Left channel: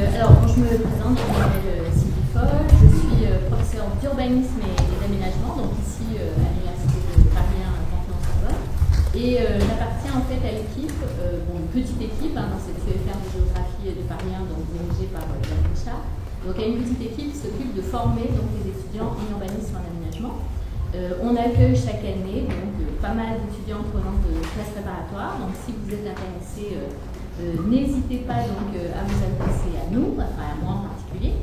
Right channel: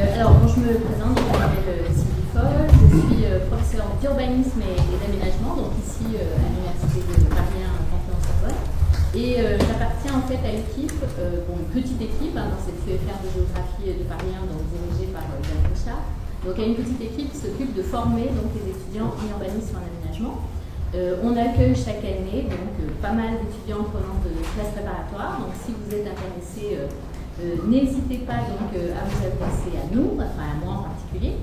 Alors, bon, je me présente, je m'appelle Sylvie Foll, je suis professeure d'urbanisme et d'aménagement, donc ici à l'Université de Paris 1 Panthéon-Sorbonne. Et j'appartiens en fait à l'équipe, une petite équipe dans cette CEFR de géographie de Paris 1, donc dirigée par Yann Richard. Donc, il y a une petite équipe qui s'occupe de former donc, les étudiants en urbanisme et en aménagement. On accueille chaque année donc, pas mal d'étudiants provenant de classes préparatoires. Donc, si vous êtes intéressés, n'hésitez pas donc, à vous adresser à nous, enfin à moi en particulier.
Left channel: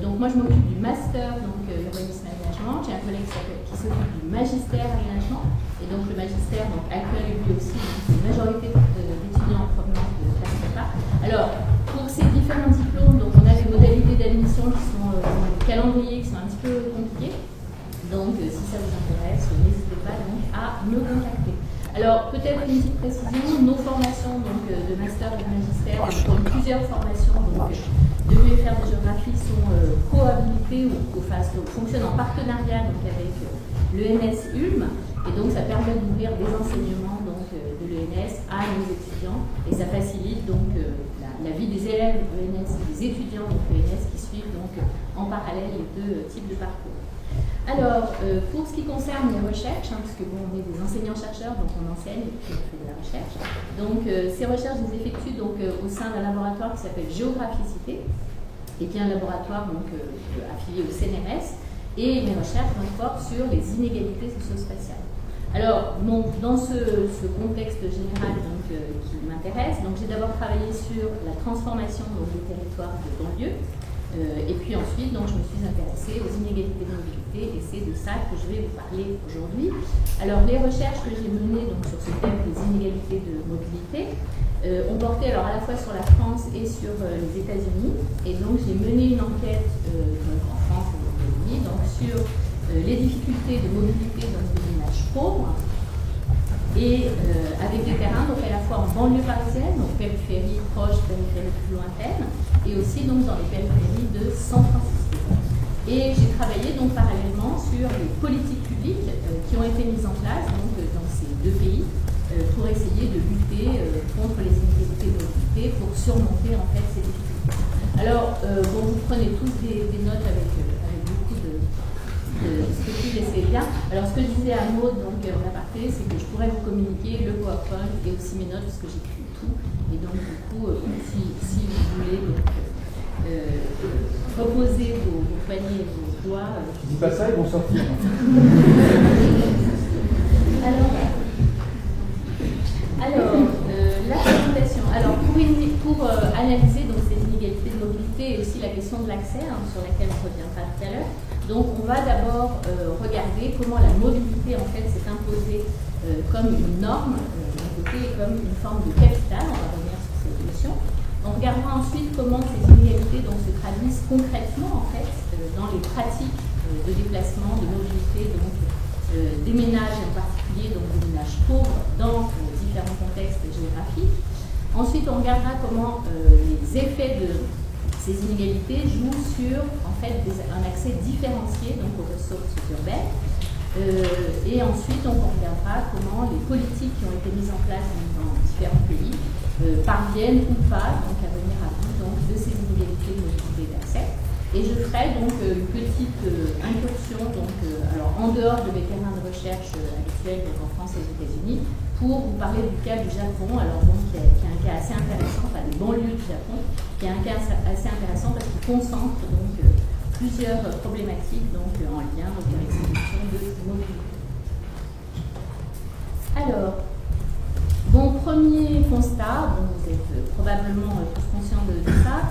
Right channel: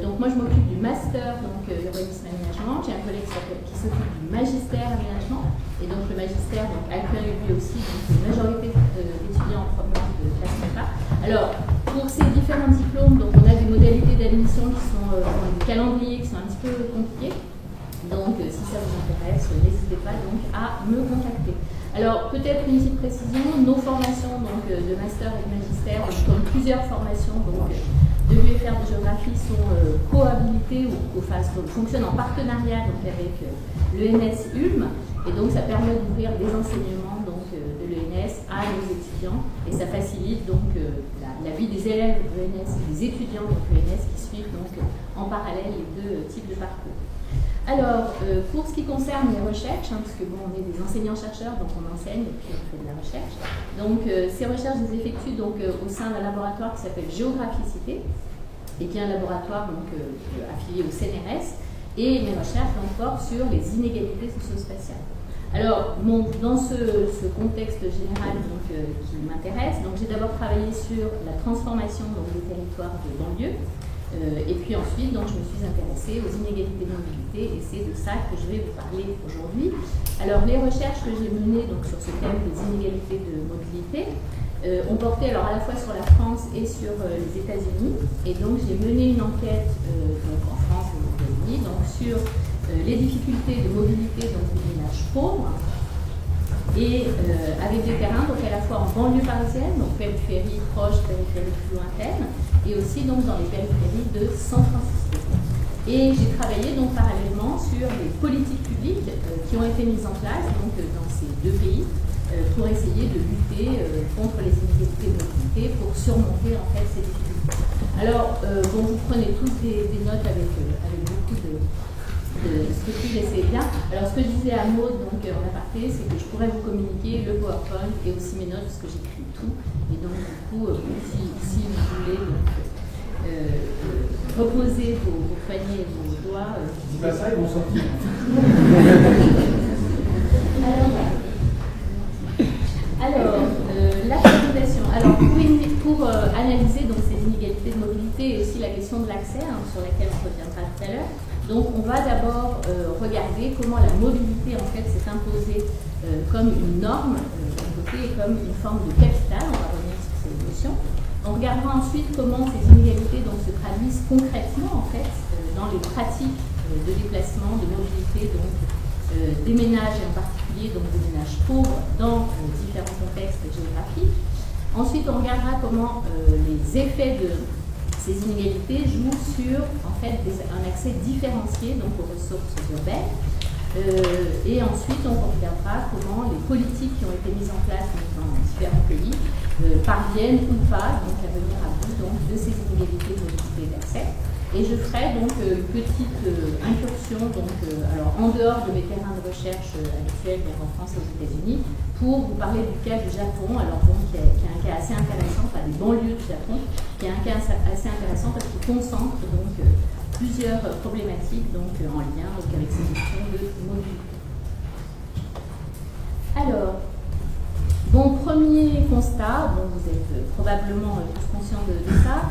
Donc moi je m'occupe du master donc urbanisme aménagement. J'ai un collègue qui s'occupe du magistère aménagement. Et donc le magistère donc, accueille lui aussi donc, une majorité d'étudiants en provenance de classe prépa. Alors pour ces différents diplômes, donc on a des modalités d'admission qui sont des calendriers qui sont un petit peu compliqués. Donc si ça vous intéresse, n'hésitez pas donc à me contacter. Alors, peut-être une petite précision, nos formations donc, de master et de magistère, comme plusieurs formations donc, de l'UFR de géographie, sont cohabilitées ou fonctionnent en partenariat donc, avec l'ENS Ulm. Et donc, ça permet d'ouvrir des enseignements donc, de l'ENS à nos étudiants. Et ça facilite donc la vie des élèves de l'ENS et des étudiants de l'ENS qui suivent donc, en parallèle les deux types de parcours. Alors, pour ce qui concerne les recherches, parce que bon, on est des enseignants-chercheurs, donc on enseigne et puis on fait de la recherche. Donc, ces recherches, je les effectue donc, au sein d'un laboratoire qui s'appelle Géographicité, et qui est un laboratoire donc, affilié au CNRS. Et mes recherches donc, portent sur les inégalités socio-spatiales. Alors, bon, dans ce contexte général donc, qui m'intéresse, j'ai d'abord travaillé sur la transformation donc, des territoires de banlieue. Et puis ensuite, donc, je me suis intéressée aux inégalités de mobilité et c'est de ça que je vais vous parler aujourd'hui. Alors, les recherches que j'ai menées donc, sur ce thème des inégalités de mobilité ont porté alors, à la fois sur la France et sur les États-Unis. Et donc, j'ai mené une enquête donc, en France et aux États-Unis donc, sur les difficultés de mobilité donc, des ménages pauvres. Et avec des terrains donc à la fois en banlieue parisienne, donc périphérie proche, périphérie plus lointaine, et aussi donc dans les périphéries de San Francisco. Et j'ai travaillé donc parallèlement sur les politiques publiques qui ont été mises en place donc, dans ces deux pays pour essayer de lutter contre les inégalités de mobilité pour surmonter en fait ces difficultés. Alors vous prenez tous des notes avec beaucoup de scrupules et c'est bien. Alors ce que je disais à Maud donc, en aparté, c'est que je pourrais vous communiquer le PowerPoint et aussi mes notes parce que j'écris tout. Et donc du coup, si vous voulez donc, reposer vos poignets et vos doigts. Dis pas ça, ils vont sortir. Alors la présentation. Alors pour analyser donc, ces inégalités de mobilité et aussi la question de l'accès sur laquelle on reviendra tout à l'heure. Donc on va d'abord regarder comment la mobilité en fait s'est imposée comme une norme d'un côté et comme une forme de capital. On va revenir sur ces notions. On regardera ensuite comment ces inégalités donc, se traduisent concrètement en fait dans les pratiques de déplacement, de mobilité donc des ménages et en particulier donc des ménages pauvres dans différents contextes géographiques. Ensuite on regardera comment les effets de ces inégalités jouent sur en fait, un accès différencié donc, aux ressources urbaines. Et ensuite, on regardera comment les politiques qui ont été mises en place dans différents pays parviennent ou pas donc, à venir à bout donc, de ces inégalités de mobilité et d'accès. Et je ferai donc une petite incursion donc, alors, en dehors de mes terrains de recherche habituels donc, en France et aux États-Unis pour vous parler du cas du Japon, alors bon, qui est un cas assez intéressant, enfin des banlieues du Japon, qui est un cas assez intéressant parce qu'il concentre donc plusieurs problématiques donc, en lien donc, avec ces questions de mobilité. Alors, premier constat, vous êtes probablement tous conscients de ça.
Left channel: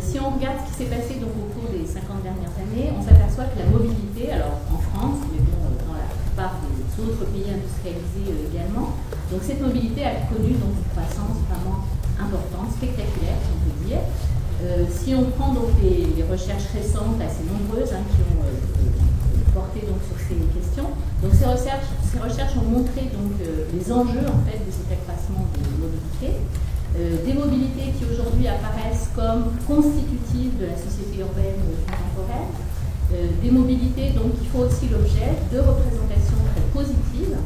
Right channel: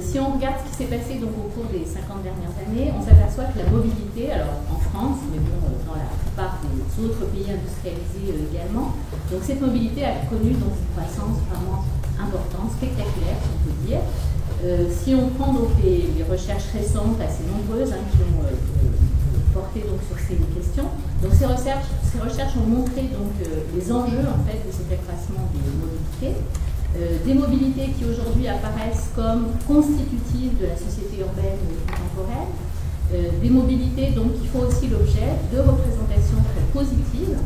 Si on regarde ce qui s'est passé donc, au cours des 50 dernières années, on s'aperçoit que la mobilité, alors en France, mais bon, dans la plupart des autres pays industrialisés également, donc cette mobilité a connu donc, une croissance vraiment importante, spectaculaire, si on peut dire. Si on prend donc les recherches récentes, assez nombreuses, qui ont porté donc, sur ces questions, donc ces recherches ont montré donc, les enjeux en fait, de cet accroissement des mobilités. Des mobilités qui aujourd'hui apparaissent comme constitutives de la société urbaine contemporaine, des mobilités donc, qui font aussi l'objet de représentations très positives,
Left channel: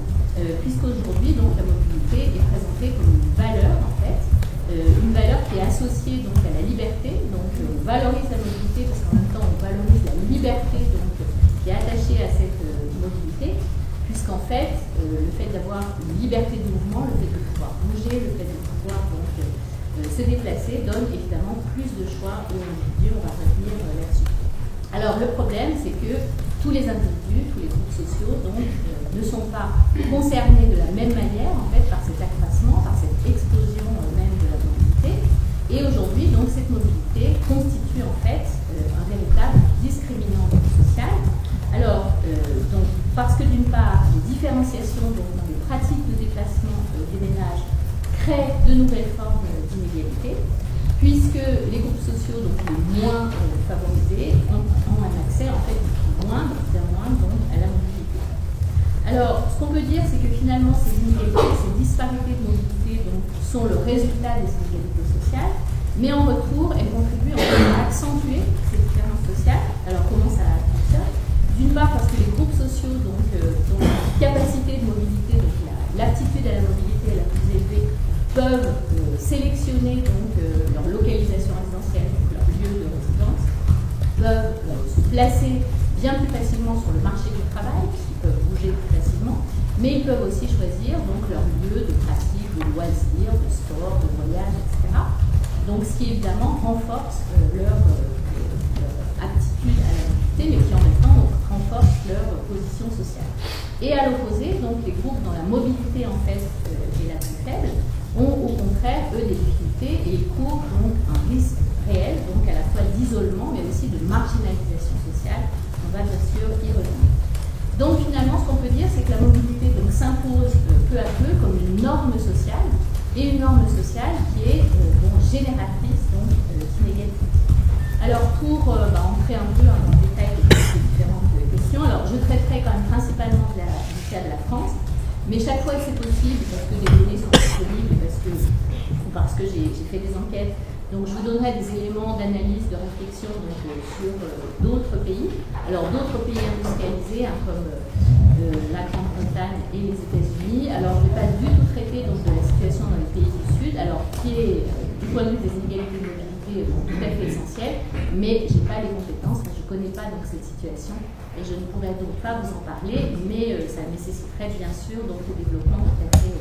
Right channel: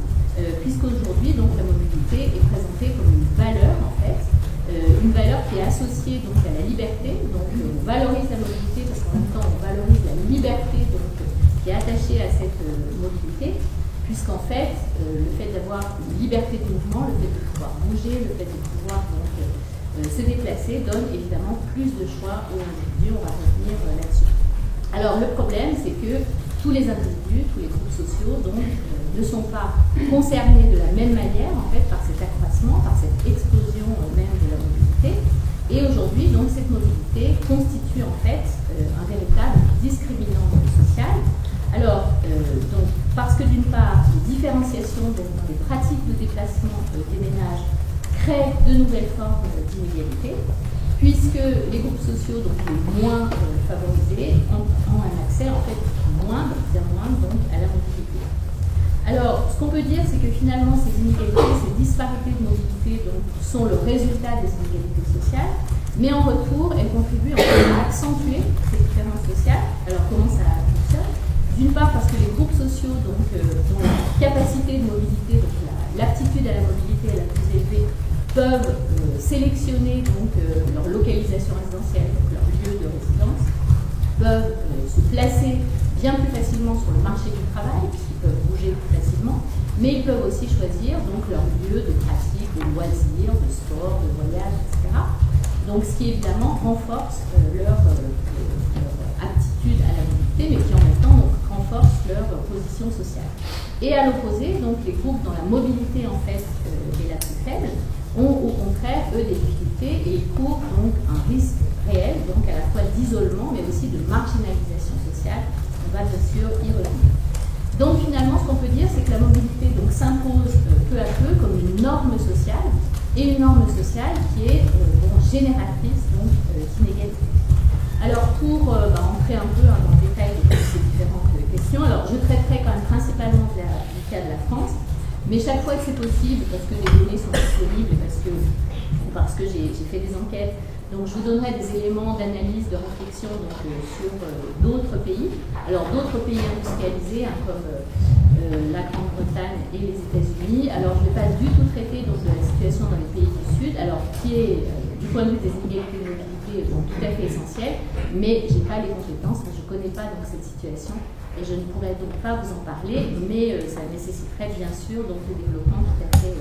puisqu'aujourd'hui donc la mobilité est présentée comme une valeur en fait, une valeur qui est associée donc à la liberté. Donc on valorise la mobilité parce qu'en même temps on valorise la liberté donc, qui est attachée à cette mobilité, puisqu'en fait le fait d'avoir une liberté de mouvement, le fait de pouvoir bouger, le fait de pouvoir donc, se déplacer donne évidemment plus de choix aux individus. On va revenir là-dessus. Alors le problème, c'est que tous les individus, tous les groupes sociaux donc, ne sont pas concernés de la même manière en fait, par cet accroissement, par cette explosion même de la mobilité. Et aujourd'hui, donc, cette mobilité constitue en fait un véritable discriminant social. Alors, donc, parce que d'une part, les différenciations donc, dans les pratiques de déplacement des ménages créent de nouvelles formes d'inégalité, puisque les groupes sociaux donc, les moins favorisés ont un accès en fait moindre, bien moindre donc, à la mobilité. Alors, ce qu'on peut dire, c'est que finalement, ces inégalités, ces disparités de mobilité donc, sont le résultat des inégalités sociales, mais en retour, elles contribuent en fait, à accentuer ces différences sociales. Alors, comment ça fonctionne? D'une part, parce que les groupes sociaux donc, dont la capacité de mobilité, donc l'aptitude à la mobilité est la plus élevée, peuvent sélectionner donc, leur localisation résidentielle, donc leur lieu de résidence, peuvent se placer bien plus facilement sur le marché du travail, puisqu'ils peuvent bouger plus facilement, mais ils peuvent aussi choisir donc, leur lieu de pratique, de loisirs, de sport, de voyage, etc. Donc ce qui évidemment renforce leur aptitude à la mobilité, mais qui en même temps donc, renforce leur position sociale. Et à l'opposé, donc les groupes dont la mobilité en fait est la plus faible, ont au contraire, eux, des difficultés et ils courent donc un risque réel, donc à la fois d'isolement, mais aussi de marginalisation sociale. On va bien sûr y revenir. Donc finalement, ce qu'on peut dire, c'est que la mobilité s'impose peu à peu comme une norme sociale, et une norme sociale qui est génératrice d'inégalité. Alors pour entrer un peu dans le détail de ces différentes questions, alors je traiterai quand même principalement du cas de la France, mais chaque fois que c'est possible, parce que des données sont disponibles et parce que j'ai fait des enquêtes, donc je vous donnerai des éléments d'analyse, de réflexion donc, sur d'autres pays. Alors d'autres pays industrialisés comme la Grande-Bretagne et les États-Unis. Alors je ne vais pas du tout traiter donc, de la situation dans les pays du Sud, alors qui est du point de vue des inégalités de mobilité tout à fait essentielle, mais je n'ai pas les compétences, je ne connais pas donc, cette situation et je ne pourrais donc pas vous en parler, mais ça nécessiterait bien sûr donc, des développements tout à fait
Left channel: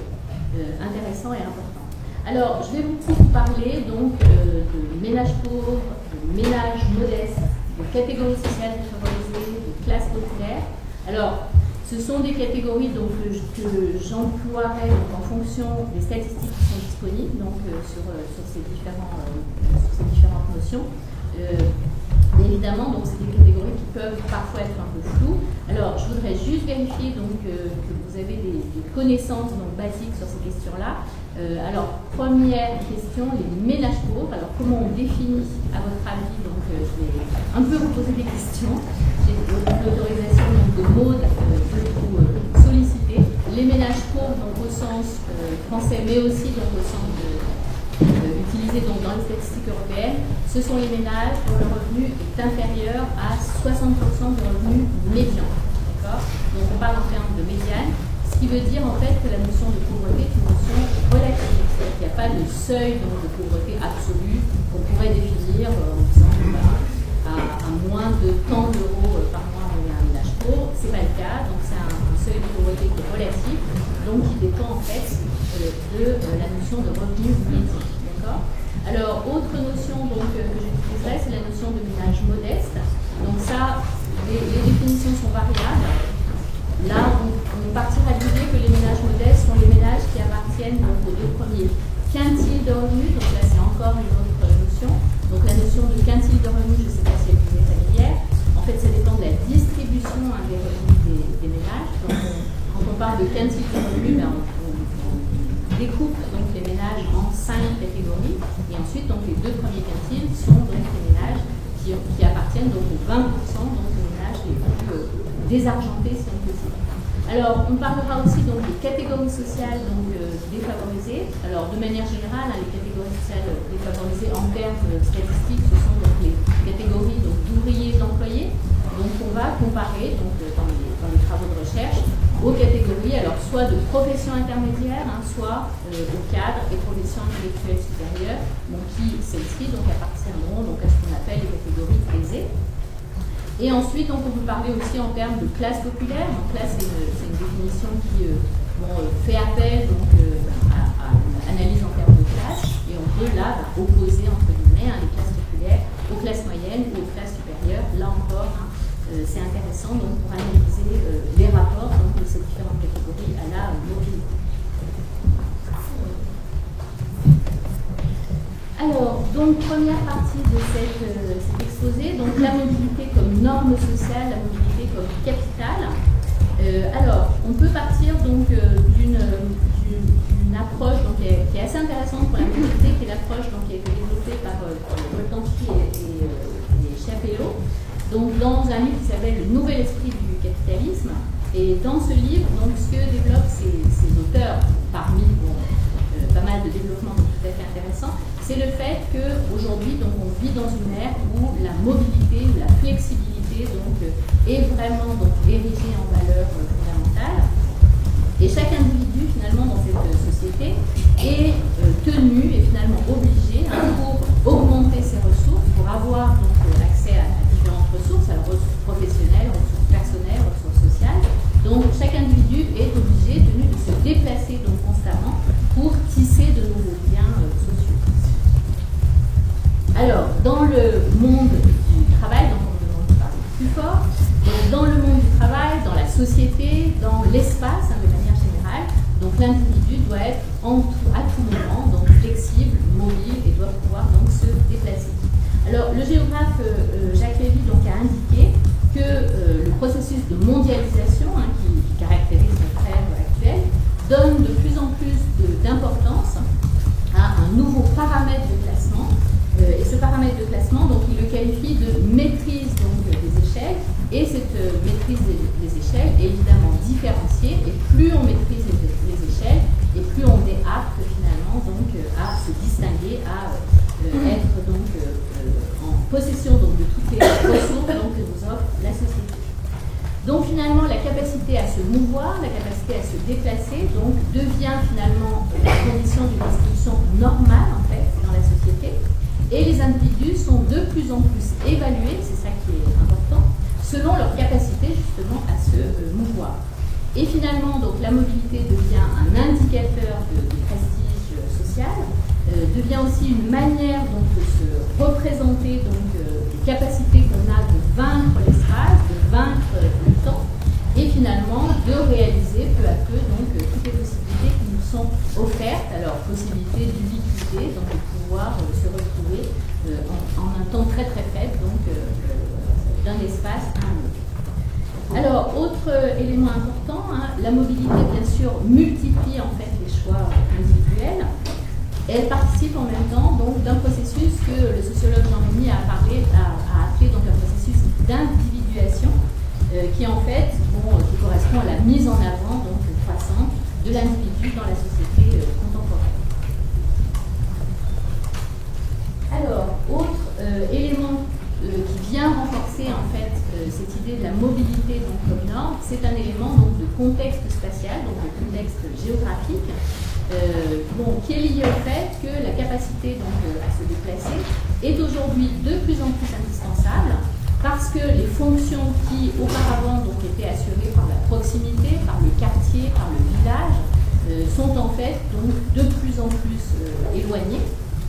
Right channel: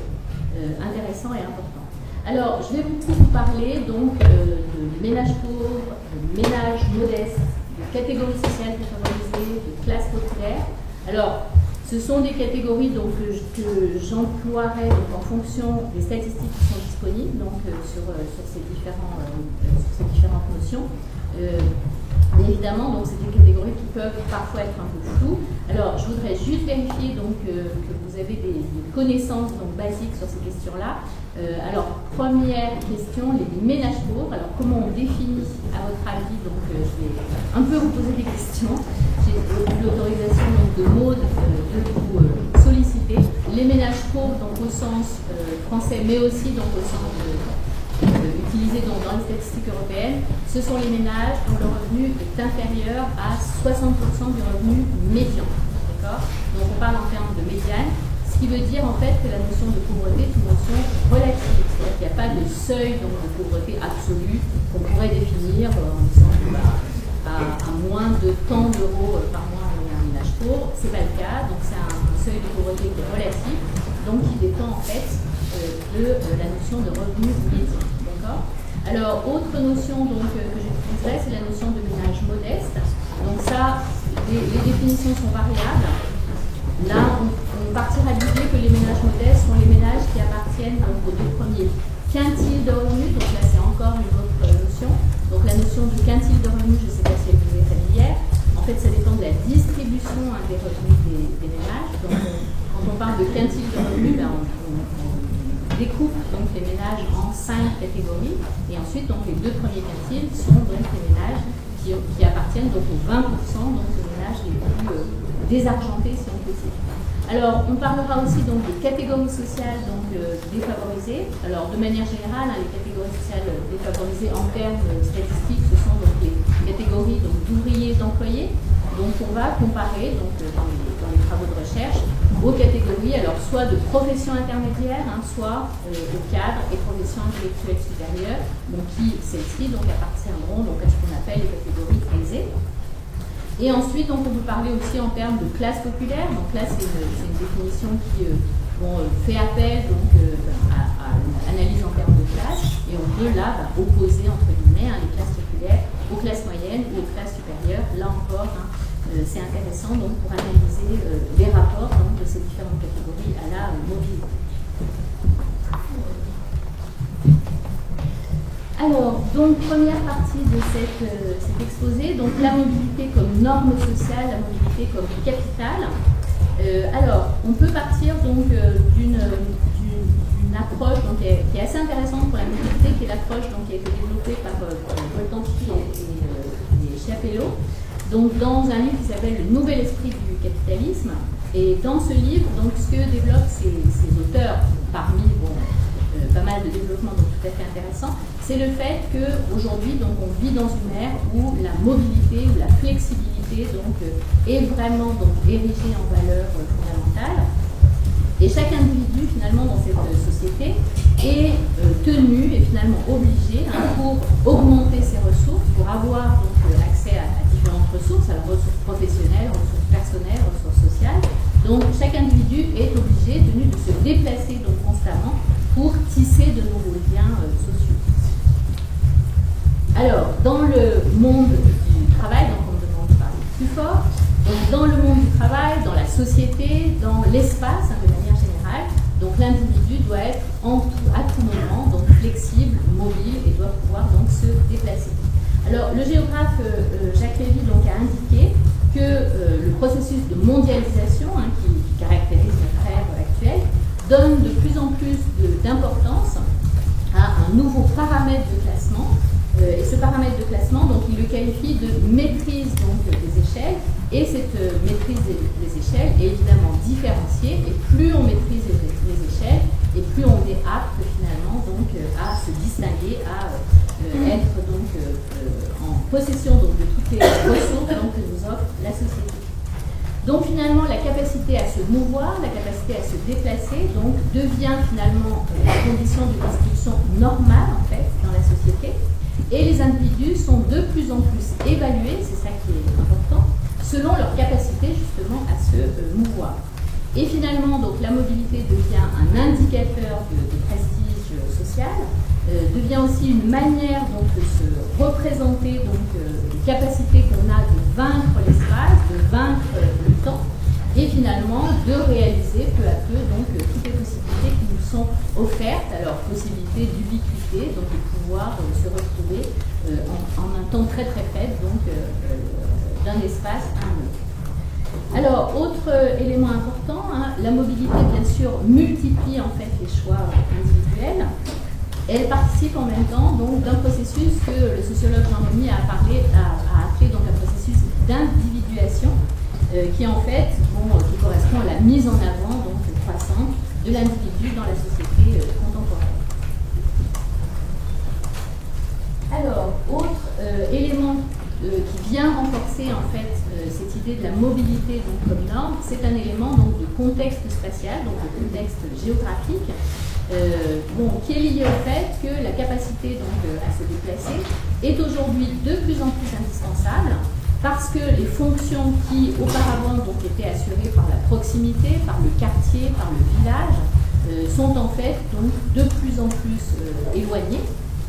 intéressants et importants. Alors, je vais beaucoup vous parler donc de ménages pauvres, de ménages modestes, de catégories sociales défavorisées, de classes populaires. Alors, ce sont des catégories donc, que j'emploierai en fonction des statistiques qui sont disponibles donc, sur ces différentes notions. Évidemment, donc c'est des catégories qui peuvent parfois être un peu floues. Alors, je voudrais juste vérifier donc, que vous avez des connaissances donc, basiques sur ces questions-là. Alors, première question, les ménages pauvres. Alors, comment on définit, à votre avis? Donc, je vais un peu vous poser des questions. J'ai l'autorisation de Maud de vous solliciter. Les ménages pauvres, donc au sens français, mais aussi donc, au sens utilisé donc, dans les statistiques européennes, ce sont les ménages dont le revenu est inférieur à 60% du revenu médian. Donc on parle en termes de médiane, ce qui veut dire en fait que la notion de pauvreté est une notion relative, c'est-à-dire qu'il n'y a pas de seuil donc, de pauvreté absolue qu'on pourrait définir en disant à moins de tant d'euros par mois on est un ménage pauvre. Ce n'est pas le cas, donc c'est un seuil de pauvreté qui est relatif, donc qui dépend en fait de la notion de revenu médian. D'accord ? Alors, autre notion donc, que j'utiliserai, c'est la notion de ménage modeste. Donc ça, les définitions sont variables. Là, on partira de l'idée que les ménages modestes sont les ménages qui appartiennent donc, aux deux premiers quintiles de revenus. Donc là, c'est encore une autre notion. Donc la notion de quintile de revenus, je ne sais pas si elle vous est familière. En fait, ça dépend de la distribution des revenus des ménages. Donc, quand on parle de quintile de revenus, on découpe donc les ménages en 5 catégories et ensuite donc les deux premiers quintiles sont donc les ménages qui appartiennent donc aux 20% donc les ménages les plus désargentés si on peut dire. Alors on parlera aussi donc des catégories sociales donc défavorisées. Alors de manière générale, les catégories sociales défavorisées en termes statistiques, ce sont donc les catégories donc d'ouvriers et d'employés. Donc on va comparer donc, dans les travaux de recherche aux catégories, alors soit de professions intermédiaires, hein, soit aux cadres et professions intellectuelles supérieures, donc qui celles-ci donc appartiendront donc à ce qu'on appelle les catégories aisées. Et ensuite, donc, on peut parler aussi en termes de classe populaire. Donc là, c'est une définition qui fait appel donc, à une analyse en termes de classe. Et on peut là opposer, entre guillemets, les classes populaires aux classes moyennes ou aux classes supérieures. Là encore, c'est intéressant donc, pour analyser les rapports donc, de ces différentes catégories à la mobilité. Alors, donc, première partie de cet exposé, donc la mobilité comme norme sociale, la mobilité comme capital. Alors, on peut partir donc d'une approche donc, qui est assez intéressante pour la mobilité, qui est l'approche qui a été développée par Boltanski et Chapello, donc dans un livre qui s'appelle Le Nouvel Esprit du Capitalisme. Et dans ce livre, donc, ce que développent ces auteurs, parmi pas mal de développements donc tout à fait intéressants, c'est le fait qu'aujourd'hui on vit dans une ère où la mobilité, où la flexibilité donc, est vraiment donc, érigée en valeur fondamentale. Et chaque individu finalement dans cette société est tenu et finalement obligé pour augmenter ses ressources, pour avoir donc, accès à différentes ressources, alors ressources professionnelles, ressources personnelles, ressources sociales. Donc chaque individu est obligé, tenu de se déplacer donc, constamment pour tisser de nouveaux liens sociaux. Alors, dans le monde du travail, donc on me demande de parler plus fort, donc dans le monde du travail, dans la société, dans l'espace de manière générale, donc l'individu doit être à tout moment donc flexible, mobile et doit pouvoir donc se déplacer. Alors le géographe Jacques Lévy donc a indiqué que le processus de mondialisation qui caractérise notre ère actuelle donne de plus en plus d'importance à un nouveau paramètre de classement. Et ce paramètre de classement, donc, il le qualifie de maîtrise donc, des échelles. Et cette maîtrise des échelles est évidemment différenciée. Et plus on maîtrise les échelles, et plus on est apte finalement donc, à se distinguer, à être donc, en possession donc, de toutes les ressources donc, que nous offre la société. Donc finalement, la capacité à se mouvoir, la capacité à se déplacer, donc, devient finalement la condition d'une instruction normale en fait dans la société. Et les individus sont de plus en plus évalués, c'est ça qui est important, selon leur capacité justement à se mouvoir. Et finalement, donc, la mobilité devient un indicateur de prestige social, devient aussi une manière donc, de se représenter donc, les capacités qu'on a de vaincre l'espace, de vaincre le temps, et finalement de réaliser peu à peu donc, toutes les possibilités qui nous sont offertes, alors possibilité d'ubiquité, donc de pouvoir se retrouver en un temps très très faible, donc d'un espace à un autre. Alors, autre élément important, la mobilité bien sûr multiplie en fait les choix individuels. Elle participe en même temps donc d'un processus que le sociologue Jean Monnier a appelé donc un processus d'individuation, qui en fait qui correspond à la mise en avant donc croissante de l'individu dans la société contemporaine. Alors, autre élément qui vient renforcer en fait cette idée de la mobilité donc, comme norme, c'est un élément donc, de contexte spatial, donc de contexte géographique, qui est lié au fait que la capacité donc, à se déplacer est aujourd'hui de plus en plus indispensable, parce que les fonctions qui auparavant donc, étaient assurées par la proximité, par le quartier, par le village, sont en fait donc, de plus en plus éloignées.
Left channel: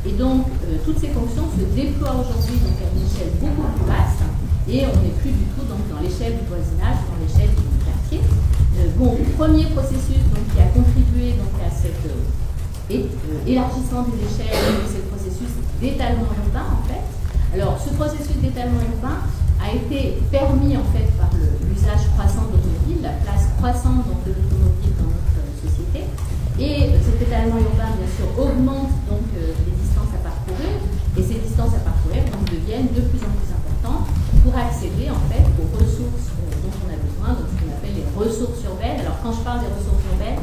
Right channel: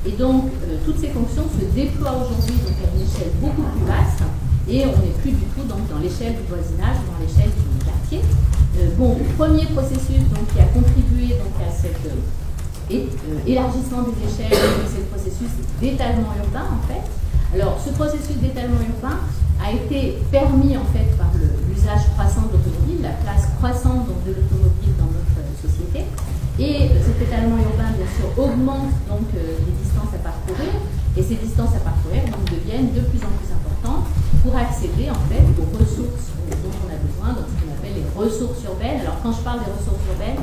Et donc, toutes ces fonctions se déploient aujourd'hui donc, à une échelle beaucoup plus vaste, et on n'est plus du tout donc, dans l'échelle du voisinage, dans l'échelle du quartier. Le premier processus donc, qui a contribué donc, à cet élargissement des échelles, c'est le processus d'étalement urbain en fait. Alors, ce processus d'étalement urbain a été permis en fait par l'usage croissant de l'automobile, la place croissante donc, de l'automobile dans notre société. Et cet étalement urbain, bien sûr, augmente donc les distances à parcourir, et ces distances à parcourir donc, deviennent de plus en plus importantes pour accéder en fait aux ressources dont on a besoin, donc ce qu'on appelle les ressources urbaines. Alors quand je parle des ressources urbaines,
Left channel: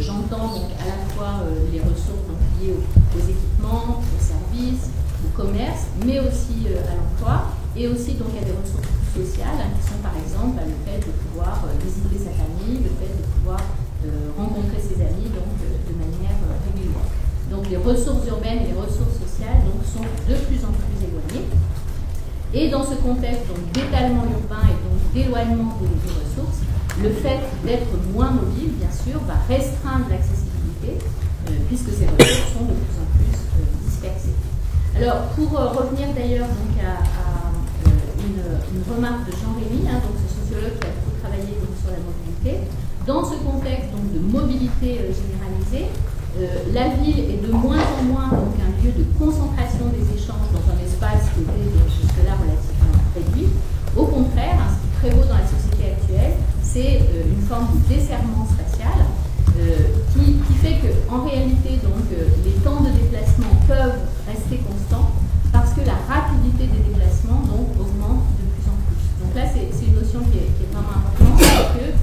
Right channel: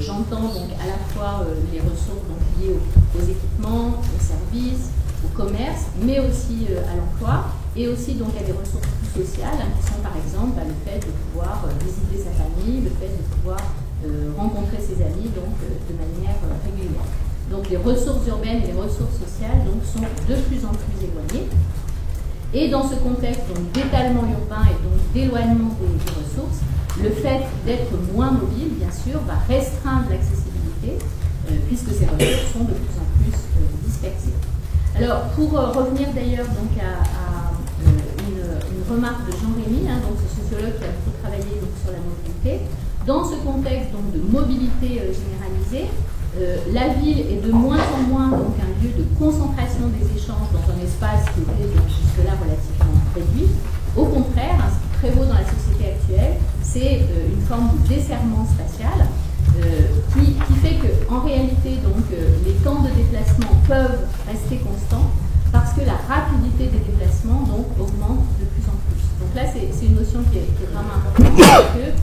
j'entends donc à la fois les ressources donc, liées aux équipements, aux services, au commerce, mais aussi à l'emploi, et aussi donc à des ressources plus sociales, qui sont par exemple le fait de pouvoir visiter sa famille, le fait de pouvoir rencontrer ses amis donc, de manière régulière. Donc les ressources urbaines et les ressources sociales donc, sont de plus en plus éloignées. Et dans ce contexte d'étalement urbain et donc d'éloignement des ressources, le fait d'être moins mobile, bien sûr, va restreindre l'accessibilité, puisque ces ressources sont de plus en plus dispersées. Alors, pour revenir d'ailleurs donc à une remarque de Jean-Rémy, donc ce sociologue qui a beaucoup travaillé donc, sur la mobilité, dans ce contexte donc, de mobilité généralisée, la ville est de moins en moins donc, un lieu de concentration des échanges dans un espace qui était jusque-là relativement réduit. Au contraire, ce qui prévaut dans la société actuelle, c'est une forme de desserrement spatial qui fait qu'en réalité, donc, les temps de déplacement peuvent rester constants parce que la rapidité des déplacements donc, augmente de plus en plus. Donc là, c'est une notion qui est vraiment importante, parce que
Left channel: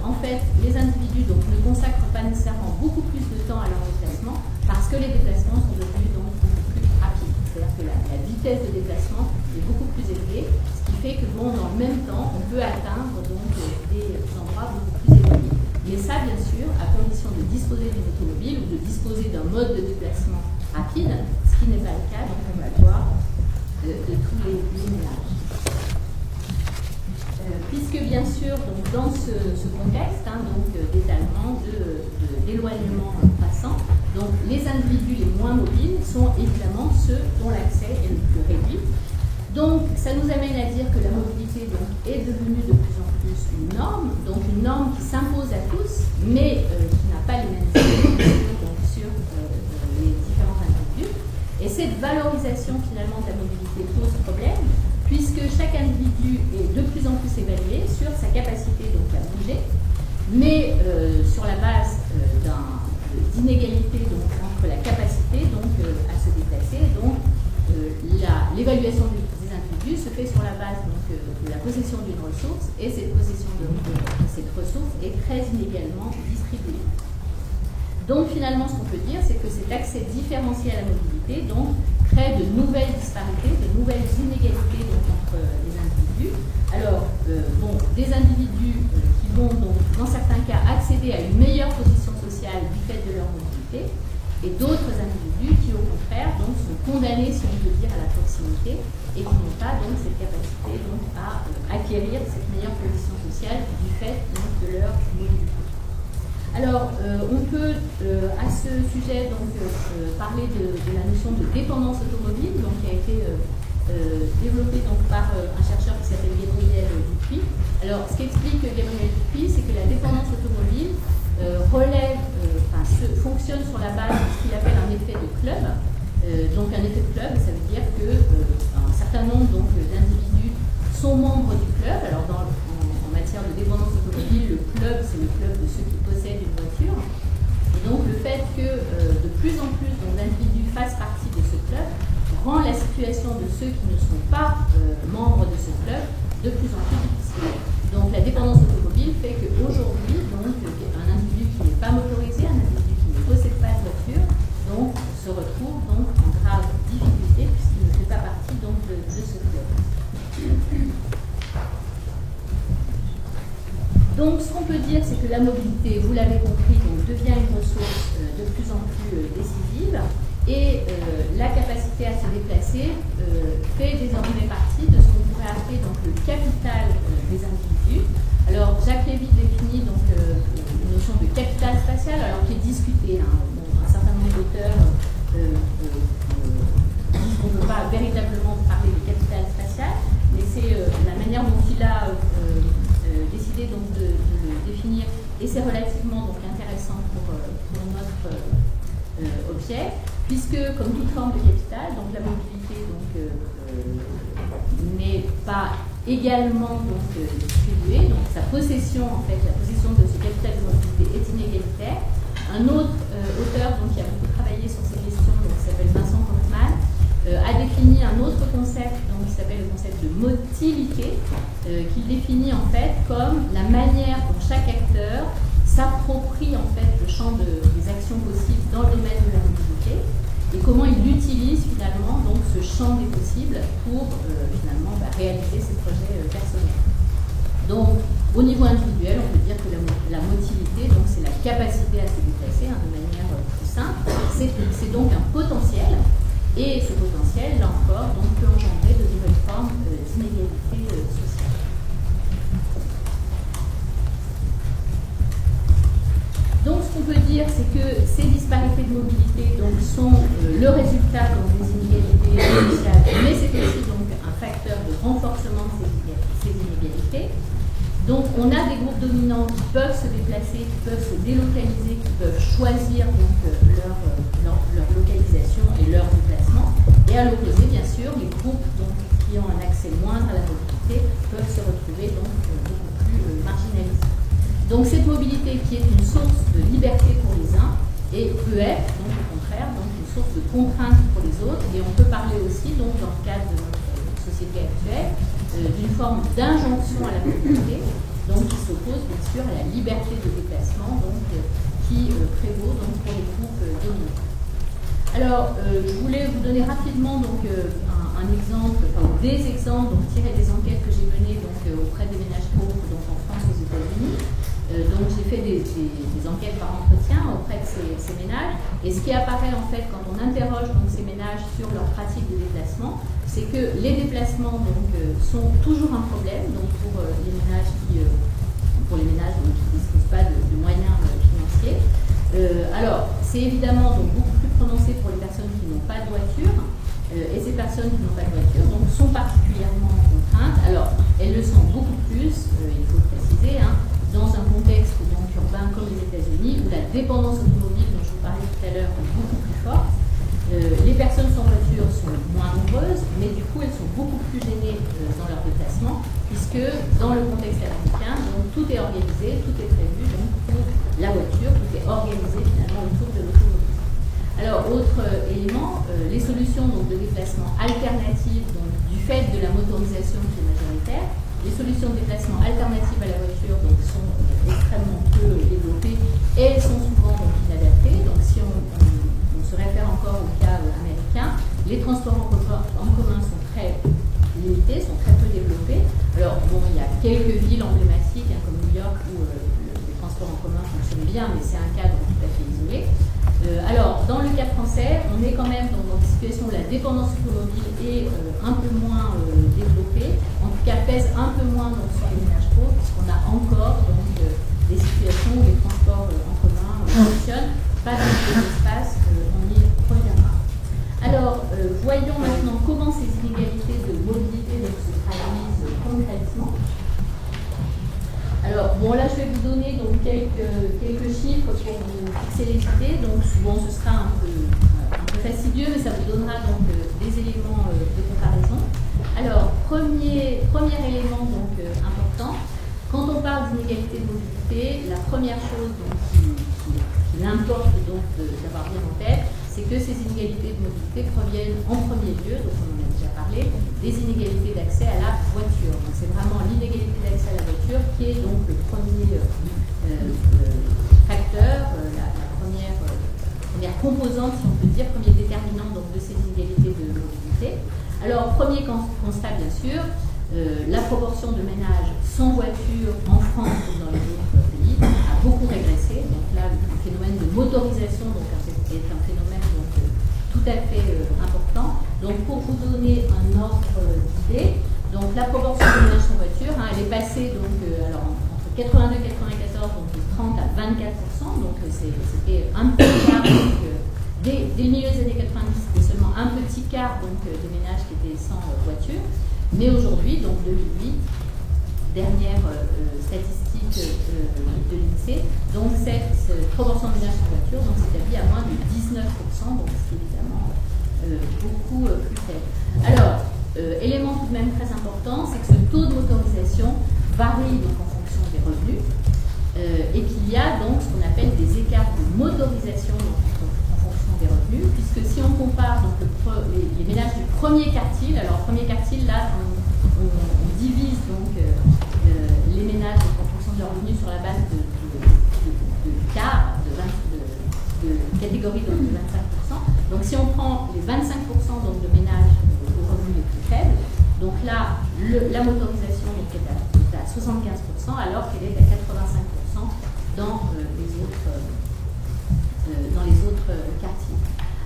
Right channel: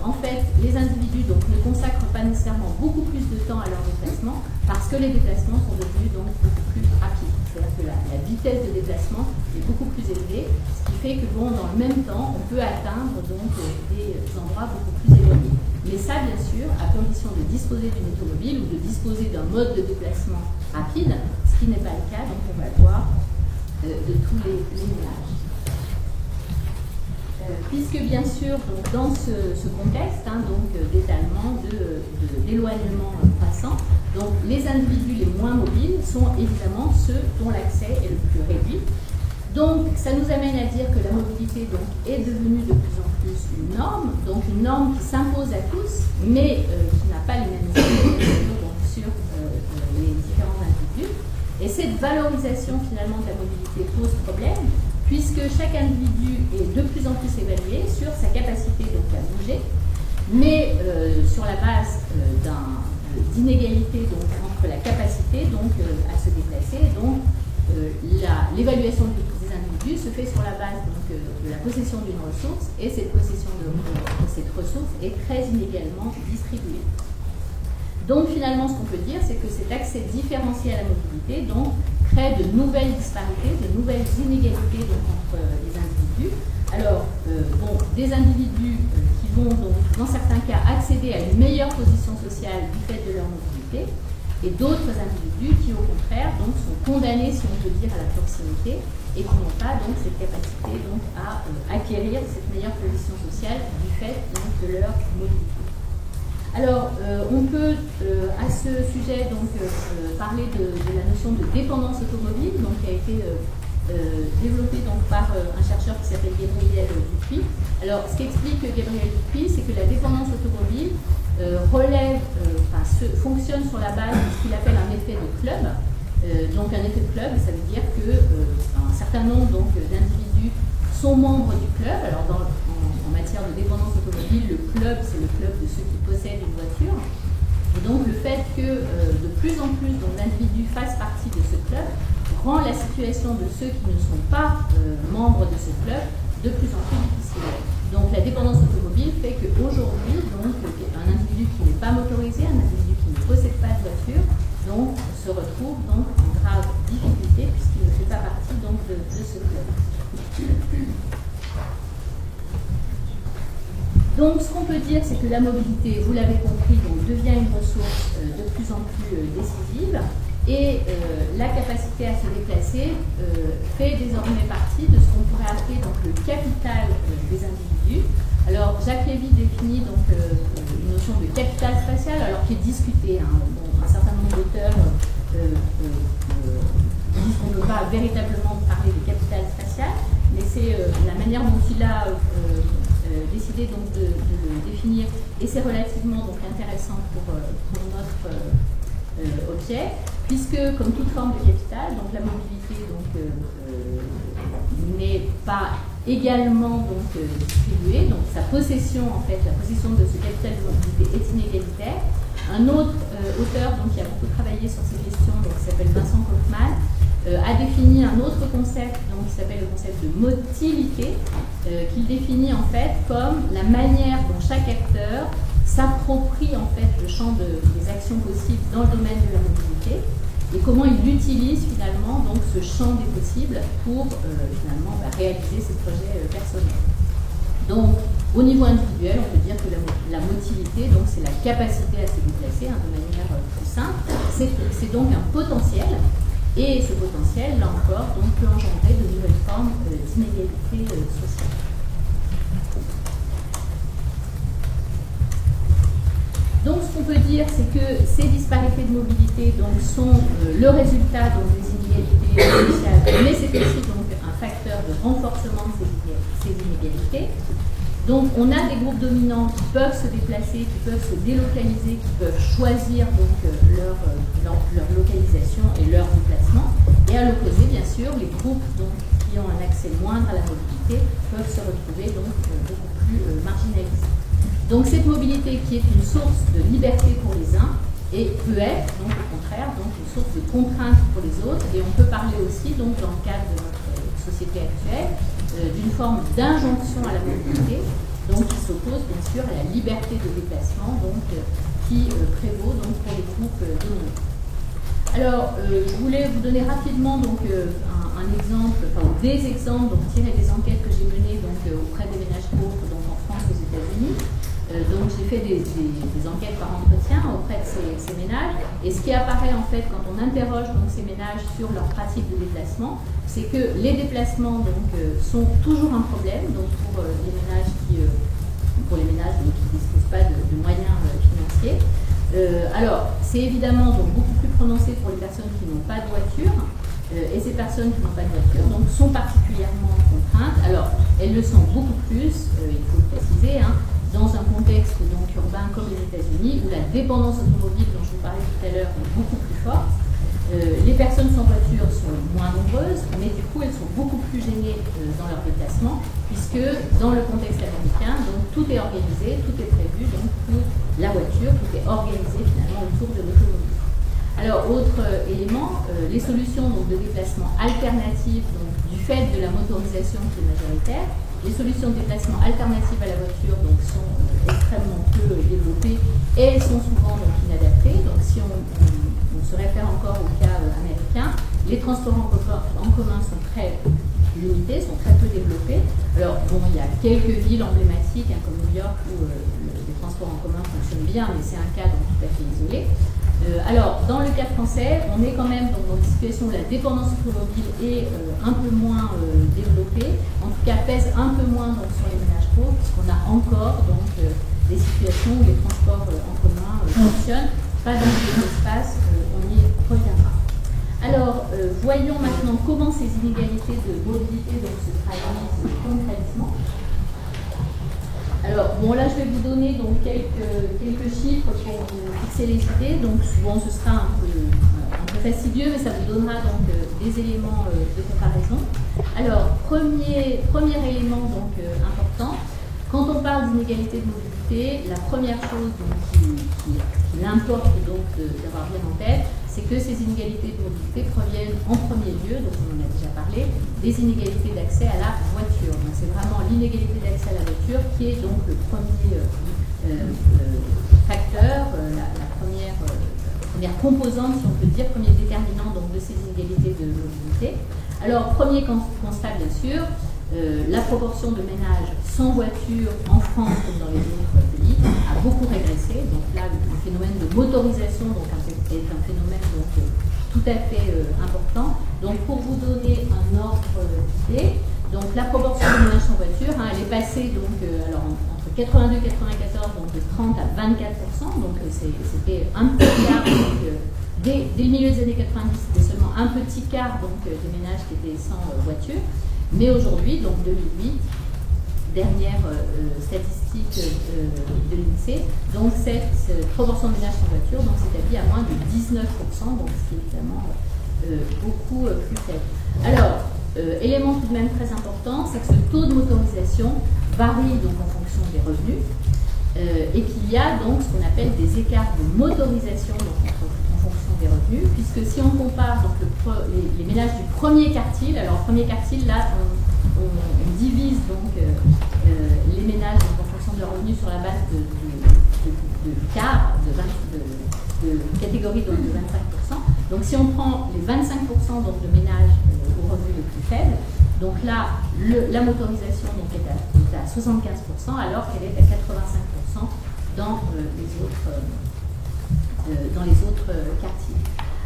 en fait, les individus donc, ne consacrent pas nécessairement beaucoup plus de temps à leur déplacement parce que les déplacements sont devenus donc, beaucoup plus rapides. C'est-à-dire que la vitesse de déplacement est beaucoup plus élevée, ce qui fait que bon, dans le même temps, on peut atteindre donc, des endroits beaucoup plus éloignés. Mais ça, bien sûr, à condition de disposer d'une automobile ou de disposer d'un mode de déplacement rapide, ce qui n'est pas le cas, donc on va le voir de tous les ménages. Puisque bien sûr, donc, dans ce contexte d'étalement, d'éloignement croissant, donc, les individus les moins mobiles sont évidemment ceux dont l'accès est le plus réduit. Donc ça nous amène à dire que la mobilité donc, est devenue de plus en plus une norme qui s'impose à tous, mais qui n'a pas les mêmes effets donc, sur les différents individus. Et cette valorisation finalement de la mobilité pose problème, puisque chaque individu est de plus en plus évalué sur sa capacité donc, à bouger, mais sur la base d'inégalité entre la capacité donc, à se déplacer. Donc, l'évaluation des individus se fait sur la base donc, de la possession d'une ressource, et cette possession de cette ressource est très inégalement distribuée. Donc finalement, ce qu'on peut dire, c'est que cet accès différencié à la mobilité donc, crée de nouvelles disparités, de nouvelles inégalités donc, entre les individus. Alors, des individus qui vont donc, dans certains cas accéder à une meilleure position sociale du fait de leur mobilité, et d'autres individus qui, au contraire, donc, sont condamnés, si on peut dire, à la proximité et qui n'ont pas donc, cette capacité donc, à acquérir cette meilleure position sociale du fait donc, de leur mobilité. Alors, on peut, à ce sujet, donc, parler de la notion de dépendance automobile, donc, qui a été développée donc, par un chercheur qui s'appelle Gabriel Dupuis. Alors, ce qu'explique Gabriel Dupuis, c'est que la dépendance automobile fonctionne sur la base de ce qu'il appelle un effet de club. Donc un effet de club, ça veut dire qu'un certain nombre d'individus sont membres du club. Alors en matière de dépendance automobile, le club, c'est le club de ceux qui possèdent une voiture. Et donc le fait que de plus en plus d'individus fassent partie de ce club rend la situation de ceux qui ne sont pas membres de ce club de plus en plus difficile. Donc la dépendance automobile fait qu'aujourd'hui, un individu qui n'est pas motorisé, un individu qui ne possède pas de voiture, donc, se retrouve donc, en grave difficulté puisqu'il ne fait pas partie donc, de ce club. Donc ce qu'on peut dire, c'est que la mobilité, vous l'avez compris, donc, devient une ressource de plus en plus décisive. Et la capacité à se déplacer fait désormais partie de ce qu'on pourrait appeler donc, le capital des individus. Alors Jacques Lévy définit donc, une notion de capital spatial, alors qui est discutée. Un certain nombre d'auteurs disent qu'on ne peut pas véritablement parler de capital spatial, mais c'est la manière dont il a décidé donc, de le définir, et c'est relativement donc, intéressant pour notre objet, puisque comme toute forme de capital, donc la mobilité n'est pas également donc, distribuée, donc sa possession, en fait, la possession de ce capital de mobilité est inégalitaire. Un autre auteur donc, qui a beaucoup travaillé sur ces questions, donc, qui s'appelle Vincent Kaufmann, a défini un autre concept donc, qui s'appelle le concept de motilité, qu'il définit en fait comme la manière dont chaque acteur s'approprie en fait le champ des actions possibles dans le domaine de la mobilité. et comment il utilise finalement donc ce champ des possibles pour finalement réaliser ses projets personnels. Donc, au niveau individuel, on peut dire que la motilité, donc c'est la capacité à se déplacer de manière plus simple. C'est donc un potentiel, et ce potentiel, là encore, donc, peut engendrer de nouvelles formes d'inégalité sociale. Donc, ce qu'on peut dire, c'est que ces disparités de mobilité donc, sont le résultat donc, des inégalités sociales, mais c'est aussi donc, un facteur de renforcement de ces inégalités. Donc, on a des groupes dominants qui peuvent se déplacer, qui peuvent se délocaliser, qui peuvent choisir donc, leur localisation et leur déplacement. Et à l'opposé, bien sûr, les groupes donc, qui ont un accès moindre à la mobilité peuvent se retrouver donc, beaucoup plus marginalisés. Donc cette mobilité qui est une source de liberté pour les uns et peut être donc au contraire donc une source de contrainte pour les autres, et on peut parler aussi donc dans le cadre de notre société actuelle d'une forme d'injonction à la mobilité donc qui s'oppose bien sûr à la liberté de déplacement donc qui prévaut donc pour les groupes dominants. Alors, je voulais vous donner rapidement donc, un exemple, enfin des exemples donc, tirés des enquêtes que j'ai menées donc, auprès des ménages pauvres donc, en France et aux États-Unis. Donc, j'ai fait des enquêtes par entretien auprès de ces ménages. Et ce qui apparaît en fait quand on interroge donc, ces ménages sur leur pratique de déplacement, c'est que les déplacements donc, sont toujours un problème donc, pour les ménages qui ne disposent pas de moyens financiers. Alors, c'est évidemment donc, beaucoup plus prononcé pour les personnes qui n'ont pas de voiture, et ces personnes qui n'ont pas de voiture donc, sont particulièrement contraintes. Alors, elles le sont beaucoup plus, il faut le préciser, dans un contexte donc, urbain comme les États-Unis, où la dépendance automobile dont je vous parlais tout à l'heure est beaucoup plus forte. Les personnes sans voiture sont moins nombreuses, mais du coup elles sont beaucoup plus gênées dans leur déplacement, puisque dans le contexte américain, donc, tout est organisé, tout est prévu donc, pour la voiture, tout est organisé finalement autour de l'automobile. Alors, autre élément, les solutions donc, de déplacement alternatives donc, du fait de la motorisation qui est majoritaire. Les solutions de déplacement alternatives à la voiture donc, sont extrêmement peu développées et sont souvent donc, inadaptées. Donc, si on se réfère encore au cas américain, les transports en commun sont très limités, sont très peu développés. Alors, bon, il y a quelques villes emblématiques, comme New York, où les transports en commun fonctionnent bien, mais c'est un cadre tout à fait isolé. Alors, dans le cas français, on est quand même dans une situation où la dépendance automobile est un peu moins développée, en tout cas pèse un peu moins donc, sur les ménages pauvres, puisqu'on a encore donc, des situations où les transports en commun fonctionnent, pas dans les espaces, on y reviendra. Alors, voyons maintenant comment ces inégalités de mobilité donc, se traduisent concrètement. Alors, bon, là, je vais vous donner donc, quelques chiffres pour vous fixer les idées. Donc, souvent, ce sera un peu fastidieux, mais ça vous donnera donc, des éléments de comparaison. Alors, premier élément donc, important, quand on parle d'inégalité de mobilité, la première chose donc, qui importe donc, d'avoir bien en tête, c'est que ces inégalités de mobilité proviennent en premier lieu, donc on en a déjà parlé, des inégalités d'accès à la voiture. Donc c'est vraiment l'inégalité d'accès à la voiture qui est donc le premier facteur, la première composante, si on peut dire, premier déterminant donc, de ces inégalités de mobilité. Alors, premier constat, bien sûr, la proportion de ménages sans voiture en France comme dans les autres pays a beaucoup régressé. Donc là, le phénomène de motorisation donc, est un phénomène donc, tout à fait important. Donc pour vous donner un ordre d'idée, donc la proportion de ménages sans voiture, elle est passée donc, alors, entre 82 et 94 donc, de 30 à 24%. Donc c'était un petit quart. Donc, dès le milieu des années 90, c'était seulement un petit quart donc, des ménages qui étaient sans voiture. Mais aujourd'hui, donc 2008, dernière statistique de l'INSEE, donc cette proportion de ménages sans voiture s'établit à moins de 19%, donc ce qui est évidemment beaucoup plus faible. Alors, élément tout de même très important, c'est que ce taux de motorisation varie donc en fonction des revenus et qu'il y a donc ce qu'on appelle des écarts de motorisation donc, en fonction des revenus, puisque si on compare donc, les ménages du premier quartile, alors premier quartile, là, on divise donc les ménages donc, en fonction de leurs revenus sur la base de quart, de catégorie donc, de 25%. Donc si on prend les 25% donc, de ménages aux revenus les plus faibles, donc là, la motorisation donc, est à 75%, alors qu'elle est à 85% dans les autres quartiers.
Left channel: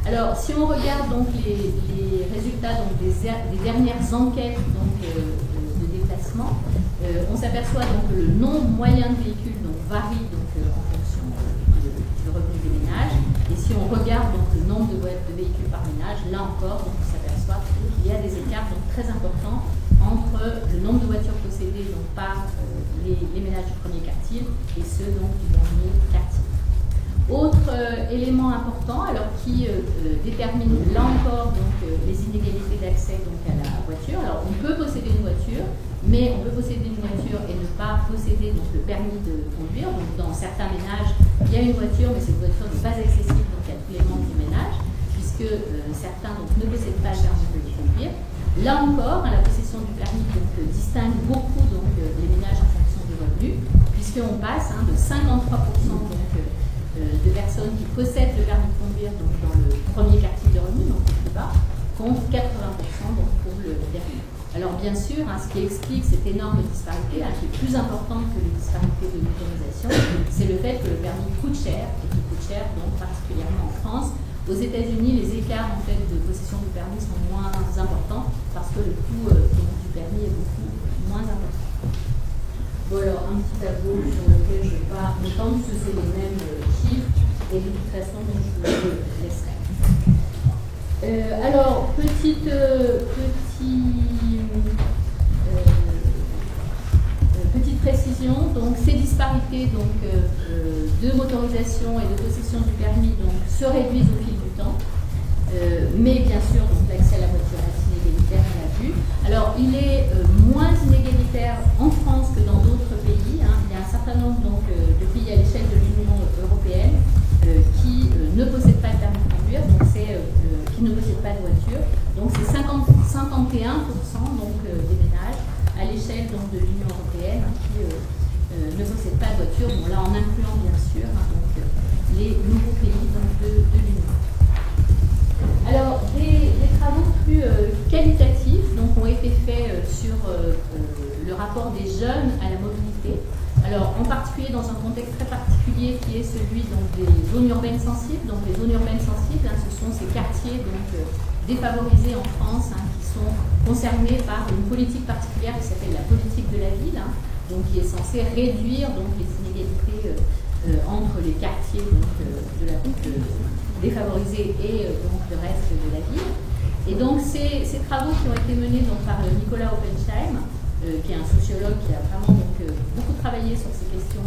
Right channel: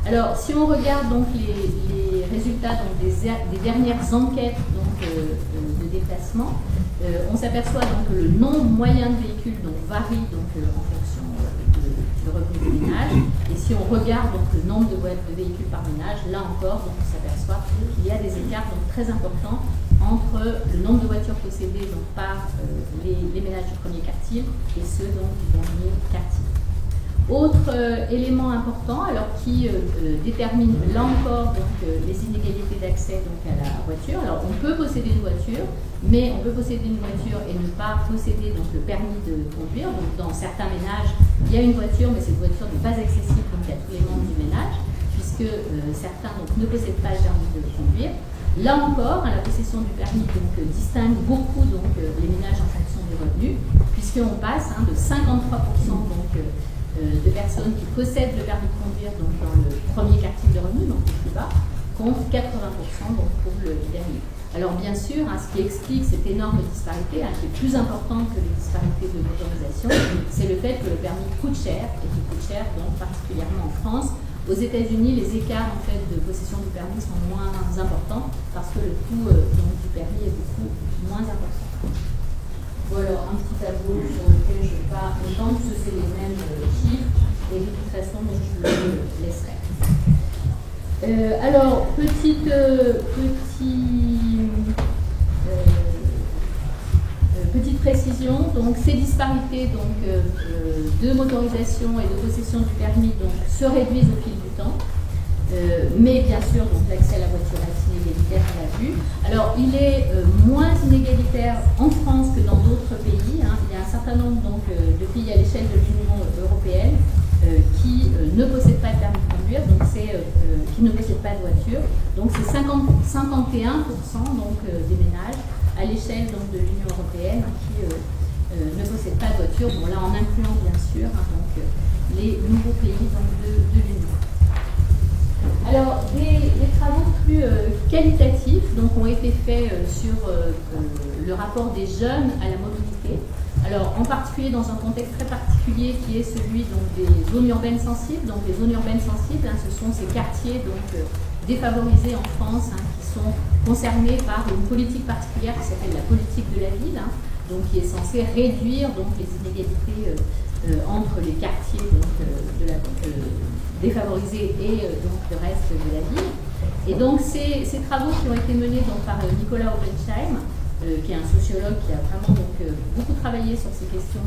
Alors, si on regarde donc les résultats donc, des dernières enquêtes donc, de déplacement, on s'aperçoit donc que le nombre moyen de véhicules donc, varie donc, en fonction du revenu des ménages. Et si on regarde donc, le nombre de véhicules par ménage, là encore, donc, on s'aperçoit qu'il y a des écarts donc, très importants entre le nombre de voitures possédées donc, par les ménages du premier quartile et ceux donc, du dernier quartile. Autre élément important, alors qui détermine là encore donc, les inégalités d'accès donc, à la voiture. Alors on peut posséder une voiture, mais on peut posséder une voiture et ne pas posséder donc, le permis de conduire. Donc dans certains ménages, il y a une voiture, mais cette voiture n'est pas accessible donc, à tous les membres du ménage, puisque certains donc, ne possèdent pas le permis de conduire. Là encore, la possession du permis donc, distingue beaucoup donc, les ménages en fonction du revenu, puisqu'on passe de 53% donc, de personnes qui possèdent le permis de conduire donc, dans le premier quartile de revenus, donc le plus bas, contre 80% donc, pour le dernier. Alors bien sûr, ce qui explique cette énorme disparité, qui est plus importante que les disparités de motorisation, c'est le fait que le permis coûte cher, et qu'il coûte cher donc, particulièrement en France. Aux États-Unis, les écarts en fait, de possession du permis sont moins importants parce que le coût donc, du permis est beaucoup moins important. Bon, alors, un petit tableau sur lequel je ne vais pas m'étendre, parce que c'est les mêmes chiffres, et de toute façon, donc, je vous le laisserai. Alors, petite précision, donc ces disparités donc, de motorisation et de possession du permis donc, se réduisent au fil du temps. Mais bien sûr, donc l'accès à la voiture est inégalitaire, on l'a vu. Alors, il est moins inégalitaire en France que dans d'autres pays. Il y a un certain nombre donc, de pays à l'échelle de l'Union européenne qui ne possèdent pas de permis de conduire, donc qui ne possèdent pas de voiture. Donc, c'est 51% donc, des ménages à l'échelle donc, de l'Union européenne qui ne possèdent pas de voiture. Bon, là, en incluant bien sûr donc, les nouveaux pays donc, de l'Union. Alors, des travaux plus qualitatifs donc, ont été faits sur le rapport des jeunes à la mobilité. Alors, en particulier dans un contexte très particulier qui est celui donc, des zones urbaines sensibles. Donc, les zones urbaines sensibles, ce sont ces quartiers donc, défavorisés en France qui sont concernés par une politique particulière qui s'appelle la politique de la ville, donc, qui est censée réduire donc, les inégalités entre les quartiers donc, défavorisés et donc le reste de la ville. Et donc ces travaux qui ont été menés donc, par Nicolas Oppenheim, qui est un sociologue qui a vraiment donc, beaucoup travaillé sur ces questions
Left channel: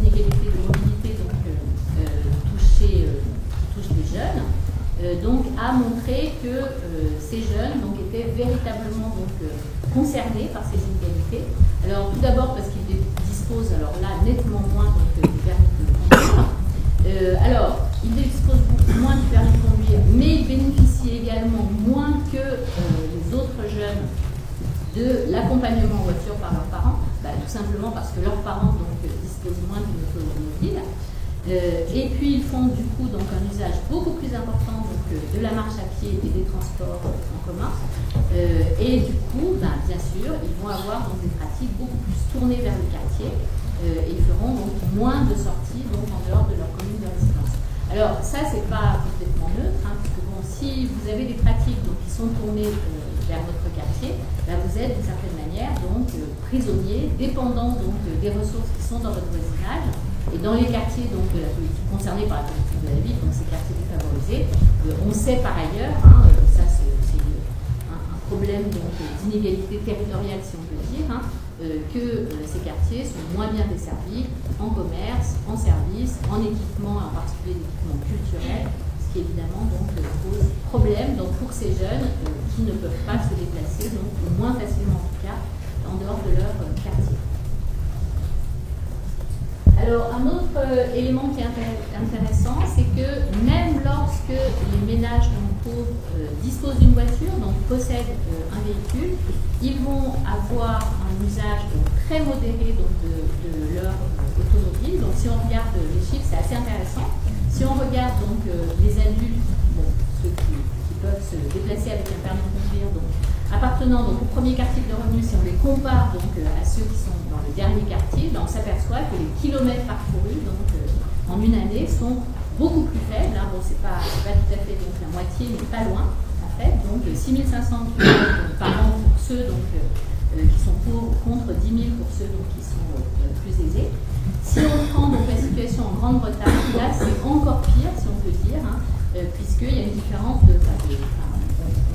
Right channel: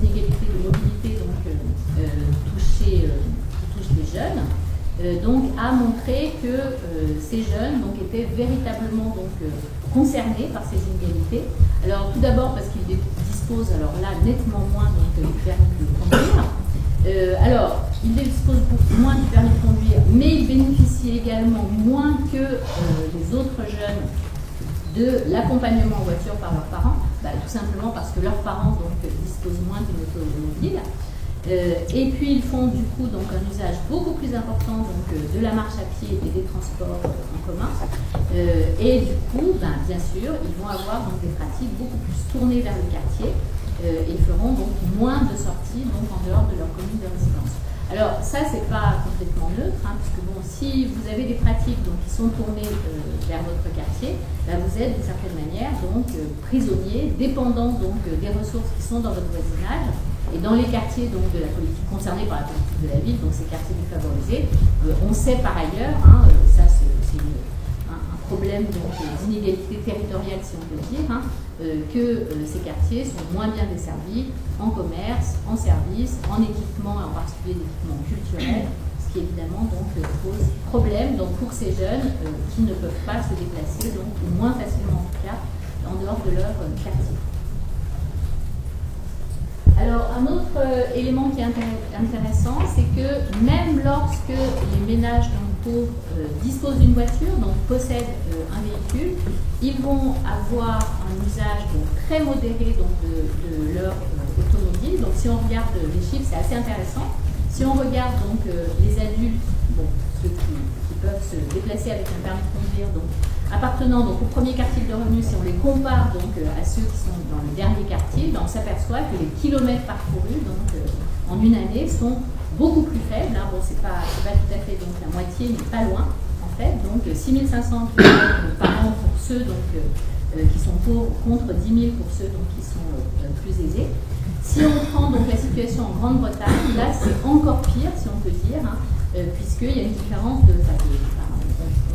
d'inégalité de mobilité donc, qui touchent les jeunes, donc, a montré que ces jeunes donc, étaient véritablement donc, concernés par ces inégalités. Alors tout d'abord parce qu'ils disposent alors là nettement moins donc, du permis de conduire. Alors, ils disposent beaucoup moins du permis de conduire, mais ils bénéficient également moins que les autres jeunes de l'accompagnement en voiture par leurs parents, tout simplement parce que leurs parents donc, disposent moins d'une automobile. Et puis ils font du coup donc, un usage beaucoup plus important donc, de la marche à pied et des transports en commun. Et du coup, bien sûr, ils vont avoir donc, des pratiques beaucoup plus tournées vers le quartier. Et feront donc moins de sorties donc, en dehors de leur commune de résidence. Alors ça, c'est pas complètement neutre, puisque bon, si vous avez des pratiques donc, qui sont tournées vers votre quartier, vous êtes d'une certaine manière donc, prisonnier, dépendant donc, des ressources qui sont dans votre voisinage. Et dans les quartiers donc, de la politique, concernés par la politique de la ville, donc ces quartiers défavorisés, on sait par ailleurs, ça c'est un problème d'inégalité territoriale si on peut dire, que ces quartiers sont moins bien desservis en commerce, en services, en équipement, et en particulier l'équipement culturel, ce qui évidemment donc, pose problème donc, pour ces jeunes qui ne peuvent pas se déplacer, donc, ou moins facilement en tout cas, en dehors de leur quartier. Alors, un autre élément qui est intéressant, c'est que même lorsque les ménages donc, pauvres disposent d'une voiture, donc possèdent un véhicule, ils vont avoir un usage donc, très modéré donc, de leur automobile. Donc, si on regarde les chiffres, c'est assez intéressant. Si on regarde donc les adultes, bon, ceux qui peuvent se déplacer avec un permis de conduire, donc appartenant donc au premier quartile de revenus, si on les compare donc à ceux qui sont dans le dernier quartile, ben, on s'aperçoit que les kilomètres parcourus donc en une année sont beaucoup plus faibles. Hein. Bon, c'est pas tout à fait donc la moitié, mais pas loin en fait. Donc 6500 km par an pour ceux donc qui sont pauvres contre 10 000 pour ceux donc qui sont plus aisés. Si on prend donc la situation en Grande-Bretagne, là c'est encore pire si on peut dire, hein, puisqu'il y a une différence de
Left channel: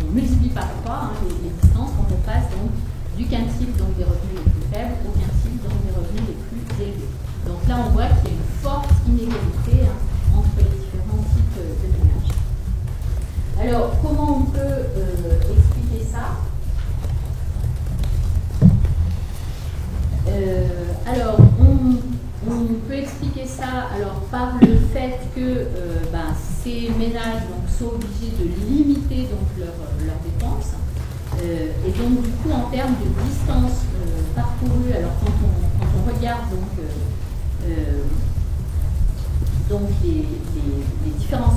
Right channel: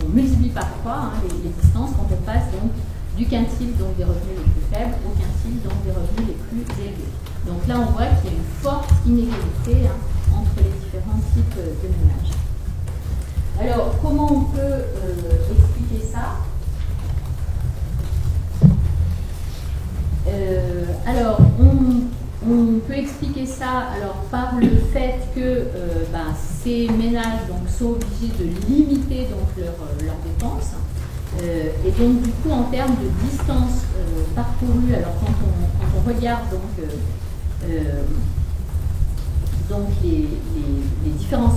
on multiplie par 3 hein, les distances quand on passe donc du quintile donc des revenus les plus faibles au quintile donc des revenus les plus élevés. Donc là on voit qu'il y a une forte inégalité hein, entre les différents types de ménages. Alors comment on peut expliquer ça? Alors on peut expliquer ça alors, par le fait que ces ménages donc, sont obligés de limiter donc, leurs dépenses. Et donc, du coup, en termes de distance parcourue, alors quand on regarde donc les différences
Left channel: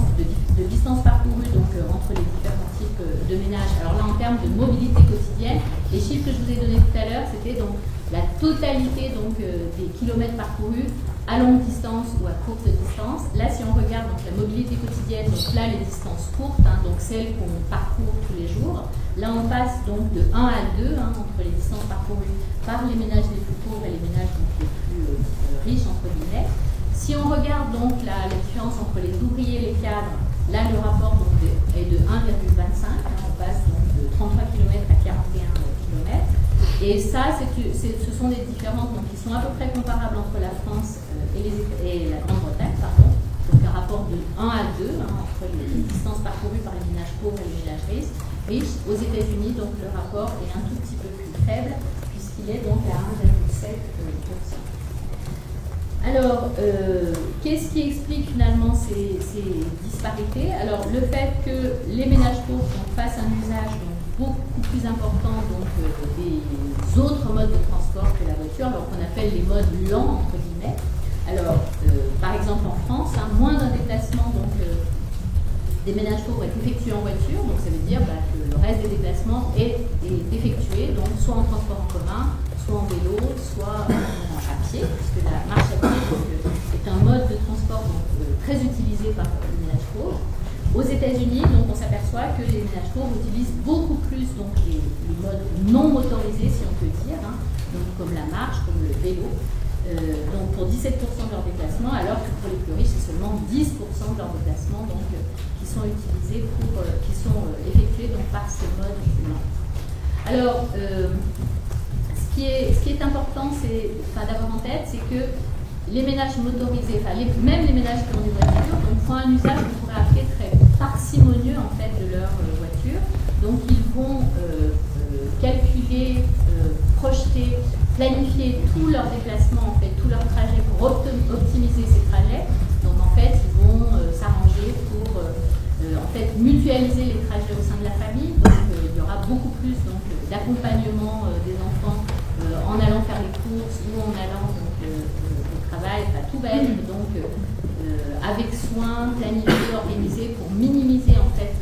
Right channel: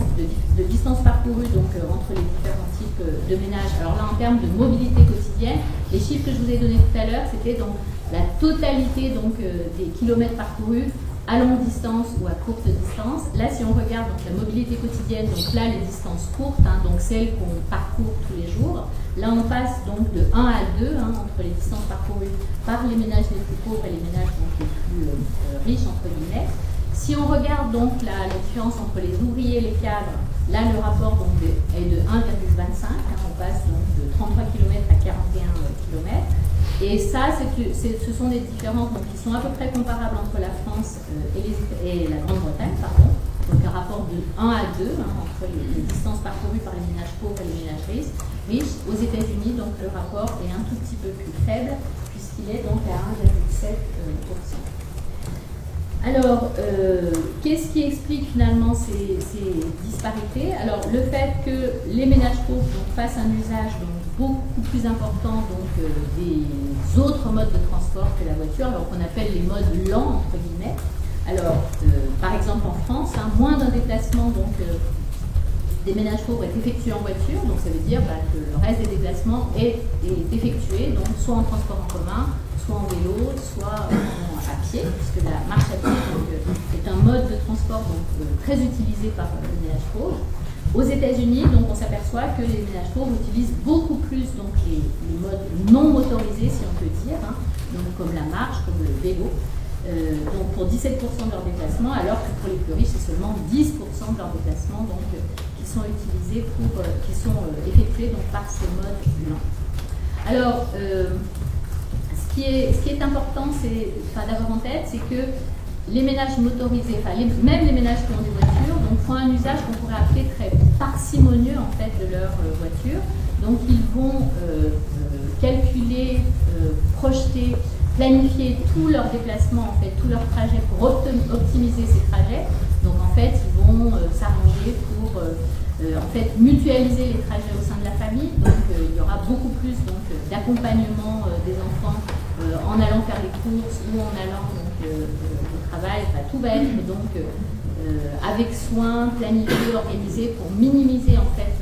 de distance parcourue donc, entre les différents types de ménages, alors là, en termes de mobilité quotidienne, les chiffres que je vous ai donnés tout à l'heure, c'était donc la totalité donc, des kilomètres parcourus à longue distance ou à courte distance. Là, si on regarde donc, la mobilité quotidienne, donc là, les distances courtes, hein, donc celles qu'on parcourt tous les jours, là, on passe donc de 1 à 2 hein, entre les distances parcourues par les ménages les plus pauvres et les ménages donc, les plus riches, entre guillemets. Si on regarde donc la différence entre les ouvriers et les cadres, là, le rapport donc, est de 1,25, hein, on passe donc de 33 km à 41 km. Et ça, ce sont des différences donc, qui sont à peu près comparables entre la France et la Grande-Bretagne, pardon. Donc un rapport de 1 à 2 hein, entre les distances parcourues par les ménages pauvres et les ménages riches. Aux États-Unis, donc le rapport est un tout petit peu plus faible, puisqu'il est donc à 1,7%. Alors, qu'est-ce qui explique finalement ces disparités? Alors, le fait que les ménages pauvres donc, fassent un usage donc, beaucoup plus important donc, des autres modes de transport que la voiture, alors qu'on appelle les modes lents, entre guillemets. Alors, par exemple en France, hein, moins d'un déplacement donc, des ménages pauvres est effectué en voiture, donc ça veut dire que le reste des déplacements est effectué donc, soit en transport en commun, soit en vélo, soit à pied, puisque la marche à pied donc, est un mode de transport donc, très utilisé par les ménages pauvres. Aux États-Unis, donc, on s'aperçoit que les ménages pauvres utilisent beaucoup plus donc, les modes non motorisés, si on peut dire, hein, donc, comme la marche, comme le vélo, donc pour 17% de leurs déplacements, alors que pour les plus riches, c'est seulement 10% de leurs déplacements donc, qui sont utilisés qui sont effectués donc, par ces modes lents. Alors, ce qui est important d'avoir en tête, c'est que les ménages motorisés, même les ménages qui ont des voitures, donc, font un usage qu'on pourrait appeler très parcimonieux en fait, de leur voiture. Donc ils vont calculer, projeter, planifier tous leurs déplacements, en fait, tous leurs trajets pour optimiser ces trajets. Donc en fait, ils vont s'arranger pour en fait, mutualiser les trajets au sein de la famille. Donc il y aura beaucoup plus d'accompagnement des enfants en allant faire les courses ou en allant au travail. Enfin, tout va être donc avec soin, planifié, organisé pour minimiser en fait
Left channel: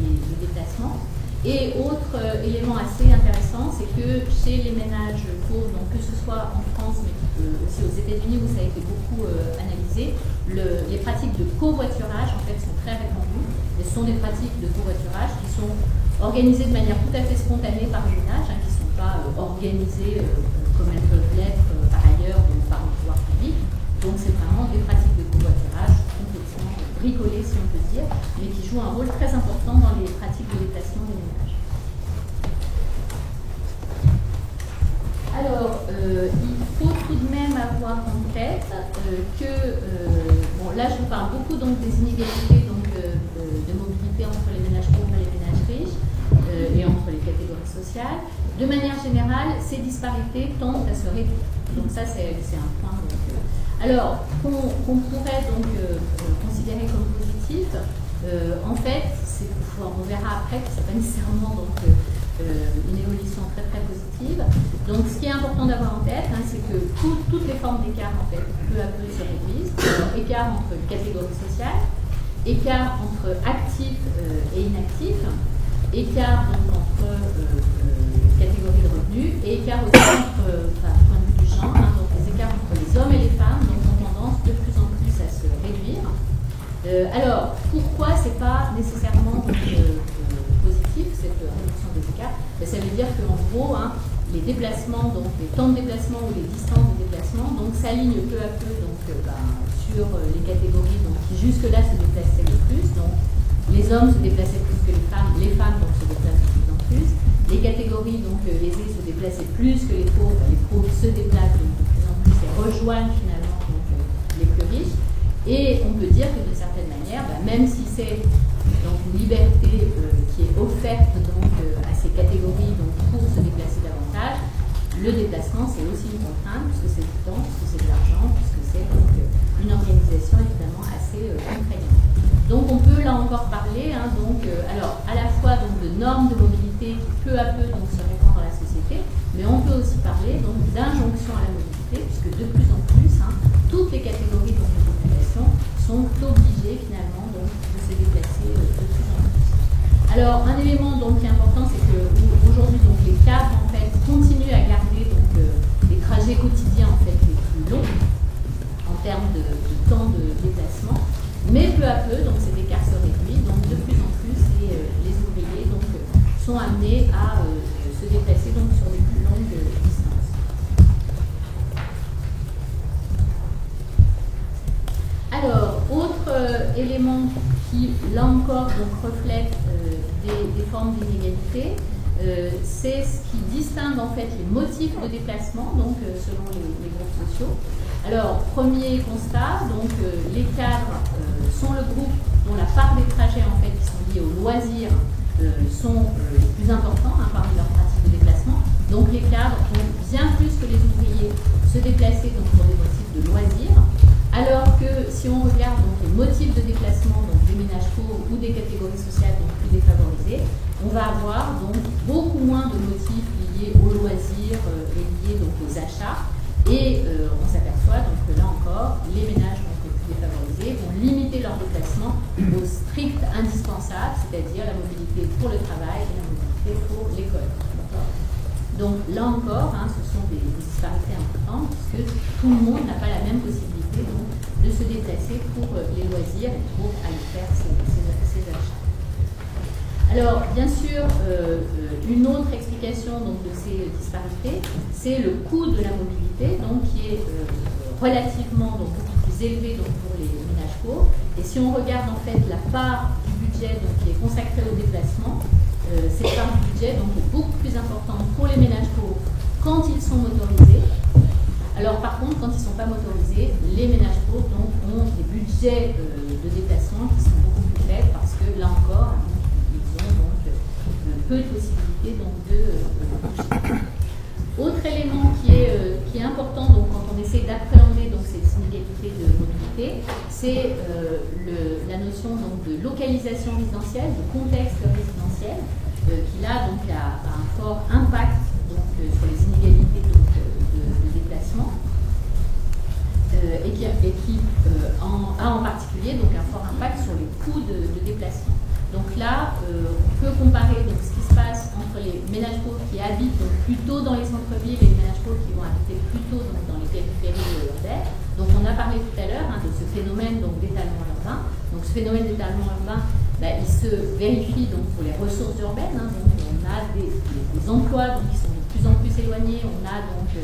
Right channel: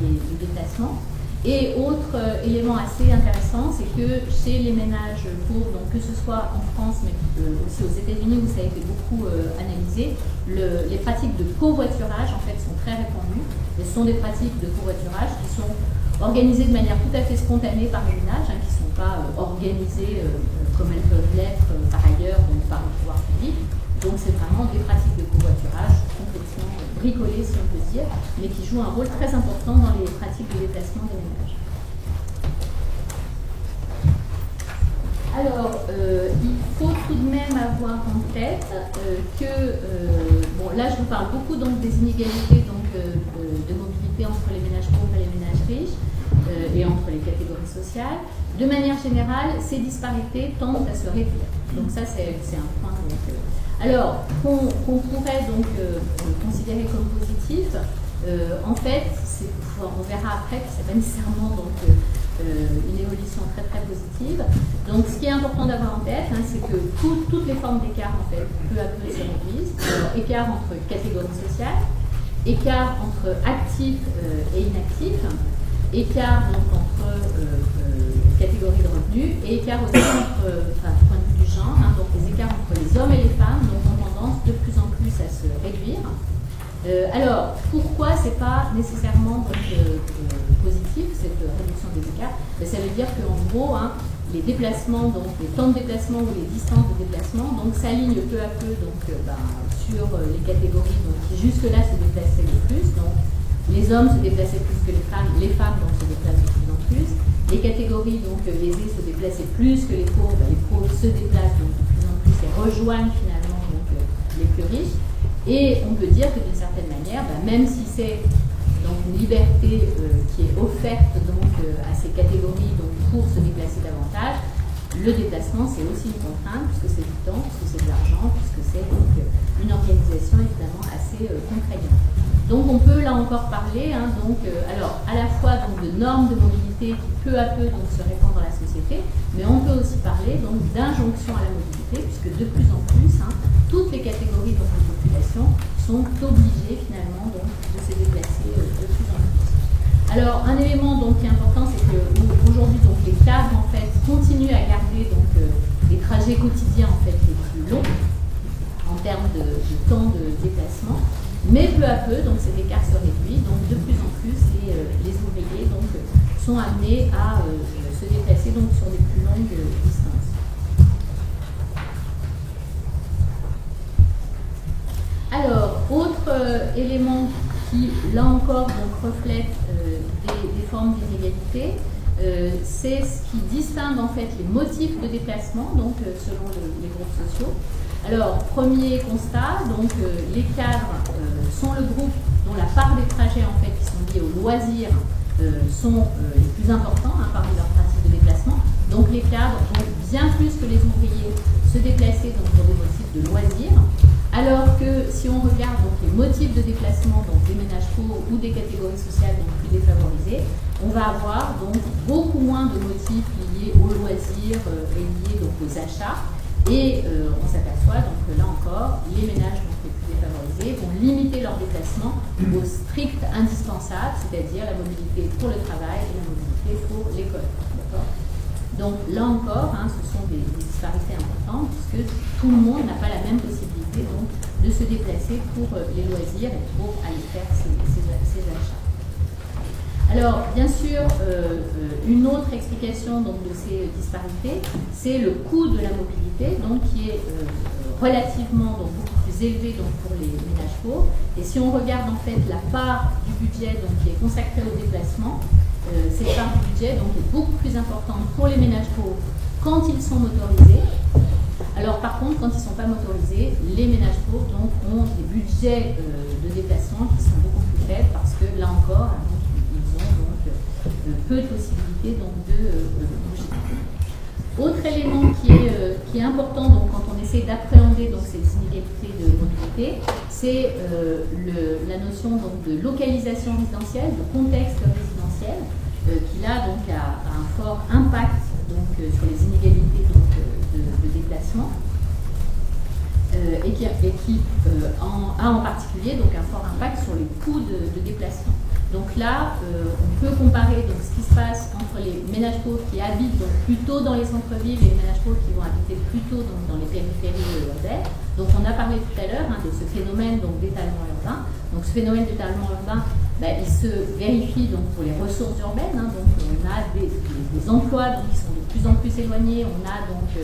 les déplacements. Et autre élément assez intéressant, c'est que chez les ménages pauvres, donc que ce soit en France mais aussi aux États-Unis où ça a été beaucoup analysé, les pratiques de covoiturage en fait sont très répandues. Et ce sont des pratiques de covoiturage qui sont organisées de manière tout à fait spontanée par les ménages, hein, qui ne sont pas organisées comme elles peuvent l'être par ailleurs donc par le pouvoir public. Donc c'est vraiment des pratiques de covoiturage complètement bricolées, si on peut dire, mais qui jouent un rôle très important dans les pratiques de déplacement des ménages. Alors, il faut tout de même avoir en tête que, bon, là je vous parle beaucoup donc, des inégalités donc, de mobilité entre les ménages pauvres et les ménages riches et entre les catégories sociales. De manière générale, ces disparités tendent à se réduire. Donc ça, c'est un point. Alors, qu'on pourrait donc considérer comme positif, en fait, on verra après que ce n'est pas nécessairement donc, une évolution très très positive. Donc ce qui est important d'avoir en tête, hein, c'est que toutes les formes d'écart en fait, peu à peu se réduisent. Alors, écart entre catégories sociales, écart entre actifs et inactifs, écart donc entre catégories de revenus et écart aussi entre, du point de vue du genre, hein, donc les écarts entre les hommes et les femmes donc, ont tendance de plus en plus à se réduire. Alors, pourquoi c'est pas nécessairement donc, positif, cette réduction des écarts? Ça veut dire qu'en gros, hein, les déplacements, donc les temps de déplacement ou les distances de déplacement, donc s'alignent peu à peu donc, sur les catégories donc, qui jusque-là se déplaçaient le plus. Donc, les hommes se déplaçaient plus que les femmes donc, se déplacent de plus en plus. Les catégories donc, aisées se déplaçaient plus que les pauvres se déplacent donc, de plus en plus et rejoignent finalement donc, les plus riches. Et on peut dire que d'une certaine manière, même si c'est donc une liberté qui est offerte donc, à ces catégories donc, pour se déplacer davantage, le déplacement c'est aussi une contrainte puisque c'est du temps, puisque c'est de l'argent, puisque c'est donc une organisation évidemment assez contraignante. Donc on peut là encore parler, hein, donc, alors à la fois donc, de normes de mobilité qui peu à peu donc, se répandent dans la société, mais on peut aussi parler donc d'injonction à la mobilité, puisque de plus en plus, hein, toutes les catégories donc, de population sont obligées finalement donc, de se déplacer de plus en plus. Alors un élément donc, qui est important, c'est qu'aujourd'hui les cadres en fait, continuent à garder donc, les trajets quotidiens en fait, les plus longs en termes de temps de déplacement. Mais peu à peu, donc cet écart se réduit, donc de plus en plus, les ouvriers donc, sont amenés à se déplacer donc, sur des plus longues distances. Alors, autre élément qui, là encore, donc, reflète des formes d'inégalité, c'est ce qui distingue en fait les motifs de déplacement, donc selon les groupes sociaux. Alors, premier constat, donc les cadres sont le groupe dont la part des trajets en fait qui sont liés aux loisirs sont les plus importants hein, parmi leurs pratiques de déplacement. Donc les cadres vont bien plus que les ouvriers se déplacer donc, pour des motifs de loisirs, alors que si on regarde donc, les motifs de déplacement donc, des ménages pauvres ou des catégories sociales donc, plus défavorisées, on va avoir donc beaucoup moins de motifs liés aux loisirs et liés donc, aux achats. Et on s'aperçoit donc que là encore, les ménages donc, les plus défavorisés vont limiter leur déplacement au strict indispensable, c'est-à-dire la mobilité pour le travail et la mobilité pour l'école. Donc là encore, hein, ce sont des disparités importantes puisque tout le monde n'a pas la même possibilité donc, de se déplacer pour les loisirs et pour aller faire ses achats. Alors, bien sûr, une autre explication donc, de ces disparités, c'est le coût de la mobilité, donc, qui est relativement donc, beaucoup plus élevé donc, pour les ménages pauvres. Et si on regarde en fait la part du budget donc, qui est consacrée au déplacement, cette part du budget donc, est beaucoup plus importante pour les ménages pauvres quand ils sont motorisés. Alors par contre, quand ils ne sont pas motorisés, les ménages pauvres donc, ont des budgets de déplacement qui sont beaucoup plus faibles parce que là encore, ils ont donc peu de possibilités donc, de bouger. Autre élément qui est important donc, quand on essaie d'appréhender donc, ces inégalités de mobilité, c'est la notion donc, de localisation résidentielle, de contexte résidentiel, qui là donc, a un fort impact donc, sur les inégalités donc, de déplacement. Et qui a en particulier donc, un fort impact sur les coûts de déplacement. Donc là, on peut comparer donc, ce qui se passe entre les ménages pauvres qui habitent donc, plutôt dans les centres-villes et les ménages pauvres qui vont habiter plutôt donc, dans les périphéries urbaines. Donc on a parlé tout à l'heure hein, de ce phénomène d'étalement urbain. Donc ce phénomène d'étalement urbain, il se vérifie donc, pour les ressources urbaines. Hein, donc on a des emplois donc, qui sont de plus en plus éloignés, on a donc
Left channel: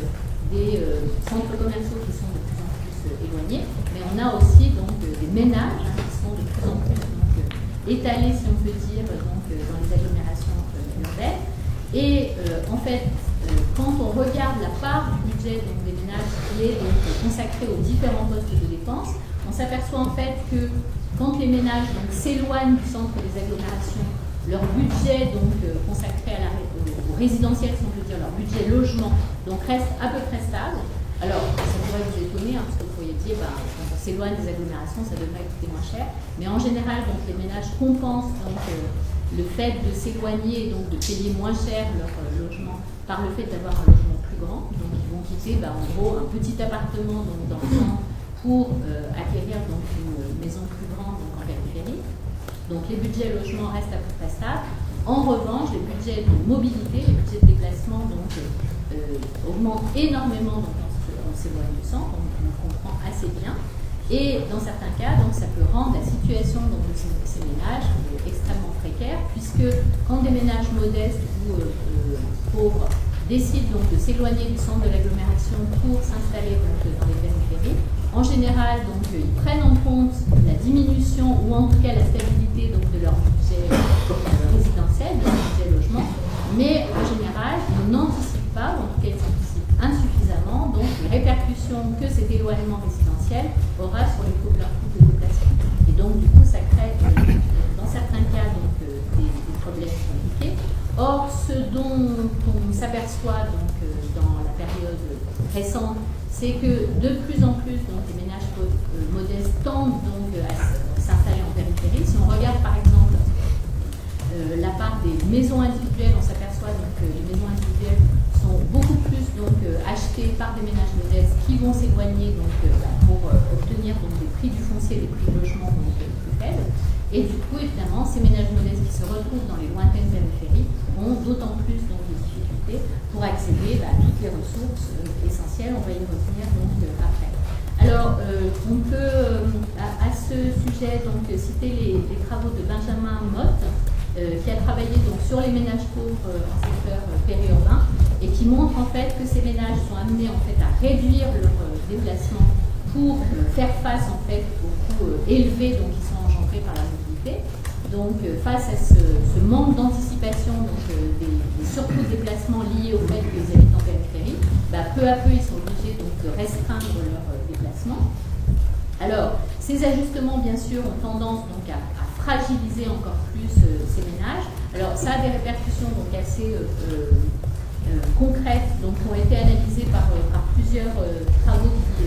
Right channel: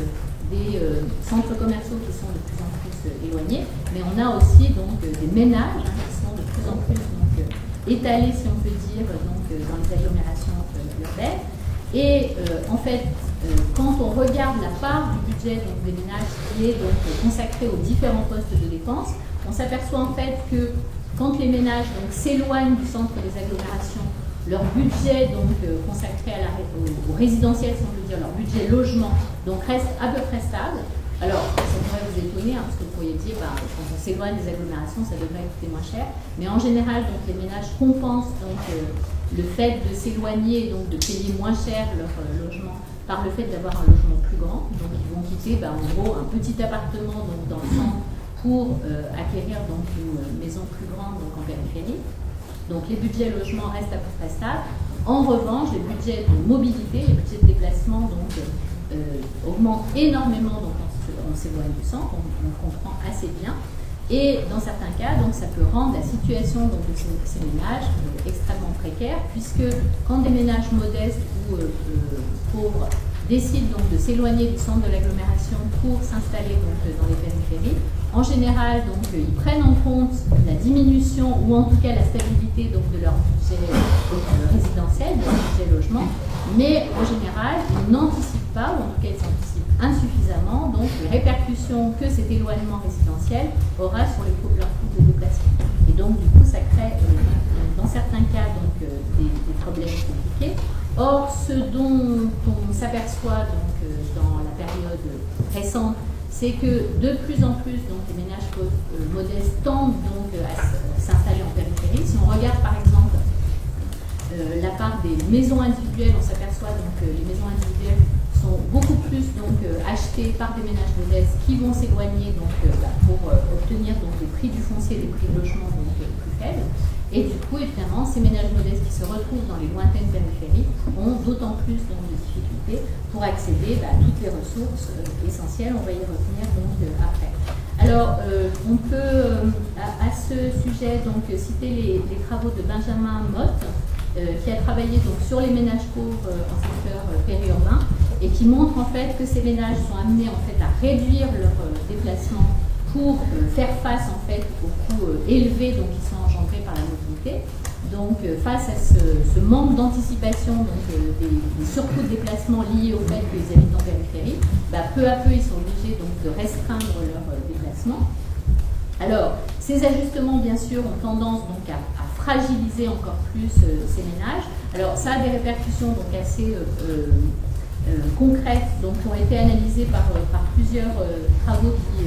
des centres commerciaux qui sont de plus en plus éloignés, mais on a aussi donc, des ménages hein, qui sont de plus en plus donc, étalés, si on peut dire, donc, dans les agglomérations urbaines. Et en fait, quand on regarde la part du budget donc, des ménages qui est donc, consacrée aux différents postes de dépenses, on s'aperçoit en fait que quand les ménages s'éloignent du centre des agglomérations, leur budget donc, consacré au résidentiel, si on peut dire, leur budget logement, donc reste à peu près stable, Alors, ça pourrait vous étonner, parce que vous pourriez dire, quand on s'éloigne des agglomérations, ça devrait coûter moins cher. Mais en général, donc, les ménages compensent donc, le fait de s'éloigner, donc de payer moins cher leur logement par le fait d'avoir un logement plus grand. Donc, ils vont quitter, en gros, un petit appartement donc, dans le centre pour acquérir donc, une maison plus grande donc, en périphérie. Donc, les budgets logement restent à peu près stables. En revanche, les budgets de mobilité, les budgets de déplacement donc, augmentent énormément donc, on s'éloigne du centre, on comprend assez bien. Et dans certains cas, donc, ça peut rendre la situation donc, de ces ménages extrêmement précaire, puisque quand des ménages modestes ou pauvres décident donc de s'éloigner du centre de l'agglomération pour s'installer donc dans les périphéries, en général, donc, ils prennent en compte la diminution ou en tout cas la stabilité donc, de leur budget résidentiel, de leur budget logement, mais en général, ils n'anticipent pas, ou en tout cas ils anticipent insuffisamment, donc les répercussions que cet éloignement résidentiel aura sur leur coût de déplacement. Et donc du coup, ça crée dans certains cas donc, des problèmes compliqués. Or, ce dont on s'aperçoit donc, dans la période récente, c'est que de plus en plus donc, les ménages modestes tendent donc, à s'installer en périphérie. Si on regarde par exemple la part des maisons individuelles, on s'aperçoit donc que les maisons individuelles sont beaucoup plus donc, achetées par des ménages modestes qui vont s'éloigner donc, pour obtenir donc, des prix du foncier, des prix de logement donc, plus faibles. Et du coup, évidemment, ces ménages modestes qui se retrouvent dans les lointaines périphéries ont d'autant plus donc, de difficultés pour accéder à toutes les ressources essentielles. On va y revenir donc, après. Alors, on peut à ce sujet donc, citer les travaux de Benjamin Mott, qui a travaillé donc, sur les ménages pauvres en secteur périurbain et qui montre en fait que ces ménages sont amenés en fait, à réduire leur déplacement pour faire face en fait, aux coûts élevés donc, qui sont engendrés par la mobilité. Donc face à ce manque d'anticipation des surcoûts de déplacement liés au fait qu'ils habitent en périphérie, peu à peu ils sont obligés donc, de restreindre leur déplacement. Alors, ces ajustements, bien sûr, ont tendance donc, à fragiliser encore plus ces ménages. Alors, ça a des répercussions donc, assez concrètes donc, qui ont été analysées par plusieurs travaux qui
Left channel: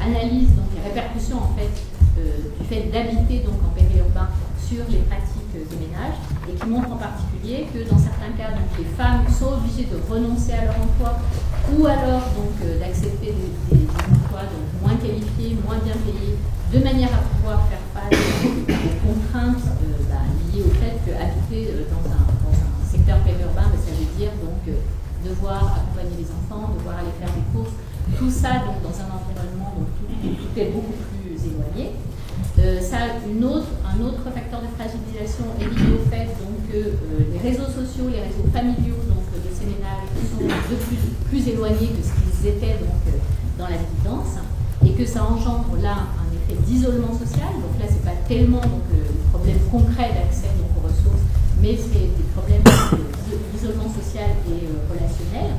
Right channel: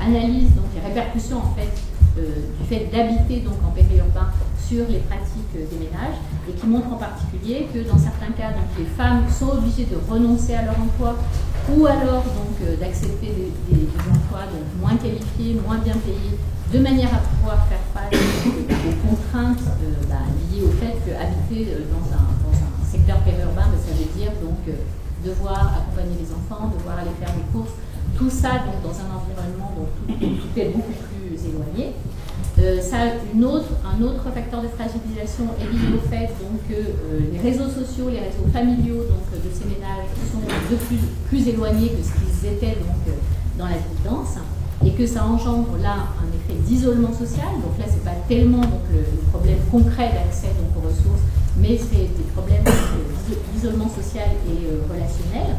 analysent donc, les répercussions en fait, du fait d'habiter donc, en périurbain sur les pratiques des ménages et qui montrent en particulier que dans certains cas, donc, les femmes sont obligées de renoncer à leur emploi ou alors donc d'accepter des emplois donc, moins qualifiés, moins bien payés, de manière à pouvoir faire face aux contraintes liées au fait qu'habiter dans un secteur périurbain, ça veut dire donc devoir accompagner les enfants, devoir aller faire des courses, tout ça donc, dans un environnement donc, tout est beaucoup plus éloigné. Un autre facteur de fragilisation est lié au fait donc, que les réseaux sociaux, les réseaux familiaux donc, de ces ménages sont de plus éloignés que ce qu'ils étaient donc, dans la vie dense et que ça engendre là un effet d'isolement social. Donc là, ce n'est pas tellement donc, le problème concret d'accès donc, aux ressources, mais c'est des problèmes d'isolement social et relationnel.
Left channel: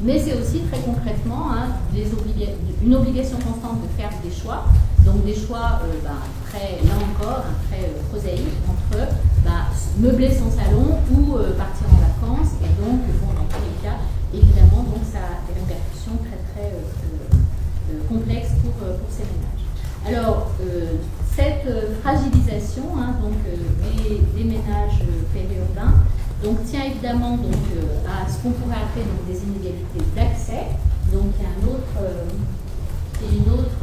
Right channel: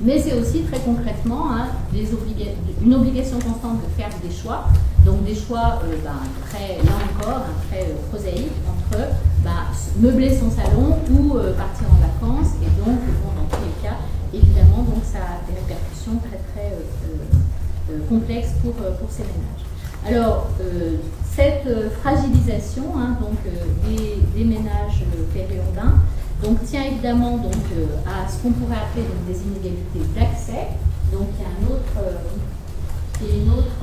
Mais c'est aussi très concrètement une obligation constante de faire des choix, donc des choix très, là encore, très prosaïques entre meubler son salon ou partir en vacances. Et donc, dans tous les cas, évidemment, donc, ça a des répercussions très, très complexes pour ces ménages. Alors, cette fragilisation donc, des ménages périurbains donc, tient évidemment donc, à ce qu'on pourrait appeler donc, des inégalités d'accès. Donc il y a une autre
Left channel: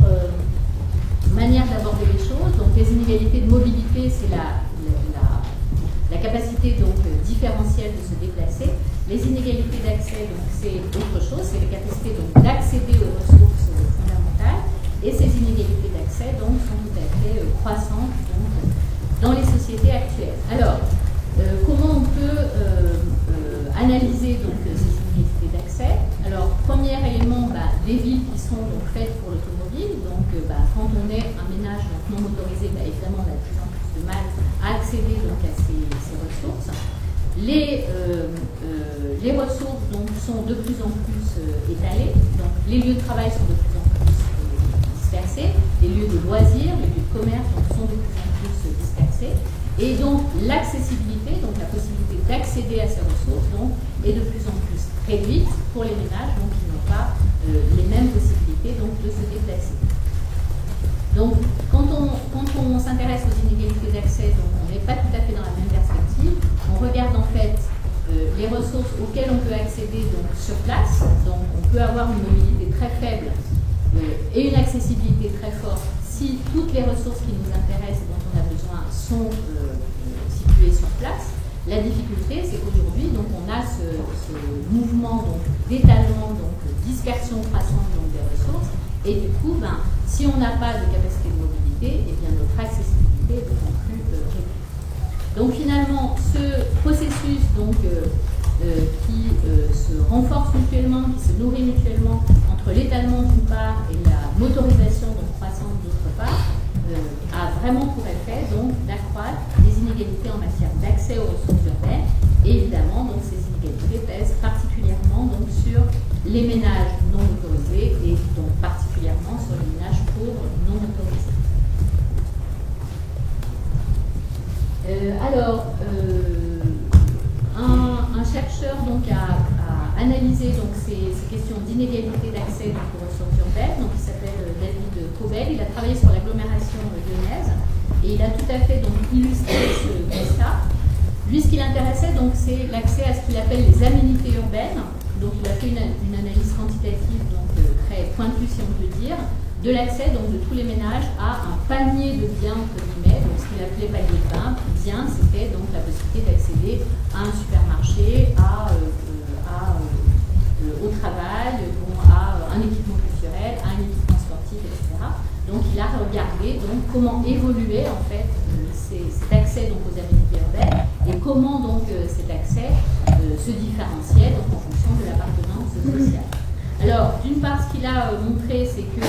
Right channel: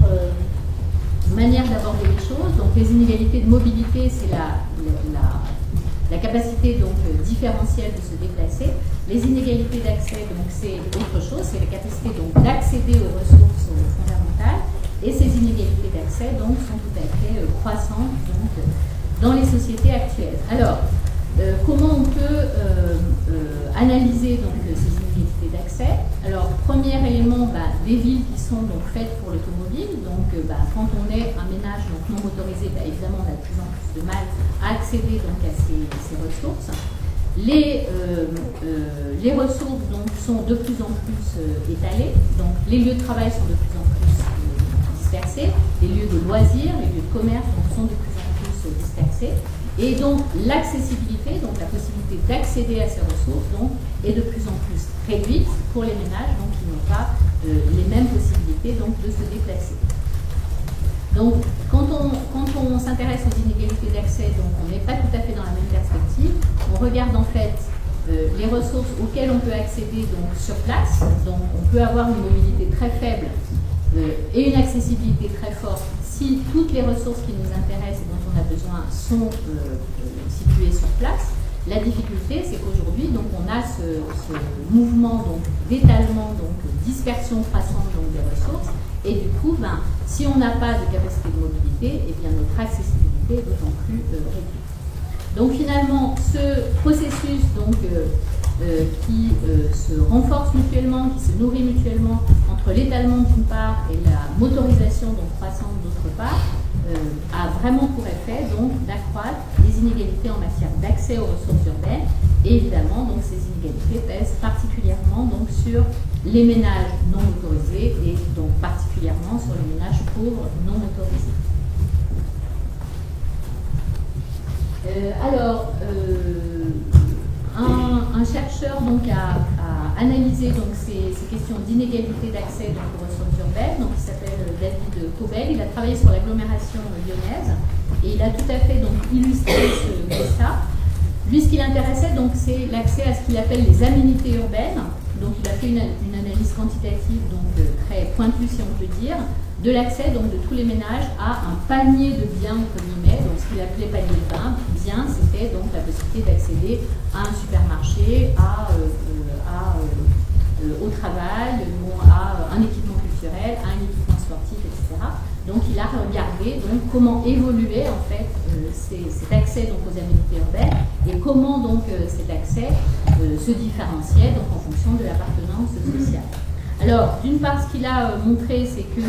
manière d'aborder les choses. Donc les inégalités de mobilité, c'est la capacité donc, différentielle de se déplacer. Les inégalités d'accès, donc c'est autre chose, c'est la capacité donc, d'accéder aux ressources fondamentales. Et ces inégalités d'accès donc, sont tout à fait croissantes donc, dans les sociétés actuelles. Alors, comment on peut analyser donc, ces inégalités d'accès? Alors, premier élément, des villes qui sont donc, faites pour l'automobile. Donc, quand on est un ménage donc, non motorisé, évidemment, on a de plus en plus de mal à accéder donc, à ces ressources. Les ressources donc, sont de plus en plus étalées. Donc, les lieux de travail sont de plus en plus dispersés. Les lieux de loisirs, les lieux de commerce donc, sont de plus en plus dispersés. Et donc l'accessibilité, donc la possibilité d'accéder à ces ressources, donc, est de plus en plus réduite pour les ménages donc, qui n'ont pas les mêmes possibilités donc, de se déplacer. Donc, quand on s'intéresse aux inégalités d'accès, donc on n'est pas tout à fait dans la même perspective. On regarde en fait les ressources auxquelles on peut accéder donc, sur place. Donc, on peut avoir une mobilité très faible et une accessibilité très forte si toutes les ressources qui nous intéressent et dont on a besoin sont situées sur place. La difficulté, c'est qu'aujourd'hui, donc, on a ce mouvement d'étalement, donc dispersion croissante donc, des ressources. Et du coup, si on n'a pas de capacité de mobilité, eh bien, notre accessibilité est d'autant plus réduite. Donc finalement, ce processus donc, qui se renforce mutuellement, qui se nourrit mutuellement entre l'étalement d'une part et la motorisation donc, croissante d'autre part, a vraiment pour effet donc d'accroître les inégalités en matière d'accès aux ressources urbaines. Et évidemment, donc, ces inégalités pèsent particulièrement donc, sur les ménages non motorisés et donc particulièrement sur les ménages pauvres non motorisés. Un chercheur donc, a analysé donc, ces questions d'inégalité d'accès donc, aux ressources urbaines, donc, il s'appelle David Cobel. Il a travaillé sur l'agglomération lyonnaise et il a tout à fait donc, illustré ce constat. Lui, ce qui l'intéressait, donc, c'est l'accès à ce qu'il appelle les aménités urbaines. Donc, il a fait une analyse quantitative, donc très pointue, si on peut dire, de l'accès donc de tous les ménages à un panier de biens entre guillemets. Donc, ce qu'il appelait panier de biens, c'était donc la possibilité d'accéder à un supermarché, au travail, à un équipement culturel, à un équipement sportif, etc. Donc, il a regardé donc, comment évoluait en fait cet accès donc, aux aménités urbaines et comment donc cet accès se différenciait donc, en fonction de l'appartenance sociale. Alors, d'une part, ce qu'il a montré, c'est que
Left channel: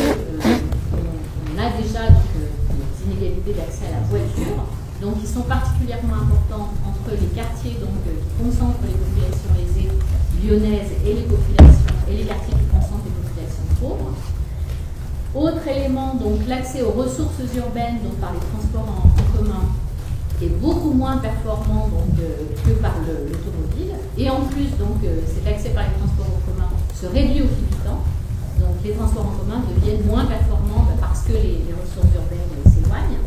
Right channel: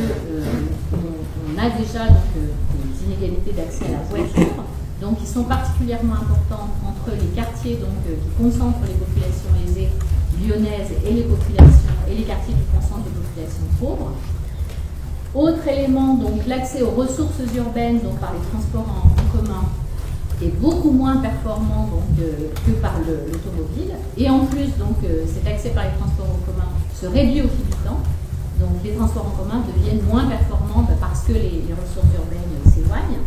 on a déjà donc, des inégalités d'accès à la voiture, donc qui sont particulièrement importantes entre les quartiers donc, qui concentrent les populations aisées lyonnaises et les quartiers qui concentrent les populations pauvres. Autre élément, donc l'accès aux ressources urbaines donc, par les transports en commun est beaucoup moins performant donc, que par l'automobile. Et en plus, donc, cet accès par les transports en commun se réduit au fil du temps. Donc les transports en commun deviennent moins performants parce que les ressources urbaines s'éloignent.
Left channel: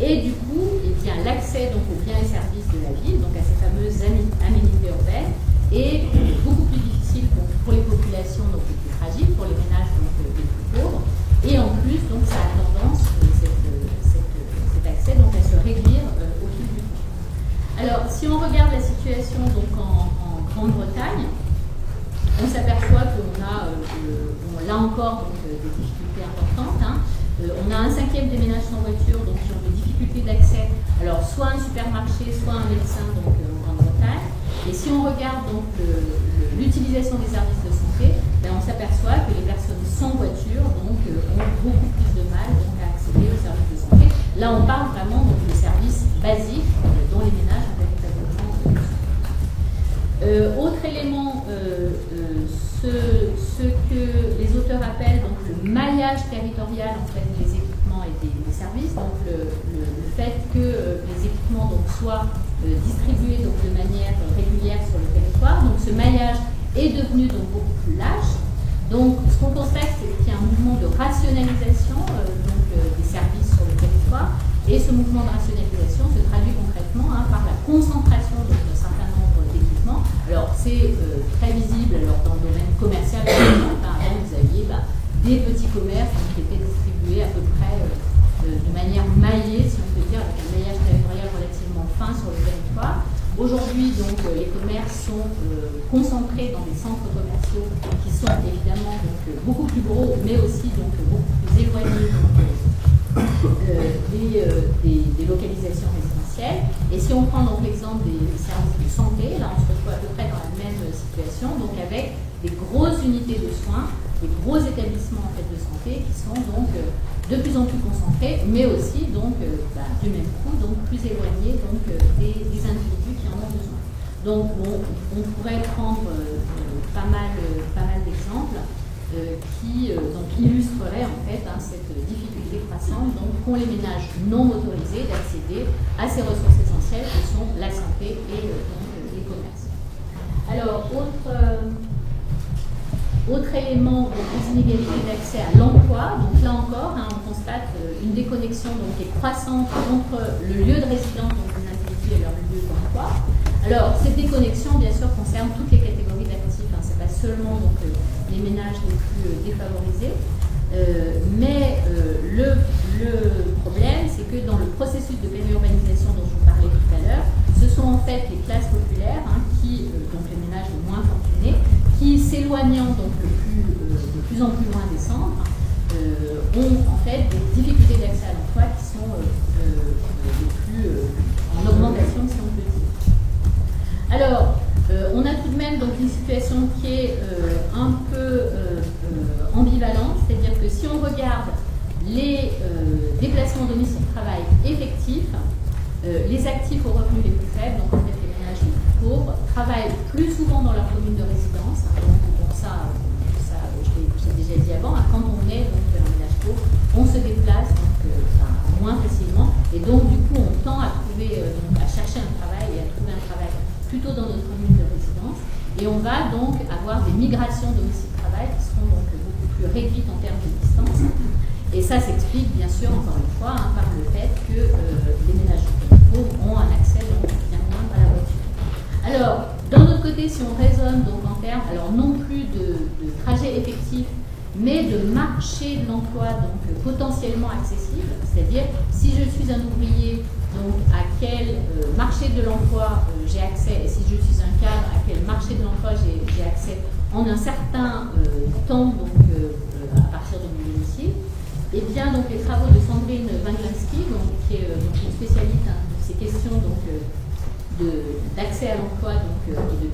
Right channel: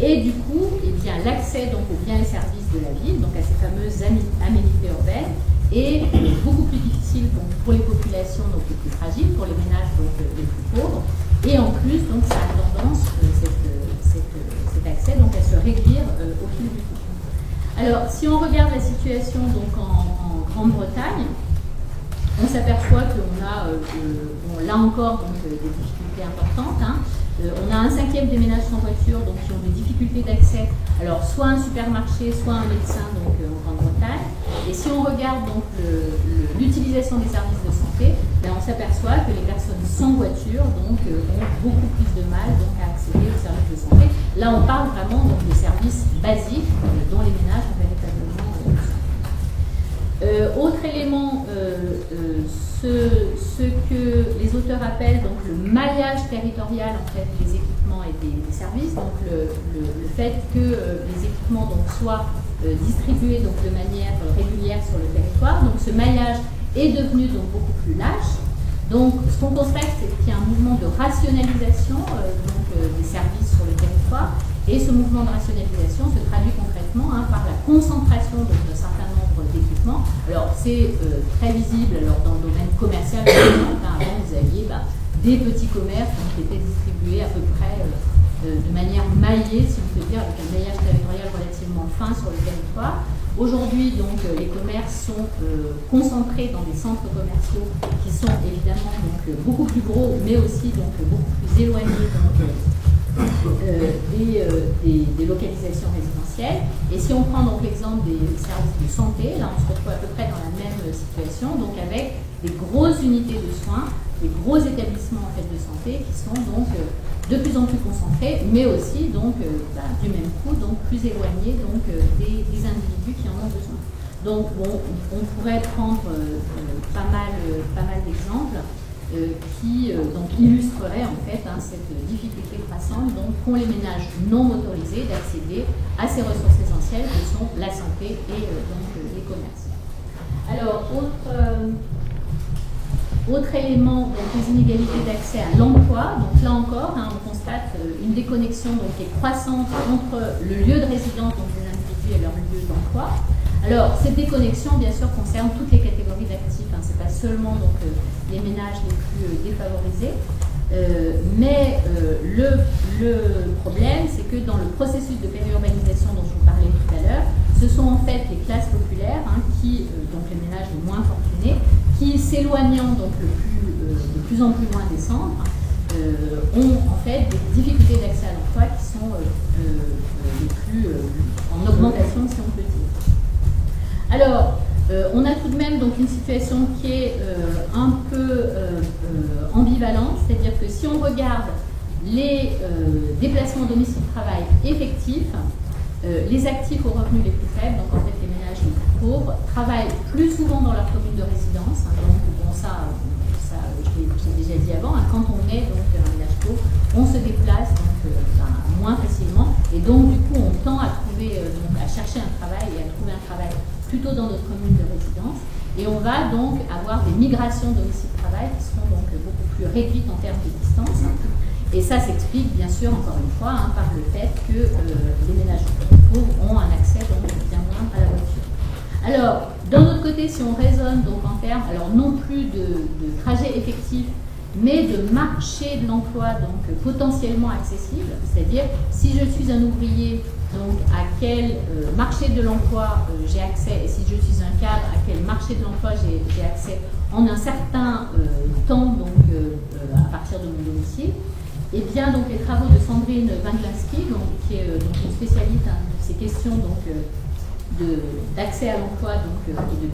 Et du coup, eh bien, l'accès donc, aux biens et services de la ville, donc à ces fameuses aménités urbaines, est beaucoup plus difficile donc, pour les populations donc, les plus fragiles, pour les ménages donc, les plus pauvres. Et en plus, donc, ça a tendance, cet accès, donc, à se réduire au fil du temps. Alors, si on regarde la situation donc, en Grande-Bretagne, on s'aperçoit qu'on a, là encore, donc, des difficultés importantes. On a un cinquième des ménages sans voiture donc, qui ont des difficultés d'accès, alors soit un supermarché, soit un médecin donc, en Grande-Bretagne. Et si on regarde donc l'utilisation des services de santé, ben, on s'aperçoit que les personnes sans voiture donc, ont beaucoup plus de mal donc, à accéder aux services de santé. Là, on parle vraiment donc, de services basiques dont les ménages ont véritablement besoin. Autre élément, ce que les auteurs appellent donc, le maillage territorial en fait, des équipements et des services, donc le fait que les équipements donc, soient distribués donc, de manière régulière sur le territoire. Donc ce maillage est devenu donc, beaucoup plus lâche. Donc ce qu'on constate, c'est qu'il y a un mouvement de rationalisation des services sur le territoire. Et ce mouvement de rationalisation se traduit concrètement par la concentration d'un certain nombre d'équipements. Alors c'est très visible alors, dans le domaine commercial, par exemple. Avant, vous aviez des petits commerces qui étaient distribués à peu près de manière maillée, si on peut dire, avec un maillage territorial relativement fin sur le territoire. Aujourd'hui, donc, les commerces sont concentrés dans des centres commerciaux qui sont évidemment donc, beaucoup plus gros, mais aussi donc, beaucoup plus éloignés donc, des localisations résidentielles. Et si on prend donc l'exemple des services de santé, là on se retrouve à peu près dans la même situation, donc avec des grosses unités de soins, des gros établissements en fait, de santé qui sont donc de plus en plus concentrés, mais aussi donc du même coup donc plus éloignés donc des individus qui en ont besoin. Donc bon, on pourrait prendre pas mal d'exemples qui donc illustreraient en fait cette difficulté croissante qu'ont les ménages non motorisés d'accéder à ces ressources essentielles que sont la santé et donc les commerces. Alors Autre élément, donc les inégalités d'accès à l'emploi. Donc là encore, hein, on constate une déconnexion donc, qui est croissante entre le lieu de résidence donc, des individus et leur lieu d'emploi. Alors, cette déconnexion, bien sûr, concerne toutes les catégories d'actifs. Hein. Ce n'est pas seulement donc, les ménages les plus défavorisés. Mais le problème, c'est que dans le processus de périurbanisation dont je vous parlais tout à l'heure, ce sont en fait les classes populaires, hein, donc les ménages les moins fortunés, qui s'éloignant donc de plus en plus loin des centres, ont en fait des difficultés d'accès à l'emploi qui sont les plus en augmentation, si on peut dire. Alors, on a tout de même donc une situation qui est un peu ambivalente, c'est-à-dire que si on regarde les déplacements domicile-travail effectifs, les actifs aux revenus les plus faibles, donc en fait les ménages les plus pauvres, travaillent plus souvent dans leur commune de résidence. Hein, donc bon, ça je l'ai déjà dit avant, hein, quand on est donc un ménage pauvre, on se déplace donc, moins facilement et donc du coup on tend à trouver, donc, à chercher un travail et à trouver un travail plutôt dans notre commune de résidence. Et on va donc avoir des migrations domicile-travail qui seront donc beaucoup plus réduites en termes de distance. Et ça s'explique bien sûr, encore une fois, hein, par le fait que les ménages pauvres ont un accès donc bien moindre à la voiture. Alors, d'un autre côté, si on raisonne donc en termes, alors non plus de trajet effectif, mais de marché de l'emploi donc potentiellement accessible, c'est-à-dire si je suis un ouvrier, donc à quel marché de l'emploi j'ai accès, et si je suis un cadre, à quel marché de l'emploi j'ai accès en un certain temps, donc à partir de mon domicile. Et bien donc les travaux de Sandrine Wanglinski, donc, qui est donc une spécialiste hein, de ces questions donc d'accès à l'emploi donc et de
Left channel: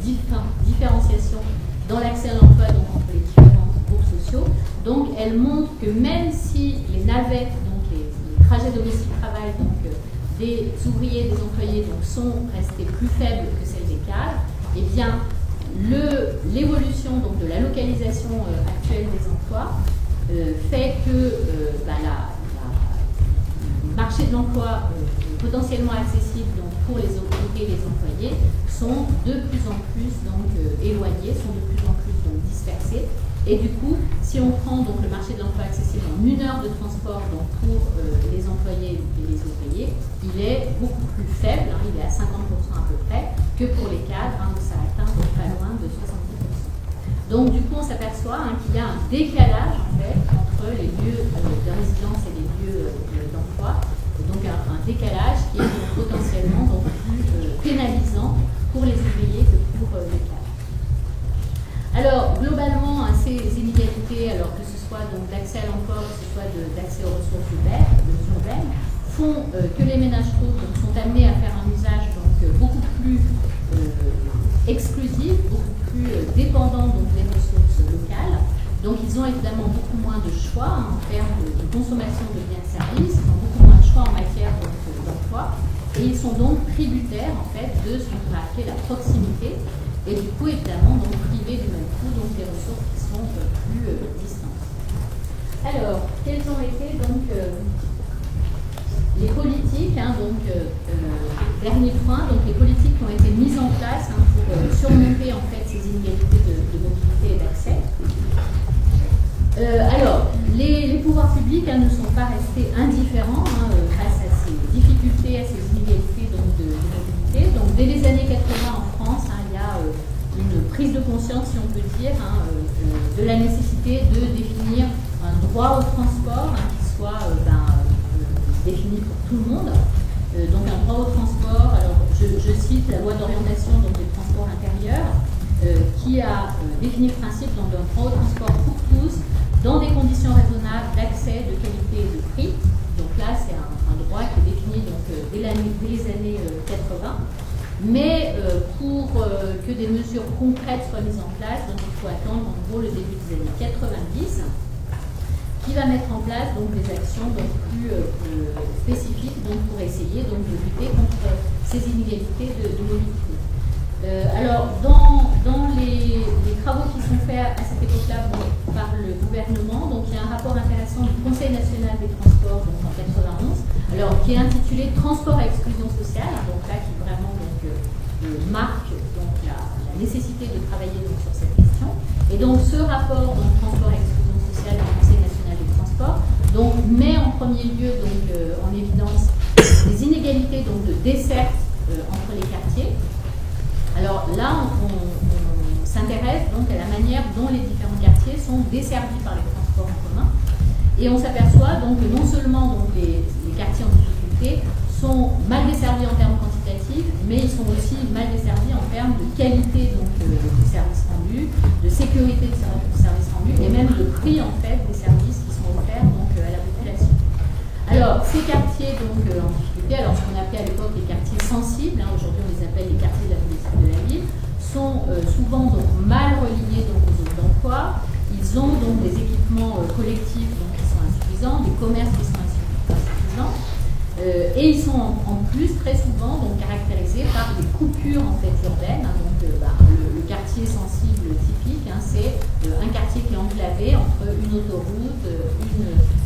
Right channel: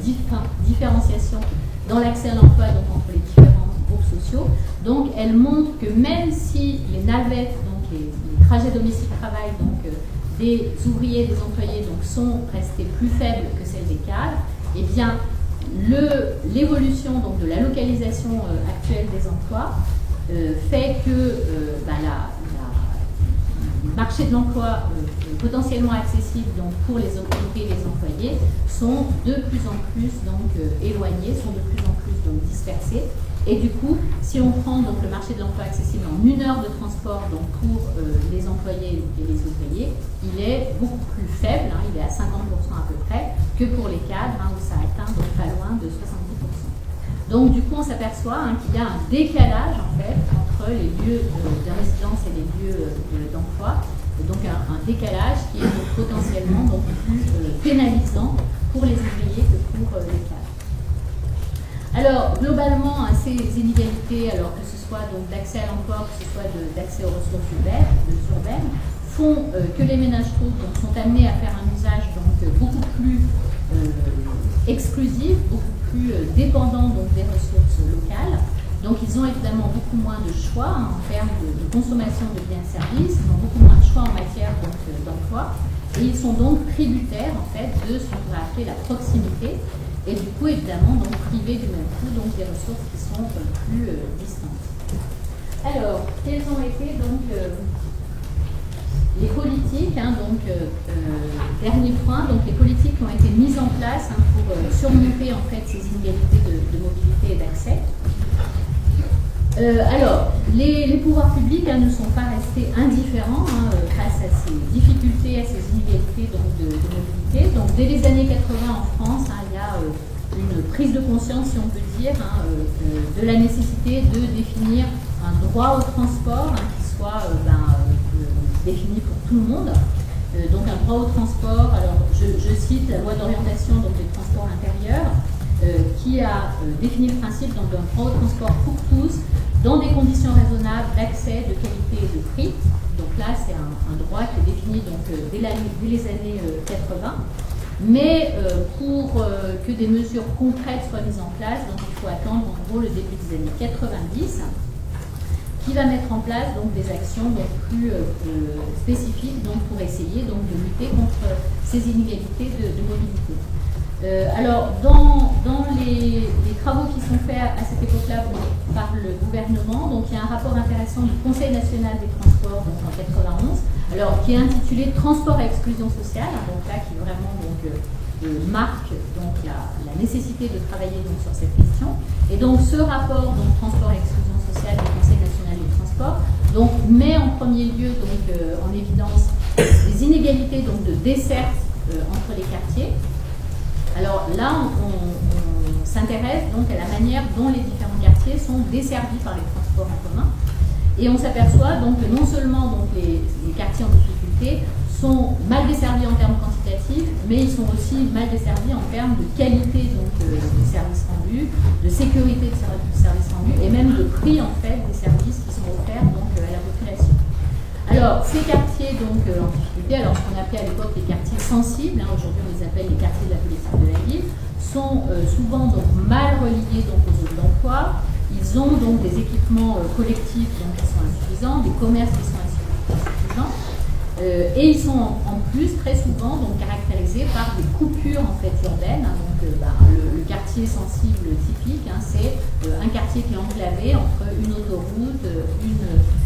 différenciation dans l'accès à l'emploi donc entre les différents groupes sociaux. Donc elle montre que même si les navettes, donc les trajets domicile-travail donc des ouvriers, des employés donc sont restés plus faibles que celles des cadres, et bien l'évolution donc de la localisation actuelle des emplois fait que le marché de l'emploi potentiellement accessible donc, pour les ouvriers et les employés sont de plus en plus donc, éloignés, sont de plus en plus donc, dispersés. Et du coup, si on prend donc, le marché de l'emploi accessible en 1 heure de transport donc, pour les employés et les ouvriers, il est beaucoup plus faible, hein, il est à 50% à peu près, que pour les cadres, hein, où ça atteint donc, pas loin de 70%. Donc du coup, on s'aperçoit hein, qu'il y a un décalage en fait entre les lieux de résidence et les lieux d'emploi, et donc un décalage qui est donc, potentiellement donc, plus pénalisant pour les ouvriers que pour les cadres. Alors globalement, hein, ces inégalités, alors que ce soit donc d'accès à l'emploi, que ce soit d'accès aux ressources urbaines, font que les ménages pauvres donc, sont amenés à faire un usage donc beaucoup plus exclusif, beaucoup plus dépendant donc, des ressources locales. Donc ils ont évidemment beaucoup moins de choix hein, en termes de consommation de biens et services, ils ont beaucoup moins de choix en matière d'emploi, et ils sont donc tributaires en fait de ce qu'on pourrait appeler la proximité, et du coup évidemment donc privés du même coup donc des ressources qui sont plus distantes. Alors, quelles ont été donc les politiques, hein, donc dernier point, donc les politiques qui ont été mises en place hein, pour surmonter en fait ces inégalités de mobilité et d'accès. Alors, les pouvoirs publics hein, ne sont pas restés indifférents hein, face à ces difficultés, à ces inégalités donc, de mobilité. Donc, dès les années 80 en France, hein, il y a une prise de conscience, si on peut dire, hein, de la nécessité de définir un droit au transport hein, qui soit défini pour tout le monde. Donc un droit au transport, alors je cite la loi d'orientation des transports intérieurs qui a défini le principe d'un droit au transport pour tous dans des conditions raisonnables d'accès, de qualité et de prix. Donc là c'est un droit qui est défini donc, dès les années 80. Mais pour que des mesures concrètes soient mises en place, donc il faut attendre en gros le début des années 90. Qui va mettre en place donc, des actions donc, plus spécifiques donc, pour essayer donc, de lutter contre ces inégalités de mobilité. Alors, dans les travaux qui sont faits à cette époque-là par le gouvernement, donc, il y a un rapport intéressant du Conseil national des transports donc, en 91, alors, qui est intitulé « Transport à exclusion sociale », donc là qui vraiment donc, marque donc la nécessité de travailler donc sur cette question. Et donc ce rapport donc transport et exclusion sociale du Conseil national des transports donc met en premier lieu donc en évidence les inégalités donc de desserte entre les quartiers. Alors là, on s'intéresse donc à la manière dont les différents quartiers sont desservis par les transports en commun. Et on s'aperçoit donc que non seulement donc, les quartiers en difficulté sont mal desservis en termes quantitatifs, mais ils sont aussi mal desservis en termes de qualité donc, des services rendus, de sécurité des services rendus et même de prix en fait des services qui sont offerts donc, à la population. Alors, ces quartiers donc, en difficulté, alors ce qu'on appelait à l'époque les quartiers sensibles, hein, aujourd'hui on les appelle les quartiers de la politique de la ville, sont souvent donc, mal reliés donc, aux zones d'emploi. Ils ont donc des équipements collectifs donc, qui sont insuffisants, des commerces qui sont insuffisants, et ils sont en plus très souvent donc, caractérisés par des coupures en fait, urbaines. Hein, donc, le quartier sensible typique, hein, c'est un quartier qui est enclavé entre une autoroute,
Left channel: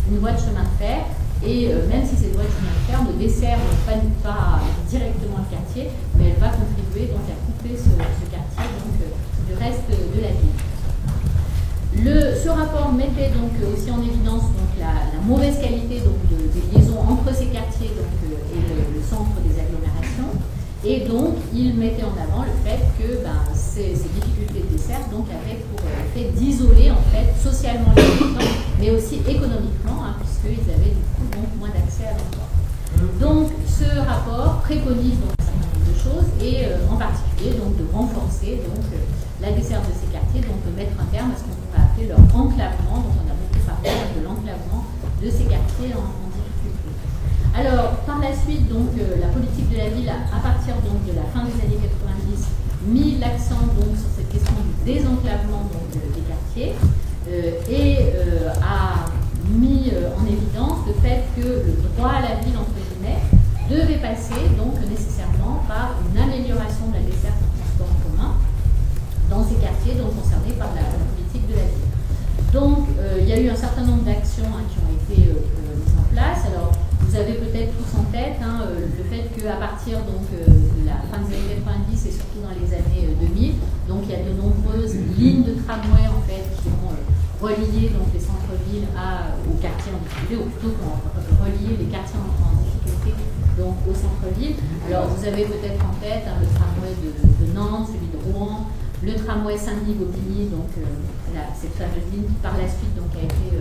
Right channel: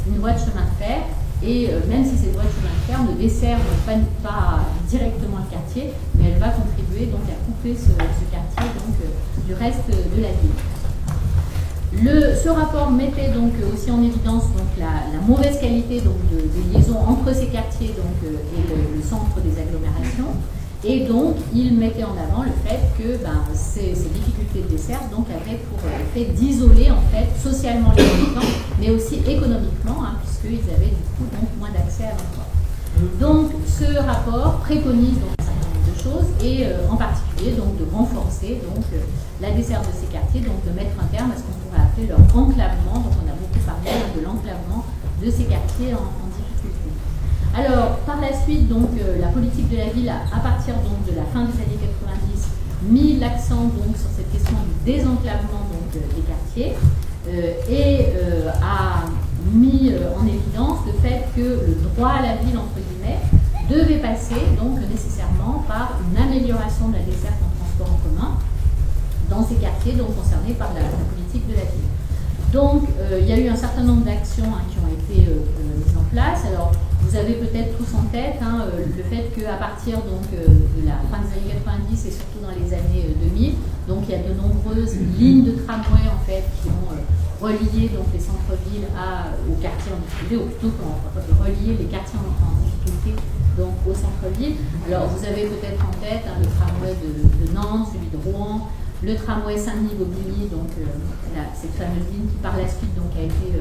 une voie de chemin de fer, et même si cette voie de chemin de fer ne dessert pas directement le quartier, mais elle va contribuer donc, à couper ce quartier donc, du reste de la ville. Ce rapport mettait donc aussi en évidence donc, la mauvaise qualité donc, des liaisons entre ces quartiers donc, et le centre des agglomérations. Et donc, il mettait en avant le fait que ces difficultés de dessert donc, avaient pour effet d'isoler en fait, socialement les habitants, mais aussi économiquement, hein, puisqu'ils avaient du coup donc, moins d'accès à l'emploi. Donc, ce rapport préconise donc, un certain nombre de choses, et en particulier donc, de renforcer donc, la desserte de ces quartiers, donc de mettre un terme à ce qu'on pourrait appeler leur enclavement. Donc, on a beaucoup parlé de l'enclavement de ces quartiers en difficulté. Alors, par la suite, donc, la politique de la ville, à partir donc, de la fin des années 90, mis l'accent donc, sur cette question du désenclavement donc, des quartiers et a mis en évidence le fait que le droit à la ville, entre guillemets, devait passer donc, nécessairement par une amélioration de la desserte en transport en commun dans ces quartiers donc, concernés par la politique de la ville. Donc, il y a eu un certain nombre d'actions hein, qui ont été mises en place. Alors, vous avez peut-être tous en tête hein, le fait qu'à partir donc, de la fin des années 90 et surtout dans les années 2000, donc, il y a de nombreuses lignes de tramway en fait, qui ont relié donc, les centres-villes aux quartiers en difficulté, ou plutôt relié les quartiers en difficulté donc, au centre-ville. Alors, vous avez peut-être en tête hein, le tramway de Nantes, celui de Rouen, le tramway Saint-Denis-Bobigny, donc cette fameuse ligne qui par la suite donc, a été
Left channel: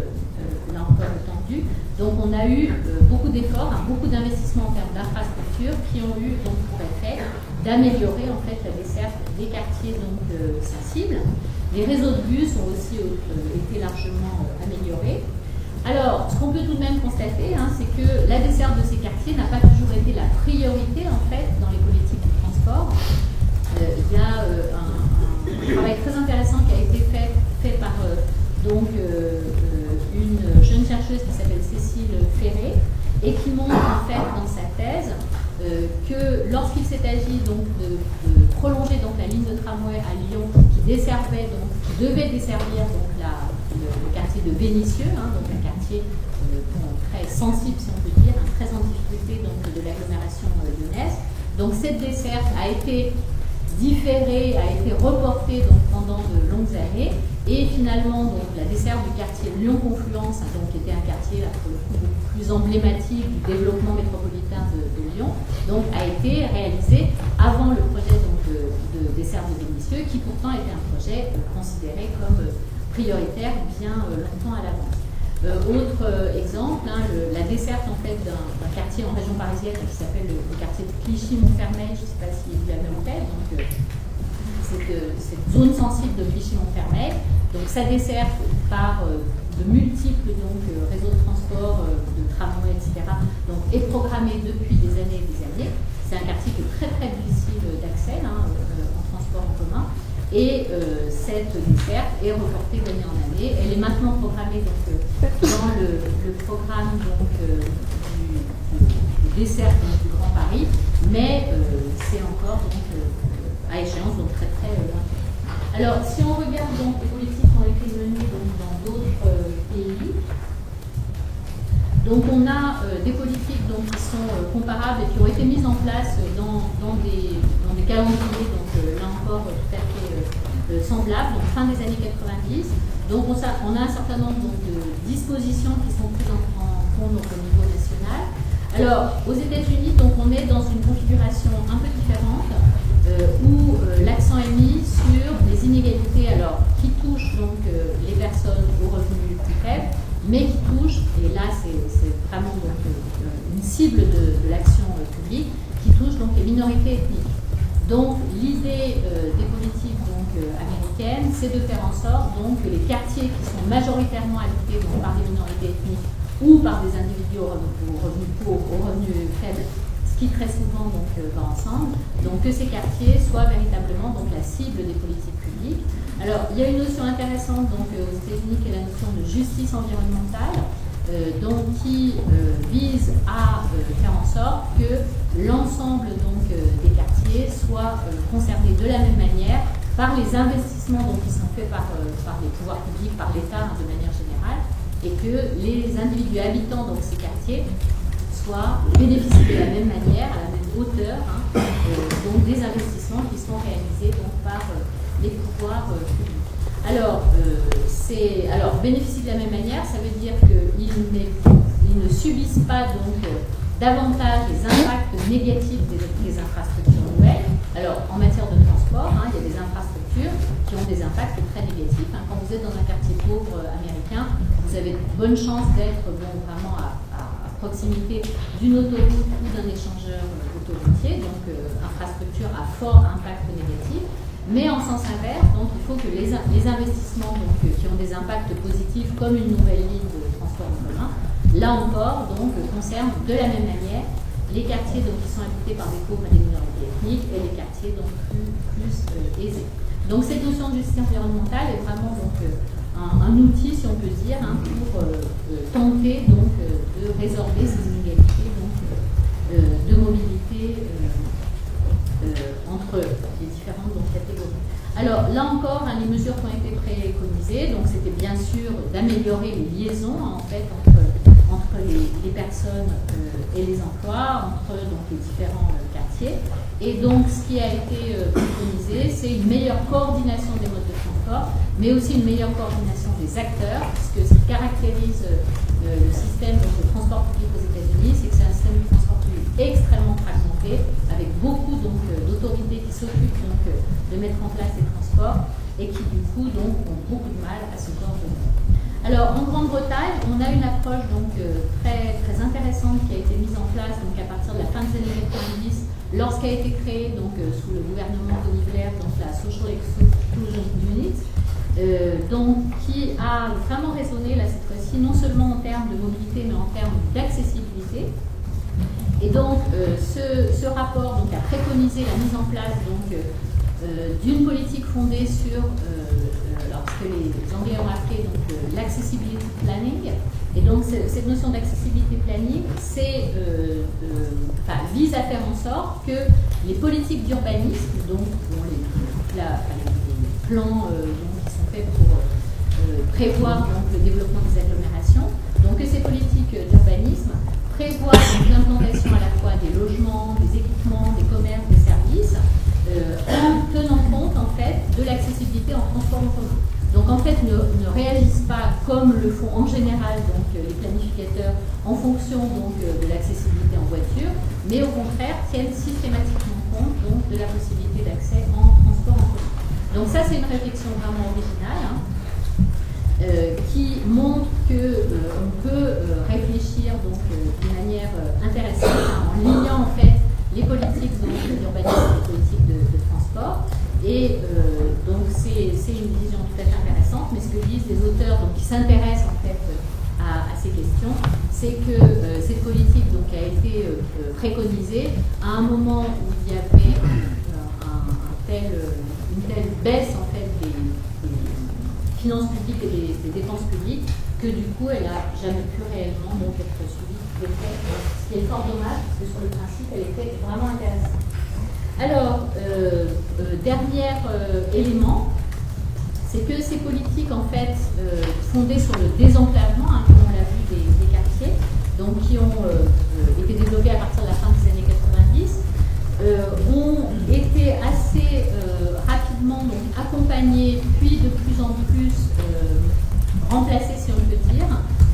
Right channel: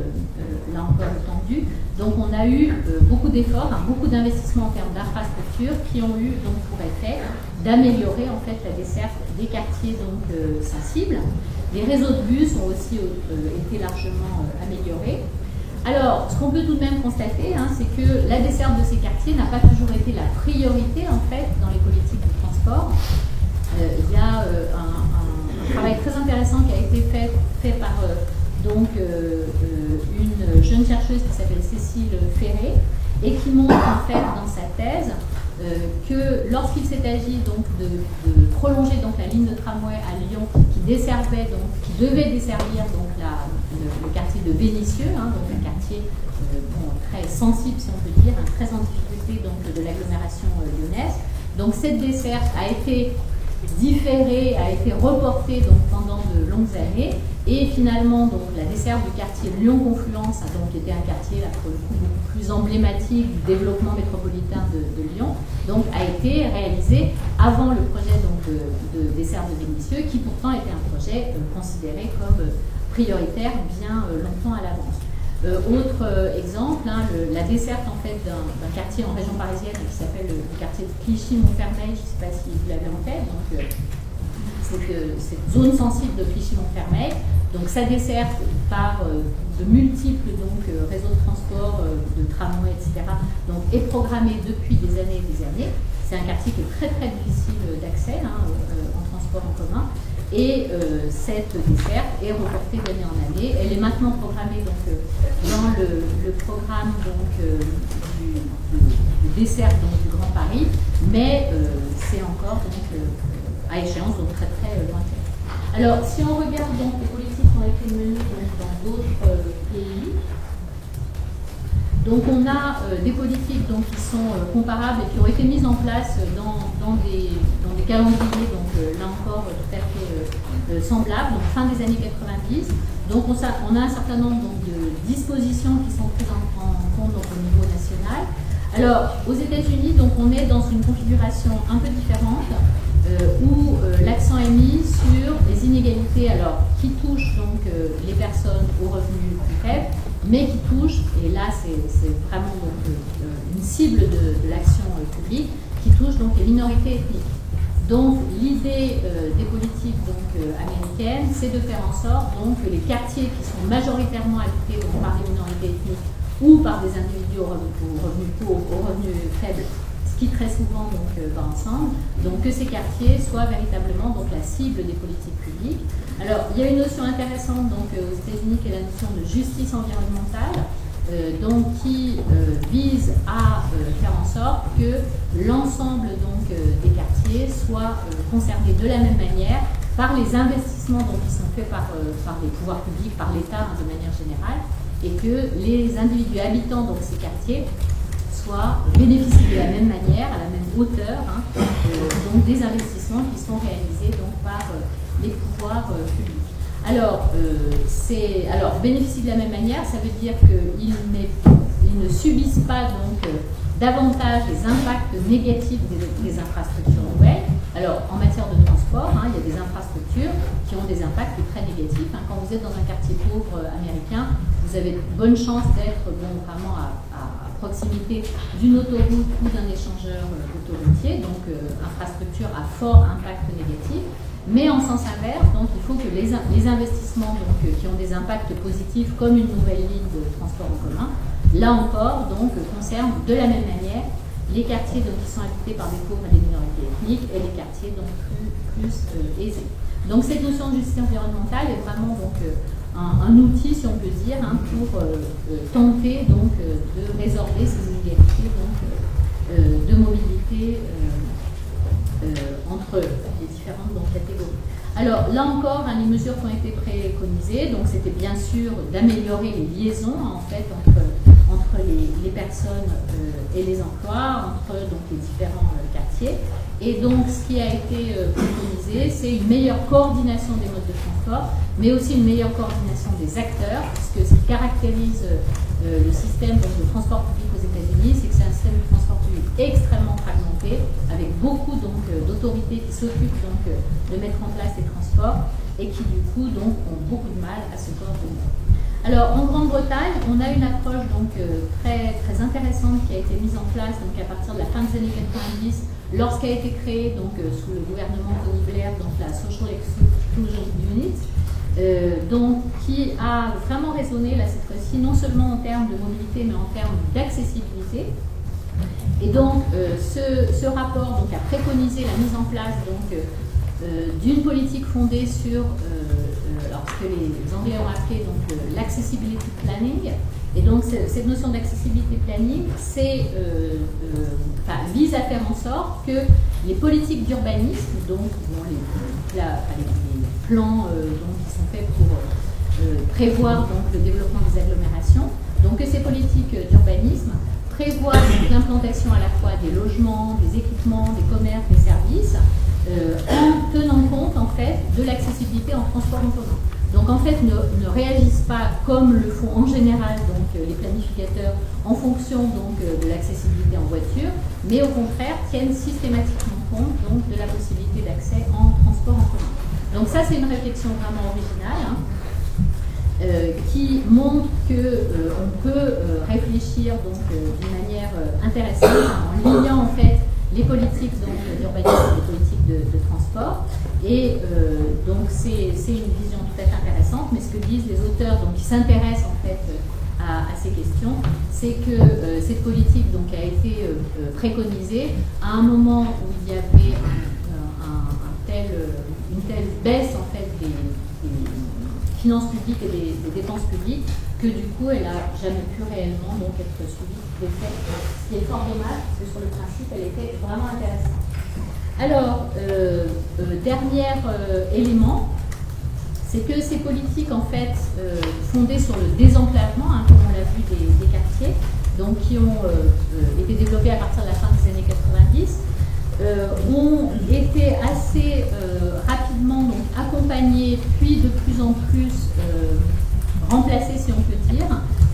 là encore étendue. Donc on a eu beaucoup d'efforts, hein, beaucoup d'investissements en termes d'infrastructures qui ont eu donc, pour effet d'améliorer en fait, la desserte des quartiers donc, sensibles. Les réseaux de bus ont aussi été largement améliorés. Alors, ce qu'on peut tout de même constater, hein, c'est que la desserte de ces quartiers n'a pas toujours été la priorité en fait, dans les politiques du transport. Il y a un travail très intéressant qui a été fait par donc, une jeune chercheuse qui s'appelle Cécile Ferré et qui montre en fait dans sa thèse que lorsqu'il s'est agi donc, de prolonger donc, la ligne de tramway à Lyon qui desservait donc, qui devait desservir donc, le quartier de Vénissieux, hein, donc un quartier très sensible si on peut dire, hein, très en difficulté donc, de l'agglomération lyonnaise. Donc cette desserte a été différée, a été reportée donc, pendant de longues années, et finalement donc, la desserte du quartier Lyon-Confluence, donc, qui était un quartier là, pour le coup beaucoup plus emblématique du développement métropolitain de Lyon, donc, a été réalisée avant le projet donc, de desserte de Vénissieux, qui pourtant était un projet considéré comme prioritaire bien longtemps à l'avance. Autre exemple, hein, la desserte en fait, d'un quartier en région parisienne qui s'appelle le quartier de Clichy-Montfermeil, je ne sais pas si vous l'avez en tête, donc cette zone sensible de Clichy-Montfermeil, donc sa desserte par de multiples donc, réseaux de transport, de tramway, etc., donc, est programmée depuis des années et des années. C'est un quartier qui est très très difficile d'accès hein, en transport en commun. Et cette desserte est reportée d'année en année. Elle est maintenant programmée donc, dans le programme donc, de desserte donc, du Grand Paris, mais c'est encore donc, à échéance donc, très très lointaine. Alors, si on regarde donc, les politiques qui ont été menées donc, dans d'autres pays, Donc on a des politiques donc, qui sont comparables et qui ont été mises en place dans des calendriers, donc là encore tout à fait semblables, donc fin des années 90. Donc on a un certain nombre donc, de dispositions qui sont prises en compte donc, au niveau national. Alors aux États-Unis, donc on est dans une configuration un peu différente où l'accent est mis sur les inégalités, alors qui touchent donc les personnes aux revenus plus faibles, mais qui touchent, et là c'est vraiment donc, une cible de l'action publique, qui touche donc les minorités ethniques. Donc l'idée des politiques donc, américaines, c'est de faire en sorte donc, que les quartiers qui sont majoritairement habités donc, par des minorités ethniques ou par des individus aux revenus pauvres, aux revenus faibles, ce qui très souvent donc, va ensemble, donc que ces quartiers soient véritablement donc, la cible des politiques publiques. Alors il y a une notion intéressante donc, aux États-Unis qui est la notion de justice environnementale, donc, qui vise à faire en sorte que l'ensemble donc, des quartiers soient concernés de la même manière par les investissements donc, qui sont faits par les pouvoirs publics, par l'État de manière générale, et que les individus habitants donc, ces quartiers bénéficient de la même manière, à la même hauteur, donc des investissements qui sont réalisés donc, par les pouvoirs publics. Alors, bénéficient de la même manière, ça veut dire qu'ils ne subissent pas donc davantage les impacts négatifs des infrastructures nouvelles. Alors, en matière de transport, il y a des infrastructures qui ont des impacts très négatifs. Quand vous êtes dans un quartier pauvre américain, vous avez de bonnes chances d'être vraiment à proximité d'une autoroute ou d'un échangeur autoroutier, donc infrastructure à fort impact négatif. Mais en sens inverse, donc, il faut que les investissements donc, qui ont des impacts positifs, comme une nouvelle ligne de transport en commun, là encore, donc, concernent de la même manière les quartiers donc, qui sont habités par des pauvres et des minorités ethniques et les quartiers donc, plus aisés. Donc cette notion de justice environnementale est vraiment donc, un outil, si on peut dire, pour tenter donc, de résorber ces inégalités donc, de mobilité entre les différentes donc, catégories. Alors là encore, les mesures qui ont été préconisées, donc c'était bien sûr d'améliorer les liaisons en fait entre les personnes et les emplois, entre donc, les différents quartiers. Et donc ce qui a été préconisé, c'est une meilleure coordination des modes de transport, mais aussi une meilleure coordination des acteurs, puisque ce qui caractérise le système donc, de transport public aux États-Unis, c'est que c'est un système de transport public extrêmement fragmenté, avec beaucoup d'autorités qui s'occupent donc de mettre en place les transports et qui du coup donc ont beaucoup de mal à se coordonner. Alors en Grande-Bretagne, on a une approche donc très intéressante qui a été mise en place donc à partir de la fin des années 90, lorsqu'a été créée donc sous le gouvernement Tony Blair donc la Social Exclusion Unit. Donc, qui a vraiment résonné là cette fois-ci, non seulement en termes de mobilité, mais en termes d'accessibilité. Et donc, ce rapport donc, a préconisé la mise en place d'une politique fondée sur ce que les Anglais ont appelé l'accessibility planning. Et donc, cette notion d'accessibility planning vise à faire en sorte que les politiques d'urbanisme, donc les plans qui sont faits pour prévoir donc, le développement des agglomérations, donc que ces politiques d'urbanisme prévoient l'implantation à la fois des logements, des équipements, des commerces, des services, en tenant compte en fait de l'accessibilité en transport en commun. Donc en fait ne réagissent pas comme le font en général donc, les planificateurs en fonction donc, de l'accessibilité en voiture, mais au contraire tiennent systématiquement compte donc, de la possibilité d'accès en transport en commun. Donc ça c'est une réflexion vraiment originale qui montre qu'on peut réfléchir donc d'une manière intéressante en liant en fait les politiques d'urbanisme et les politiques de transport. Et donc c'est une vision tout à fait intéressante, mais ce que disent les auteurs donc, qui s'intéressent en fait à ces questions, c'est que cette politique donc, a été préconisée à un moment où il y avait une telle baisse en fait des finances publiques et des dépenses publiques que du coup elle n'a jamais pu réellement donc, être suivie d'effet. Ce qui est fort dommage parce que sur le principe elle était vraiment intéressante. Alors, dernier élément, c'est que ces politiques en fait fondées sur le désenclavement, comme on l'a vu des quartiers, donc qui ont été développés à partir de la fin des années 90, ont été assez rapidement donc, accompagnés, puis de plus en plus remplacés, si on peut dire,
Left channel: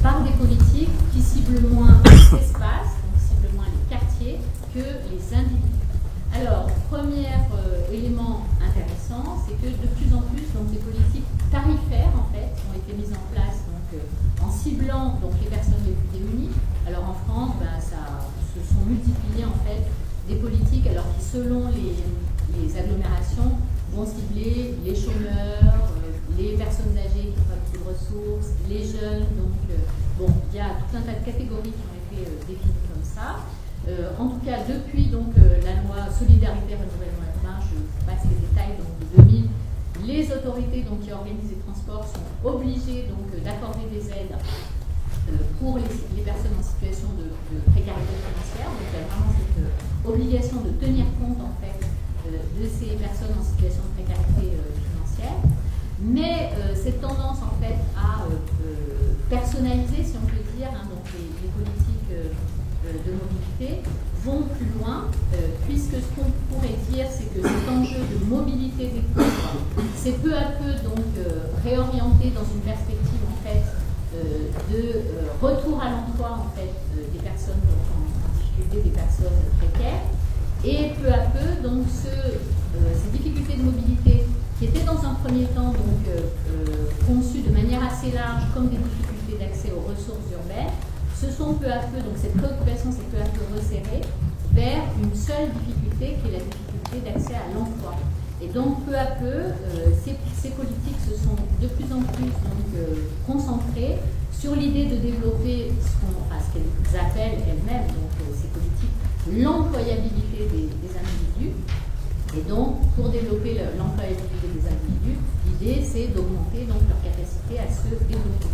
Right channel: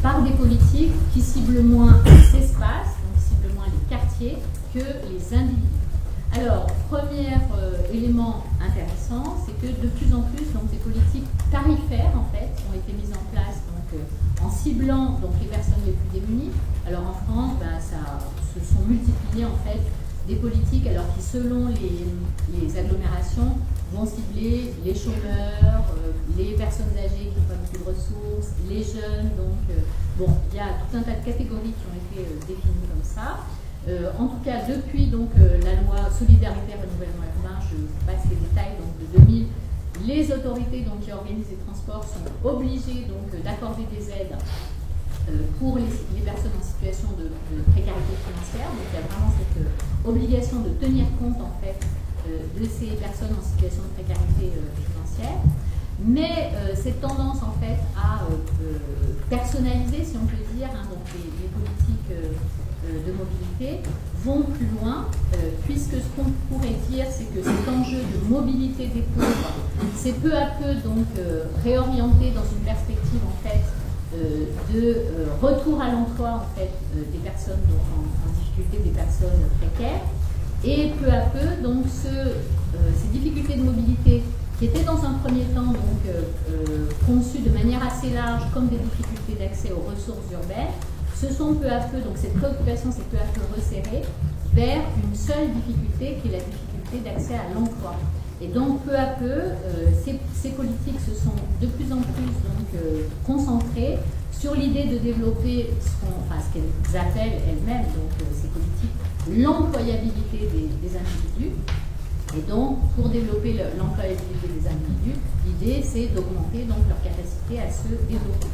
par des politiques qui ciblent moins les espaces, donc ciblent moins les quartiers, que les individus. Alors, premier élément intéressant, c'est que de plus en plus, donc, des politiques tarifaires, en fait, ont été mises en place donc, en ciblant donc, les personnes les plus démunies. Alors, en France, ça se sont multipliées, en fait, des politiques, alors qui, selon les agglomérations, vont cibler les chômeurs, les personnes âgées qui n'ont pas beaucoup de ressources, les jeunes. Donc, bon, il y a tout un tas de catégories qui ont été définies comme ça. En tout cas, depuis donc, la loi Solidarité Renouvellement Urbain, je passe les détails donc, de 2000, les autorités donc, qui organisent les transports sont obligées d'accorder des aides pour les personnes en situation de précarité financière. Donc il y a vraiment cette obligation de tenir compte en fait, de ces personnes en situation de précarité financière. Mais cette tendance en fait à personnaliser, si on peut dire, hein, donc les politiques de mobilité vont plus loin, puisque ce qu'on pourrait dire, c'est que cet enjeu de mobilité des pauvres, c'est peu à peu donc réorienté dans une perspective en fait de retour à l'emploi en fait des personnes donc, en difficulté, des personnes précaires, et peu à peu donc ces difficultés de mobilité qui étaient dans un premier temps donc conçues de manière assez large comme des difficultés d'accès aux ressources urbaines, se sont peu à peu, donc cette préoccupation s'est peu à peu resserrée vers une seule difficulté qui est la difficulté d'accès à l'emploi. Et donc peu à peu, ces politiques se sont de plus en plus donc, concentrées sur l'idée de développer ce qu'elles appellent elles-mêmes, donc ces politiques, l'employabilité des individus. Et donc, pour développer l'employabilité des individus, l'idée c'est d'augmenter donc leur capacité à se développer.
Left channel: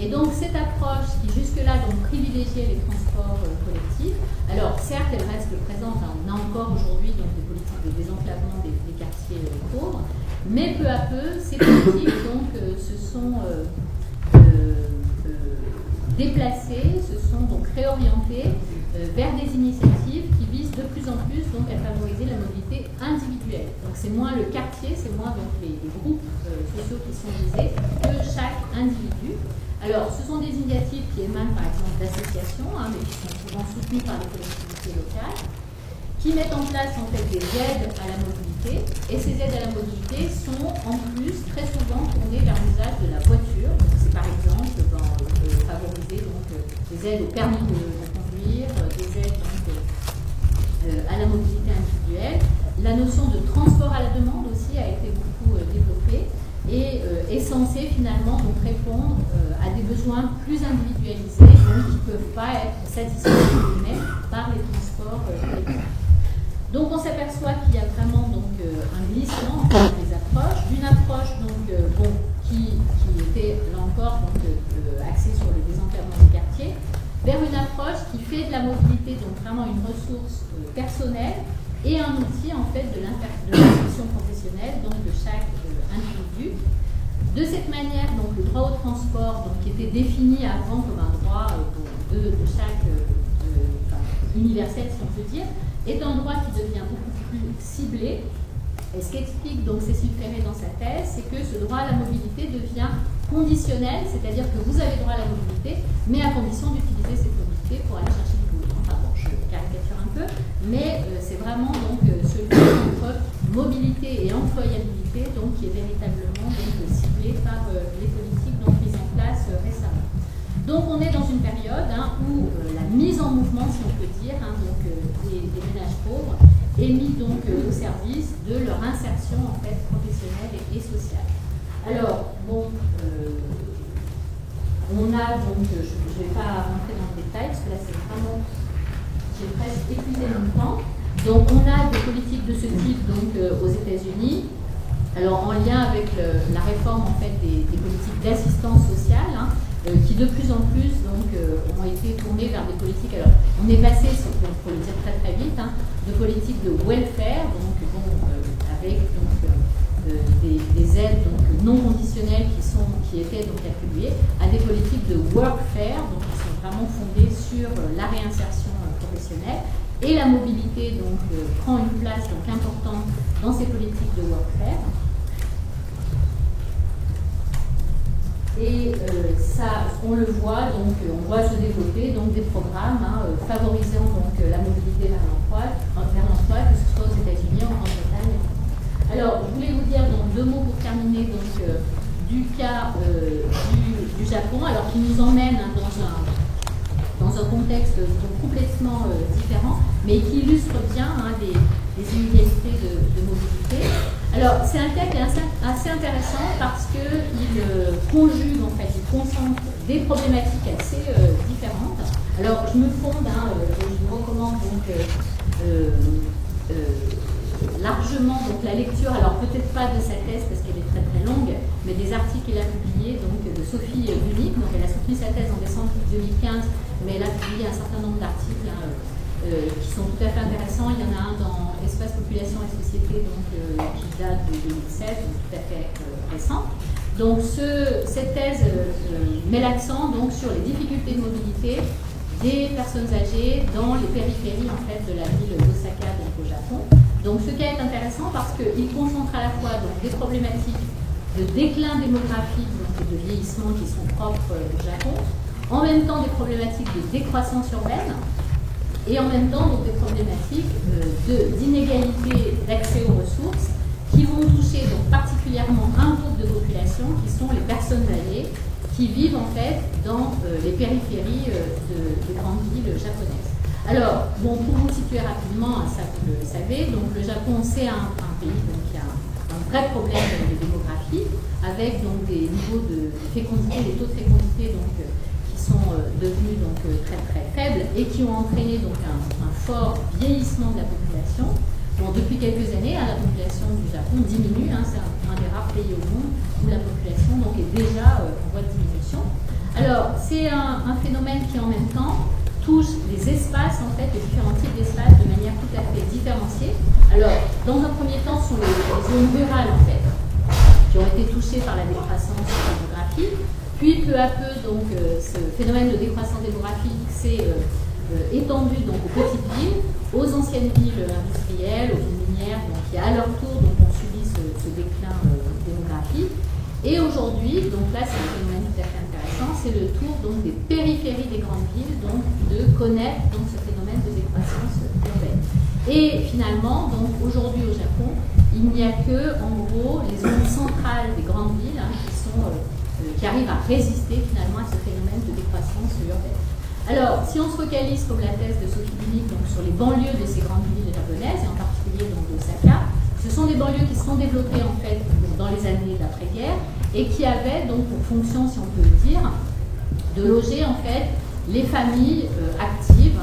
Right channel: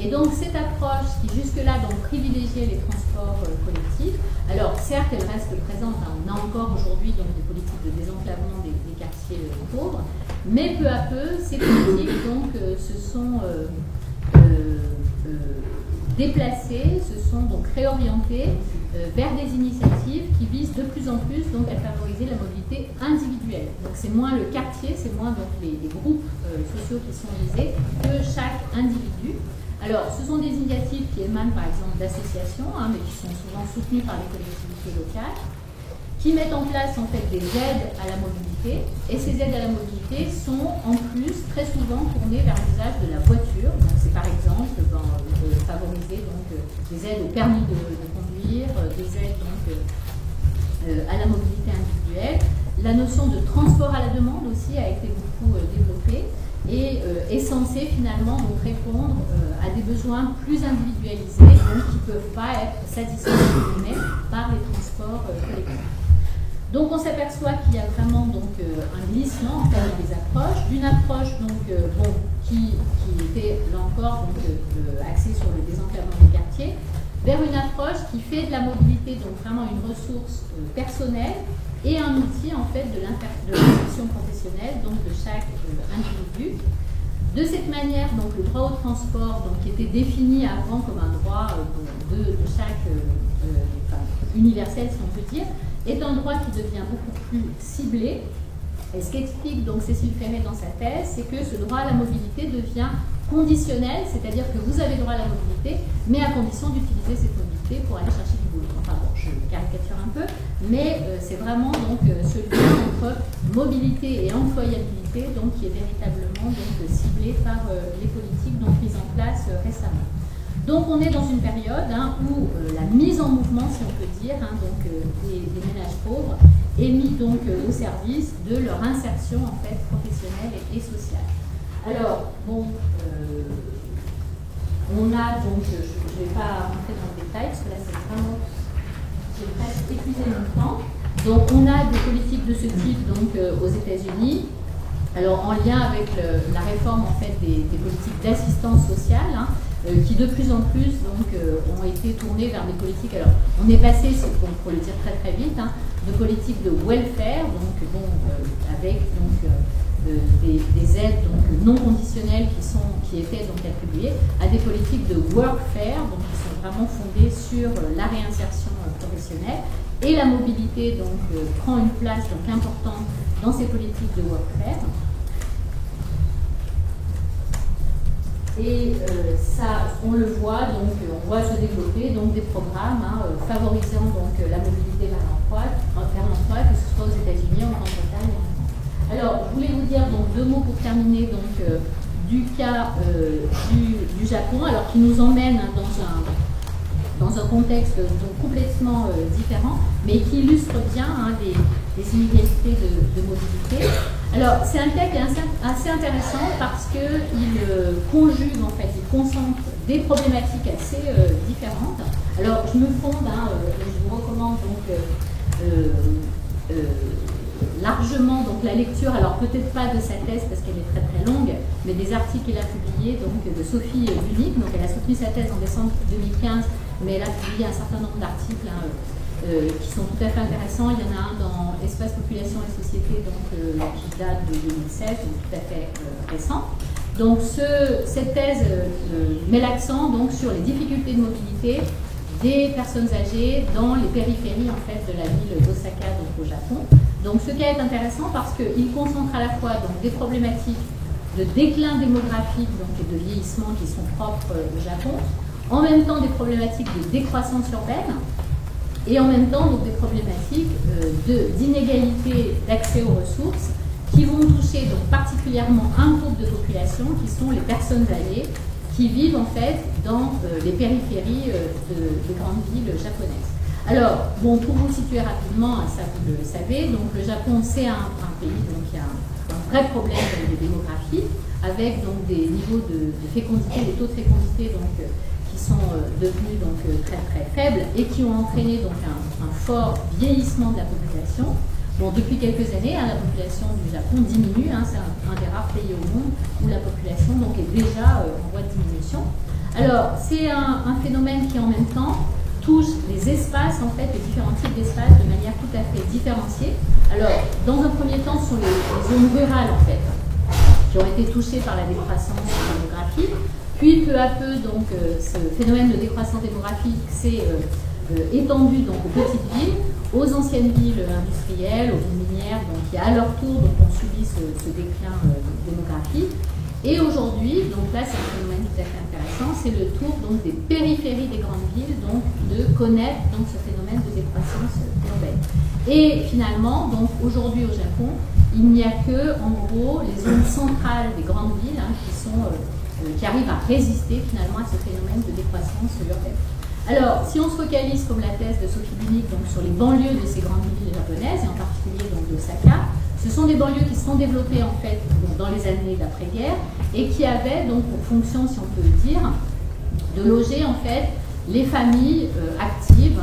Et donc cette approche qui jusque-là donc privilégiait les transports collectifs, alors certes elle reste présente, hein, on a encore aujourd'hui donc des politiques de désenclavement des quartiers pauvres, mais peu à peu ces politiques donc se sont déplacées, se sont donc réorientées vers des initiatives qui visent de plus en plus donc à favoriser la mobilité individuelle. Donc c'est moins le quartier, c'est moins donc les groupes sociaux qui sont visés que chaque individu. Alors, ce sont des initiatives qui émanent par exemple d'associations, hein, mais qui sont souvent soutenues par les collectivités locales, qui mettent en place en fait des aides à la mobilité. Et ces aides à la mobilité sont en plus très souvent tournées vers l'usage de la voiture. Donc, c'est par exemple favoriser donc, des aides au permis de conduire, des aides donc, à la mobilité individuelle. La notion de transport à la demande aussi a été beaucoup développée. Et est censé finalement donc, répondre à des besoins plus individualisés, donc qui ne peuvent pas être satisfaits par les transports collectifs. Donc on s'aperçoit qu'il y a vraiment donc, un glissement entre les approches, d'une approche donc, qui était là encore donc, axée sur le désenclavement des quartiers, vers une approche qui fait de la mobilité donc vraiment une ressource personnelle et un outil en fait de l'insertion professionnelle donc de chaque individu. De cette manière, donc le droit au transport, donc qui était défini avant comme un droit de chaque universel, si on peut dire, est un droit qui devient beaucoup plus ciblé. Et ce qu'explique donc Cécile Ferré dans sa thèse, c'est que ce droit à la mobilité devient conditionnel, c'est-à-dire que vous avez droit à la mobilité, mais à condition d'utiliser cette mobilité pour aller chercher du boulot. Enfin bon, je caricature un peu, mais c'est vraiment donc ce lien entre mobilité et employabilité donc, qui est véritablement donc, ciblé par les politiques donc, mises en place récemment. Donc on est dans une période hein, où la mise en mouvement, si on peut dire, hein, donc, des ménages pauvres est mise donc, au service de leur insertion en fait, professionnelle et sociale. Alors, bon, on a donc, je ne vais pas rentrer dans le détail, parce que là c'est vraiment, j'ai presque épuisé mon temps. Donc on a des politiques de ce type donc, aux États-Unis, alors en lien avec la réforme en fait, des politiques d'assistance sociale, hein, qui de plus en plus donc, ont été tournées vers des politiques, alors on est passé, donc, pour le dire très très vite, hein, de politiques de welfare, donc bon, avec donc, des aides donc non conditionnelles qui étaient donc attribuées à des politiques de workfare, donc qui sont vraiment fondées sur la réinsertion professionnelle, et la mobilité donc prend une place donc importante dans ces politiques de workfare. Et ça, on le voit, donc on voit se développer donc des programmes favorisant donc la mobilité vers l'emploi, que ce soit aux États-Unis, en Grande-Bretagne et en France. Alors, je voulais vous dire donc 2 mots pour terminer donc du cas du Japon, alors qui nous emmène dans un contexte donc complètement différent, mais qui illustre bien les inégalités de mobilité. Alors, c'est un cas qui est assez intéressant parce qu'il conjugue, en fait, il concentre des problématiques assez différentes. Alors, je me fonde, et je vous recommande donc largement donc, la lecture, alors peut-être pas de sa thèse parce qu'elle est très très longue, mais des articles qu'elle a publiés donc, de Sophie Bunik. Donc, elle a soutenu sa thèse en décembre 2015, mais elle a publié un certain nombre d'articles qui sont tout à fait intéressants. Il y en a un dans Espace, Population et Société donc, qui date de 2016, donc tout à fait récent. Donc cette thèse met l'accent donc, sur les difficultés de mobilité des personnes âgées dans les périphéries en fait, de la ville d'Osaka donc, au Japon. Donc ce cas est intéressant parce qu'il concentre à la fois donc, des problématiques de déclin démographique donc, et de vieillissement qui sont propres au Japon, en même temps des problématiques de décroissance urbaine, et en même temps donc, des problématiques d'inégalité d'accès aux ressources qui vont toucher donc, particulièrement un groupe de population qui sont les personnes âgées qui vivent en fait dans les périphéries des grandes villes japonaises. Alors, bon, pour vous situer rapidement, ça vous le savez, donc le Japon c'est un pays donc, qui a un vrai problème de démographie avec donc, des niveaux de fécondité, des taux de fécondité donc, qui sont devenus donc, très très faibles et qui ont entraîné donc, un fort vieillissement de la population. Bon, depuis quelques années, la population du Japon diminue, c'est un des rares pays au monde où la population donc, est déjà en voie de diminution. Alors, c'est un phénomène qui en même temps touche les espaces, en fait, les différents types d'espaces de manière tout à fait différenciée. Alors, dans un premier temps, ce sont les zones rurales, en fait, qui ont été touchées par la décroissance démographique. Puis, peu à peu, donc, ce phénomène de décroissance démographique s'est étendu donc, aux petites villes, aux anciennes villes industrielles, aux villes minières, donc, qui à leur tour donc, ont subi ce déclin démographique. Et aujourd'hui, donc là c'est un phénomène tout à fait intéressant, c'est le tour donc, des périphéries des grandes villes donc, de connaître donc, ce phénomène de décroissance urbaine. Et finalement, donc aujourd'hui au Japon, il n'y a que en gros les zones centrales des grandes villes qui arrivent à résister finalement à ce phénomène de décroissance urbaine. Alors, si on se focalise, comme la thèse de Sophie Bunik, donc sur les banlieues de ces grandes villes japonaises, et en particulier donc d'Osaka, ce sont des banlieues qui se sont développées en fait donc, dans les années d'après-guerre et qui avaient donc pour fonction, si on peut le dire, de loger en fait les familles actives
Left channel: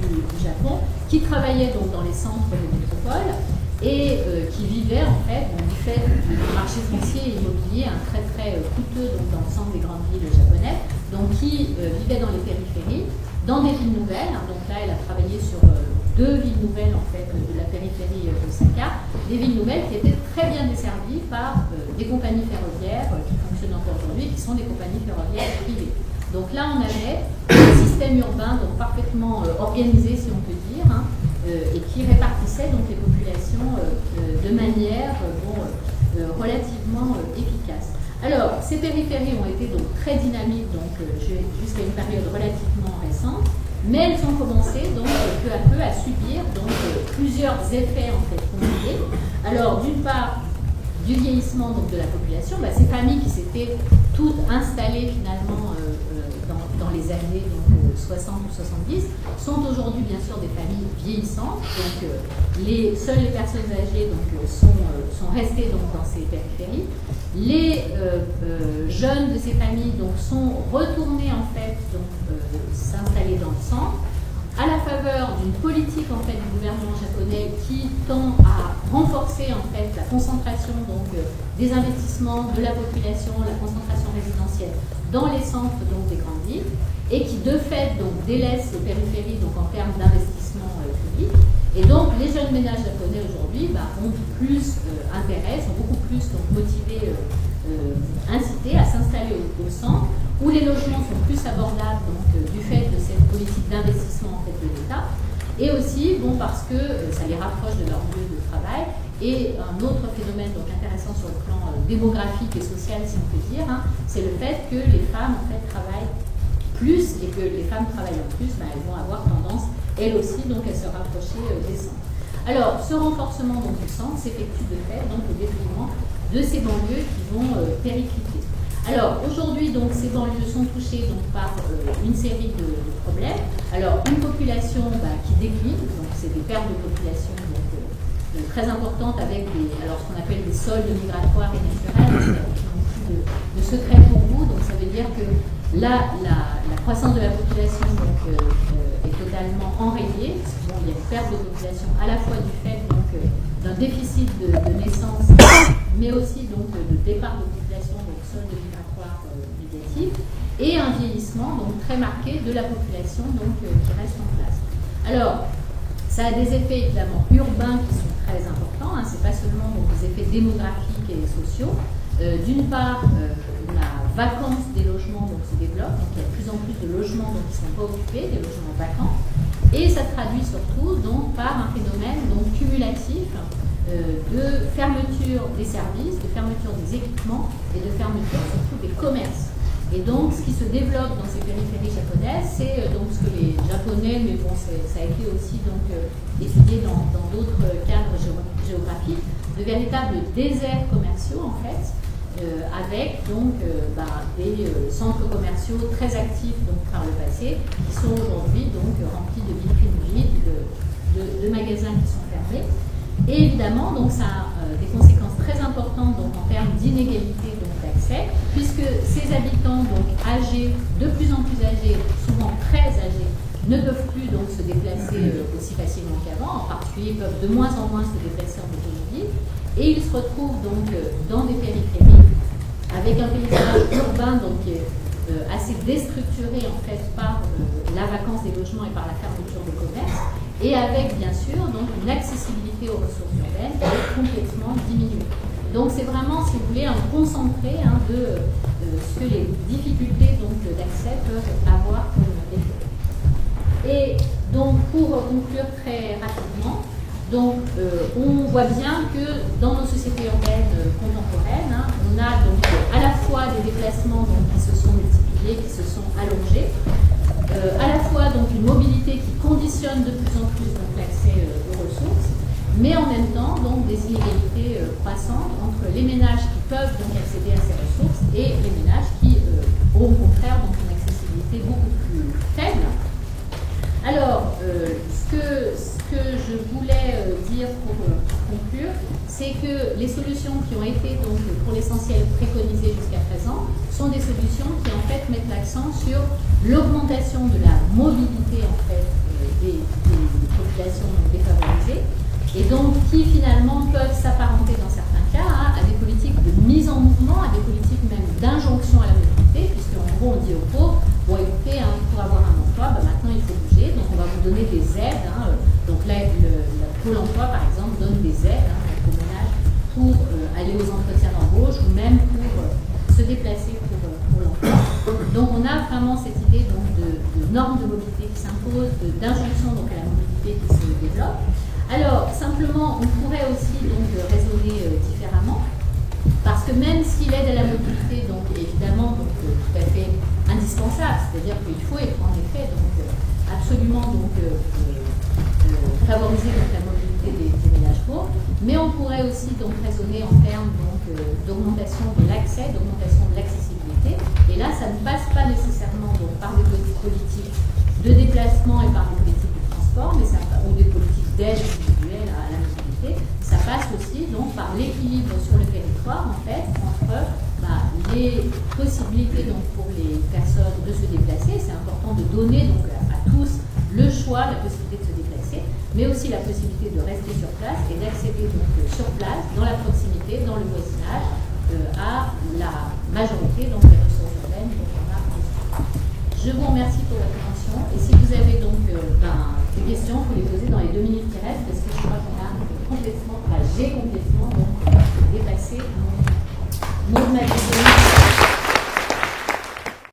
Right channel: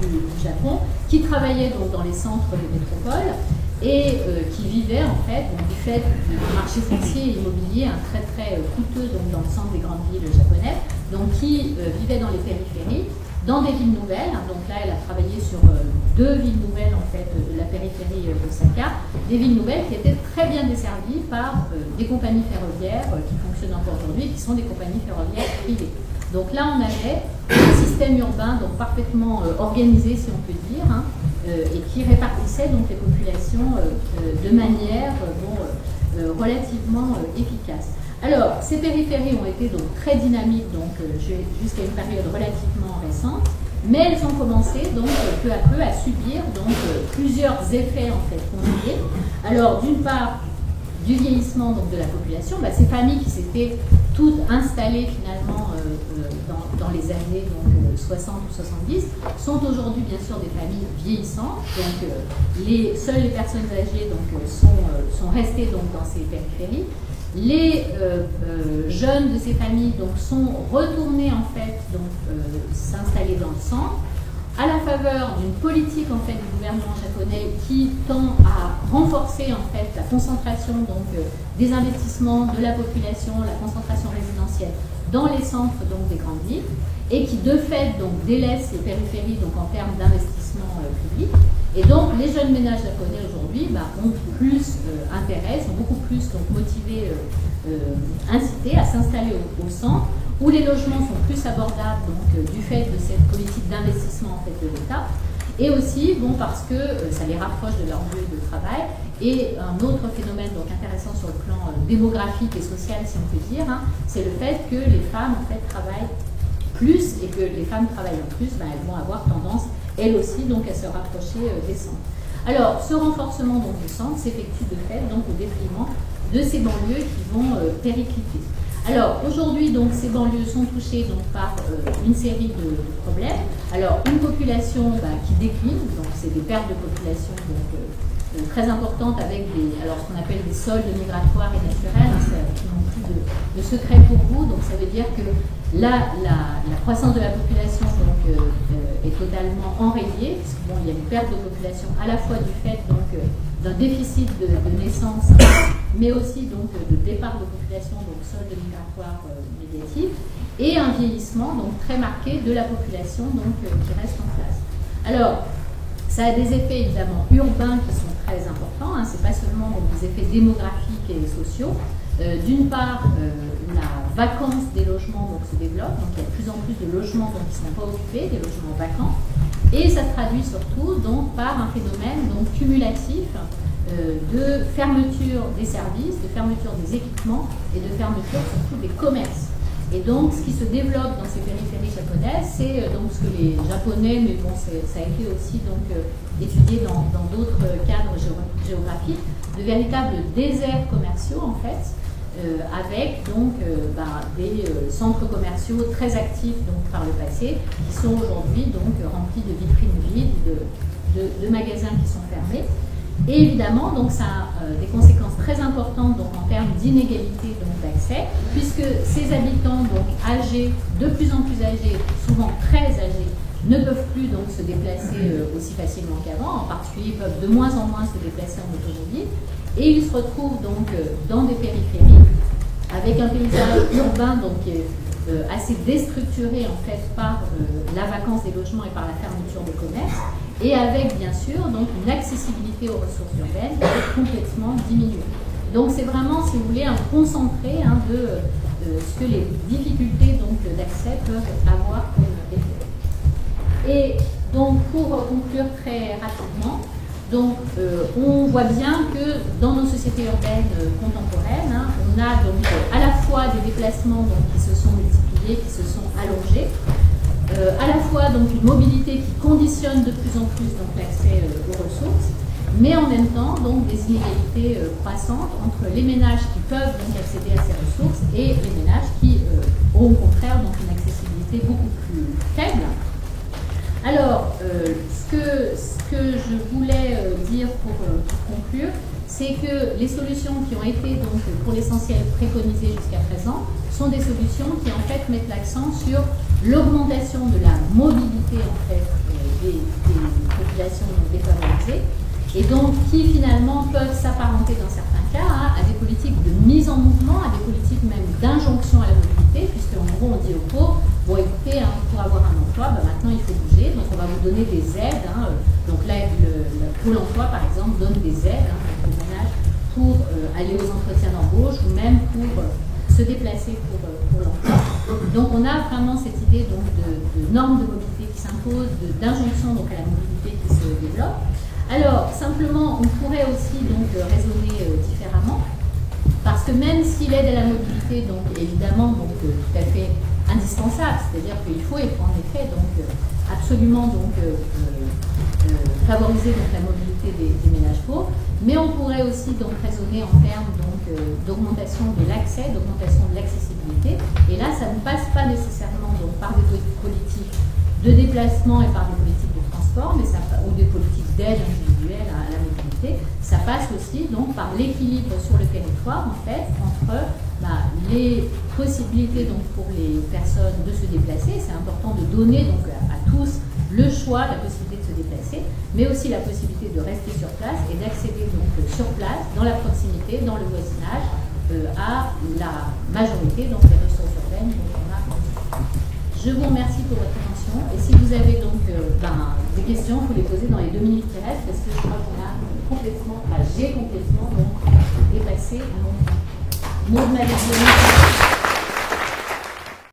du Japon qui travaillaient donc dans les centres des métropoles et qui vivaient en fait, du fait du marché foncier et immobilier très très coûteux donc, dans le centre des grandes villes japonaises, donc qui vivaient dans les périphéries, dans des villes nouvelles. Donc là, elle a travaillé sur 2 villes nouvelles en fait de la périphérie d'Osaka, des villes nouvelles qui étaient très bien desservies par des compagnies ferroviaires qui fonctionnent encore aujourd'hui, qui sont des compagnies ferroviaires privées. Donc là, on avait un système urbain donc parfaitement organisé, si on peut dire, et qui répartissait donc les populations de manière relativement efficace. Alors, ces périphéries ont été donc très dynamiques donc jusqu'à une période relativement récente, mais elles ont commencé donc peu à peu à subir donc plusieurs effets en fait combinés. Alors, d'une part, du vieillissement donc, de la population, ces familles qui s'étaient toutes installées finalement dans les années donc, 60 ou 70 sont aujourd'hui bien sûr des familles vieillissantes. Donc seules les personnes âgées donc, sont restées donc, dans ces périphéries. Les jeunes de ces familles donc, sont retournés en fait donc s'installer dans le centre. à la faveur d'une politique en fait du gouvernement japonais qui tend à renforcer en fait la concentration donc des investissements de la population, la concentration résidentielle dans les centres donc des grandes villes et qui de fait donc délaisse les périphéries donc en termes d'investissement public. Et donc les jeunes ménages japonais aujourd'hui ont plus intérêt, sont beaucoup plus donc motivés, incités à s'installer au centre, où les logements sont plus abordables donc, du fait de cette politique d'investissement en fait, de l'État, et aussi parce que ça les rapproche de leur lieu de travail. Et un autre phénomène donc, intéressant sur le plan démographique et social, si on peut dire, c'est le fait que les femmes en fait, travaillent plus, et que les femmes travaillant plus, elles vont avoir tendance, elles aussi, donc, à se rapprocher des centres. Alors, ce renforcement donc, du centre s'effectue de fait donc, au détriment de ces banlieues qui vont péricliter. Alors aujourd'hui, donc, ces banlieues sont touchées donc, par une série de problèmes. Alors une population qui décline, donc c'est des pertes de population donc, très importantes avec ce qu'on appelle des soldes migratoires et naturels, qui n'ont plus de secret pour vous. Donc ça veut dire que là, la croissance de la population donc, est totalement enrayée, parce qu'il y a une perte de population à la fois du fait donc, d'un déficit de naissance, mais aussi donc, de départ de population, donc solde migratoire négatif, et un vieillissement donc, très marqué de la population donc, qui reste en place. Alors, ça a des effets évidemment urbains qui sont très importants, ce n'est pas seulement donc, des effets démographiques et sociaux. D'une part, la vacance des logements donc, se développe, donc il y a de plus en plus de logements donc, qui ne sont pas occupés, des logements vacants, et ça se traduit surtout donc, par un phénomène donc, cumulatif de fermeture des services, de fermeture des équipements et de fermeture surtout des commerces. Et donc ce qui se développe dans ces périphéries japonaises, c'est donc ce que les Japonais, mais bon, ça a été aussi donc, étudié dans d'autres cadres géographiques, de véritables déserts commerciaux en fait, avec donc des centres commerciaux très actifs donc, par le passé, qui sont aujourd'hui donc remplis de vitrines vides, de magasins qui sont fermés. Et évidemment, donc, ça a des conséquences très importantes donc, en termes d'inégalité d'accès, puisque ces habitants donc, âgés, de plus en plus âgés, souvent très âgés, ne peuvent plus donc, se déplacer aussi facilement qu'avant, en particulier peuvent de moins en moins se déplacer en automobile, et ils se retrouvent donc dans des périphéries avec un paysage urbain donc, assez déstructuré en fait, par la vacance des logements et par la fermeture des commerces, et avec bien sûr donc, une accessibilité aux ressources urbaines qui est complètement diminuée. Donc c'est vraiment, si vous voulez, un concentré de ce que les difficultés d'accès peuvent avoir comme effet. Et donc pour conclure très rapidement, donc, on voit bien que dans nos sociétés urbaines contemporaines, on a donc à la fois des déplacements donc, qui se sont multipliés, qui se sont allongés, à la fois donc, une mobilité qui conditionne de plus en plus l'accès aux ressources, mais en même temps donc, des inégalités croissantes entre les ménages qui peuvent donc, accéder à ces ressources et les ménages qui ont au contraire donc, une accessibilité beaucoup plus faible. Alors, ce que je voulais dire pour conclure, c'est que les solutions qui ont été donc pour l'essentiel préconisées jusqu'à présent sont des solutions qui en fait mettent l'accent sur l'augmentation de la mobilité en fait des populations défavorisées et donc qui finalement peuvent s'apparenter dans certains cas à des politiques de mise en mouvement, à des politiques même d'injonction à la mobilité, puisque en gros on dit aux pauvres, bon écoutez, pour avoir un emploi, maintenant il faut bouger, donc on va vous donner des aides, donc là le Pôle emploi par exemple donne des aides aux ménages pour aller aux entretiens d'embauche ou même pour se déplacer pour l'emploi. Donc on a vraiment cette idée donc, de normes de mobilité qui s'imposent, d'injonction donc à la mobilité qui se développe. Alors, simplement, on pourrait aussi donc raisonner différemment, parce que même si l'aide à la mobilité, donc évidemment, donc, tout à fait indispensable, c'est-à-dire qu'il faut être en effet donc, absolument donc, favoriser donc, la mobilité des ménages pauvres, mais on pourrait aussi donc, raisonner en termes d'augmentation de l'accès, d'augmentation de l'accessibilité, et là, ça ne passe pas nécessairement donc, par des politiques de déplacement et par des politiques de transport, mais ou des politiques d'aide individuelle à la mobilité, ça passe aussi donc par l'équilibre sur le territoire en fait entre les possibilités donc pour les personnes de se déplacer. C'est important de donner donc à tous le choix, la possibilité de se déplacer, mais aussi la possibilité de rester sur place et d'accéder donc sur place, dans la proximité, dans le voisinage, à la majorité donc des ressources urbaines dont on a discuté. Je vous remercie pour votre attention et si vous avez donc des questions, il faut les poser dans les 2 minutes qui restent parce que je crois qu'on a j'ai complètement donc dépassé mon temps. Maud m'avait donné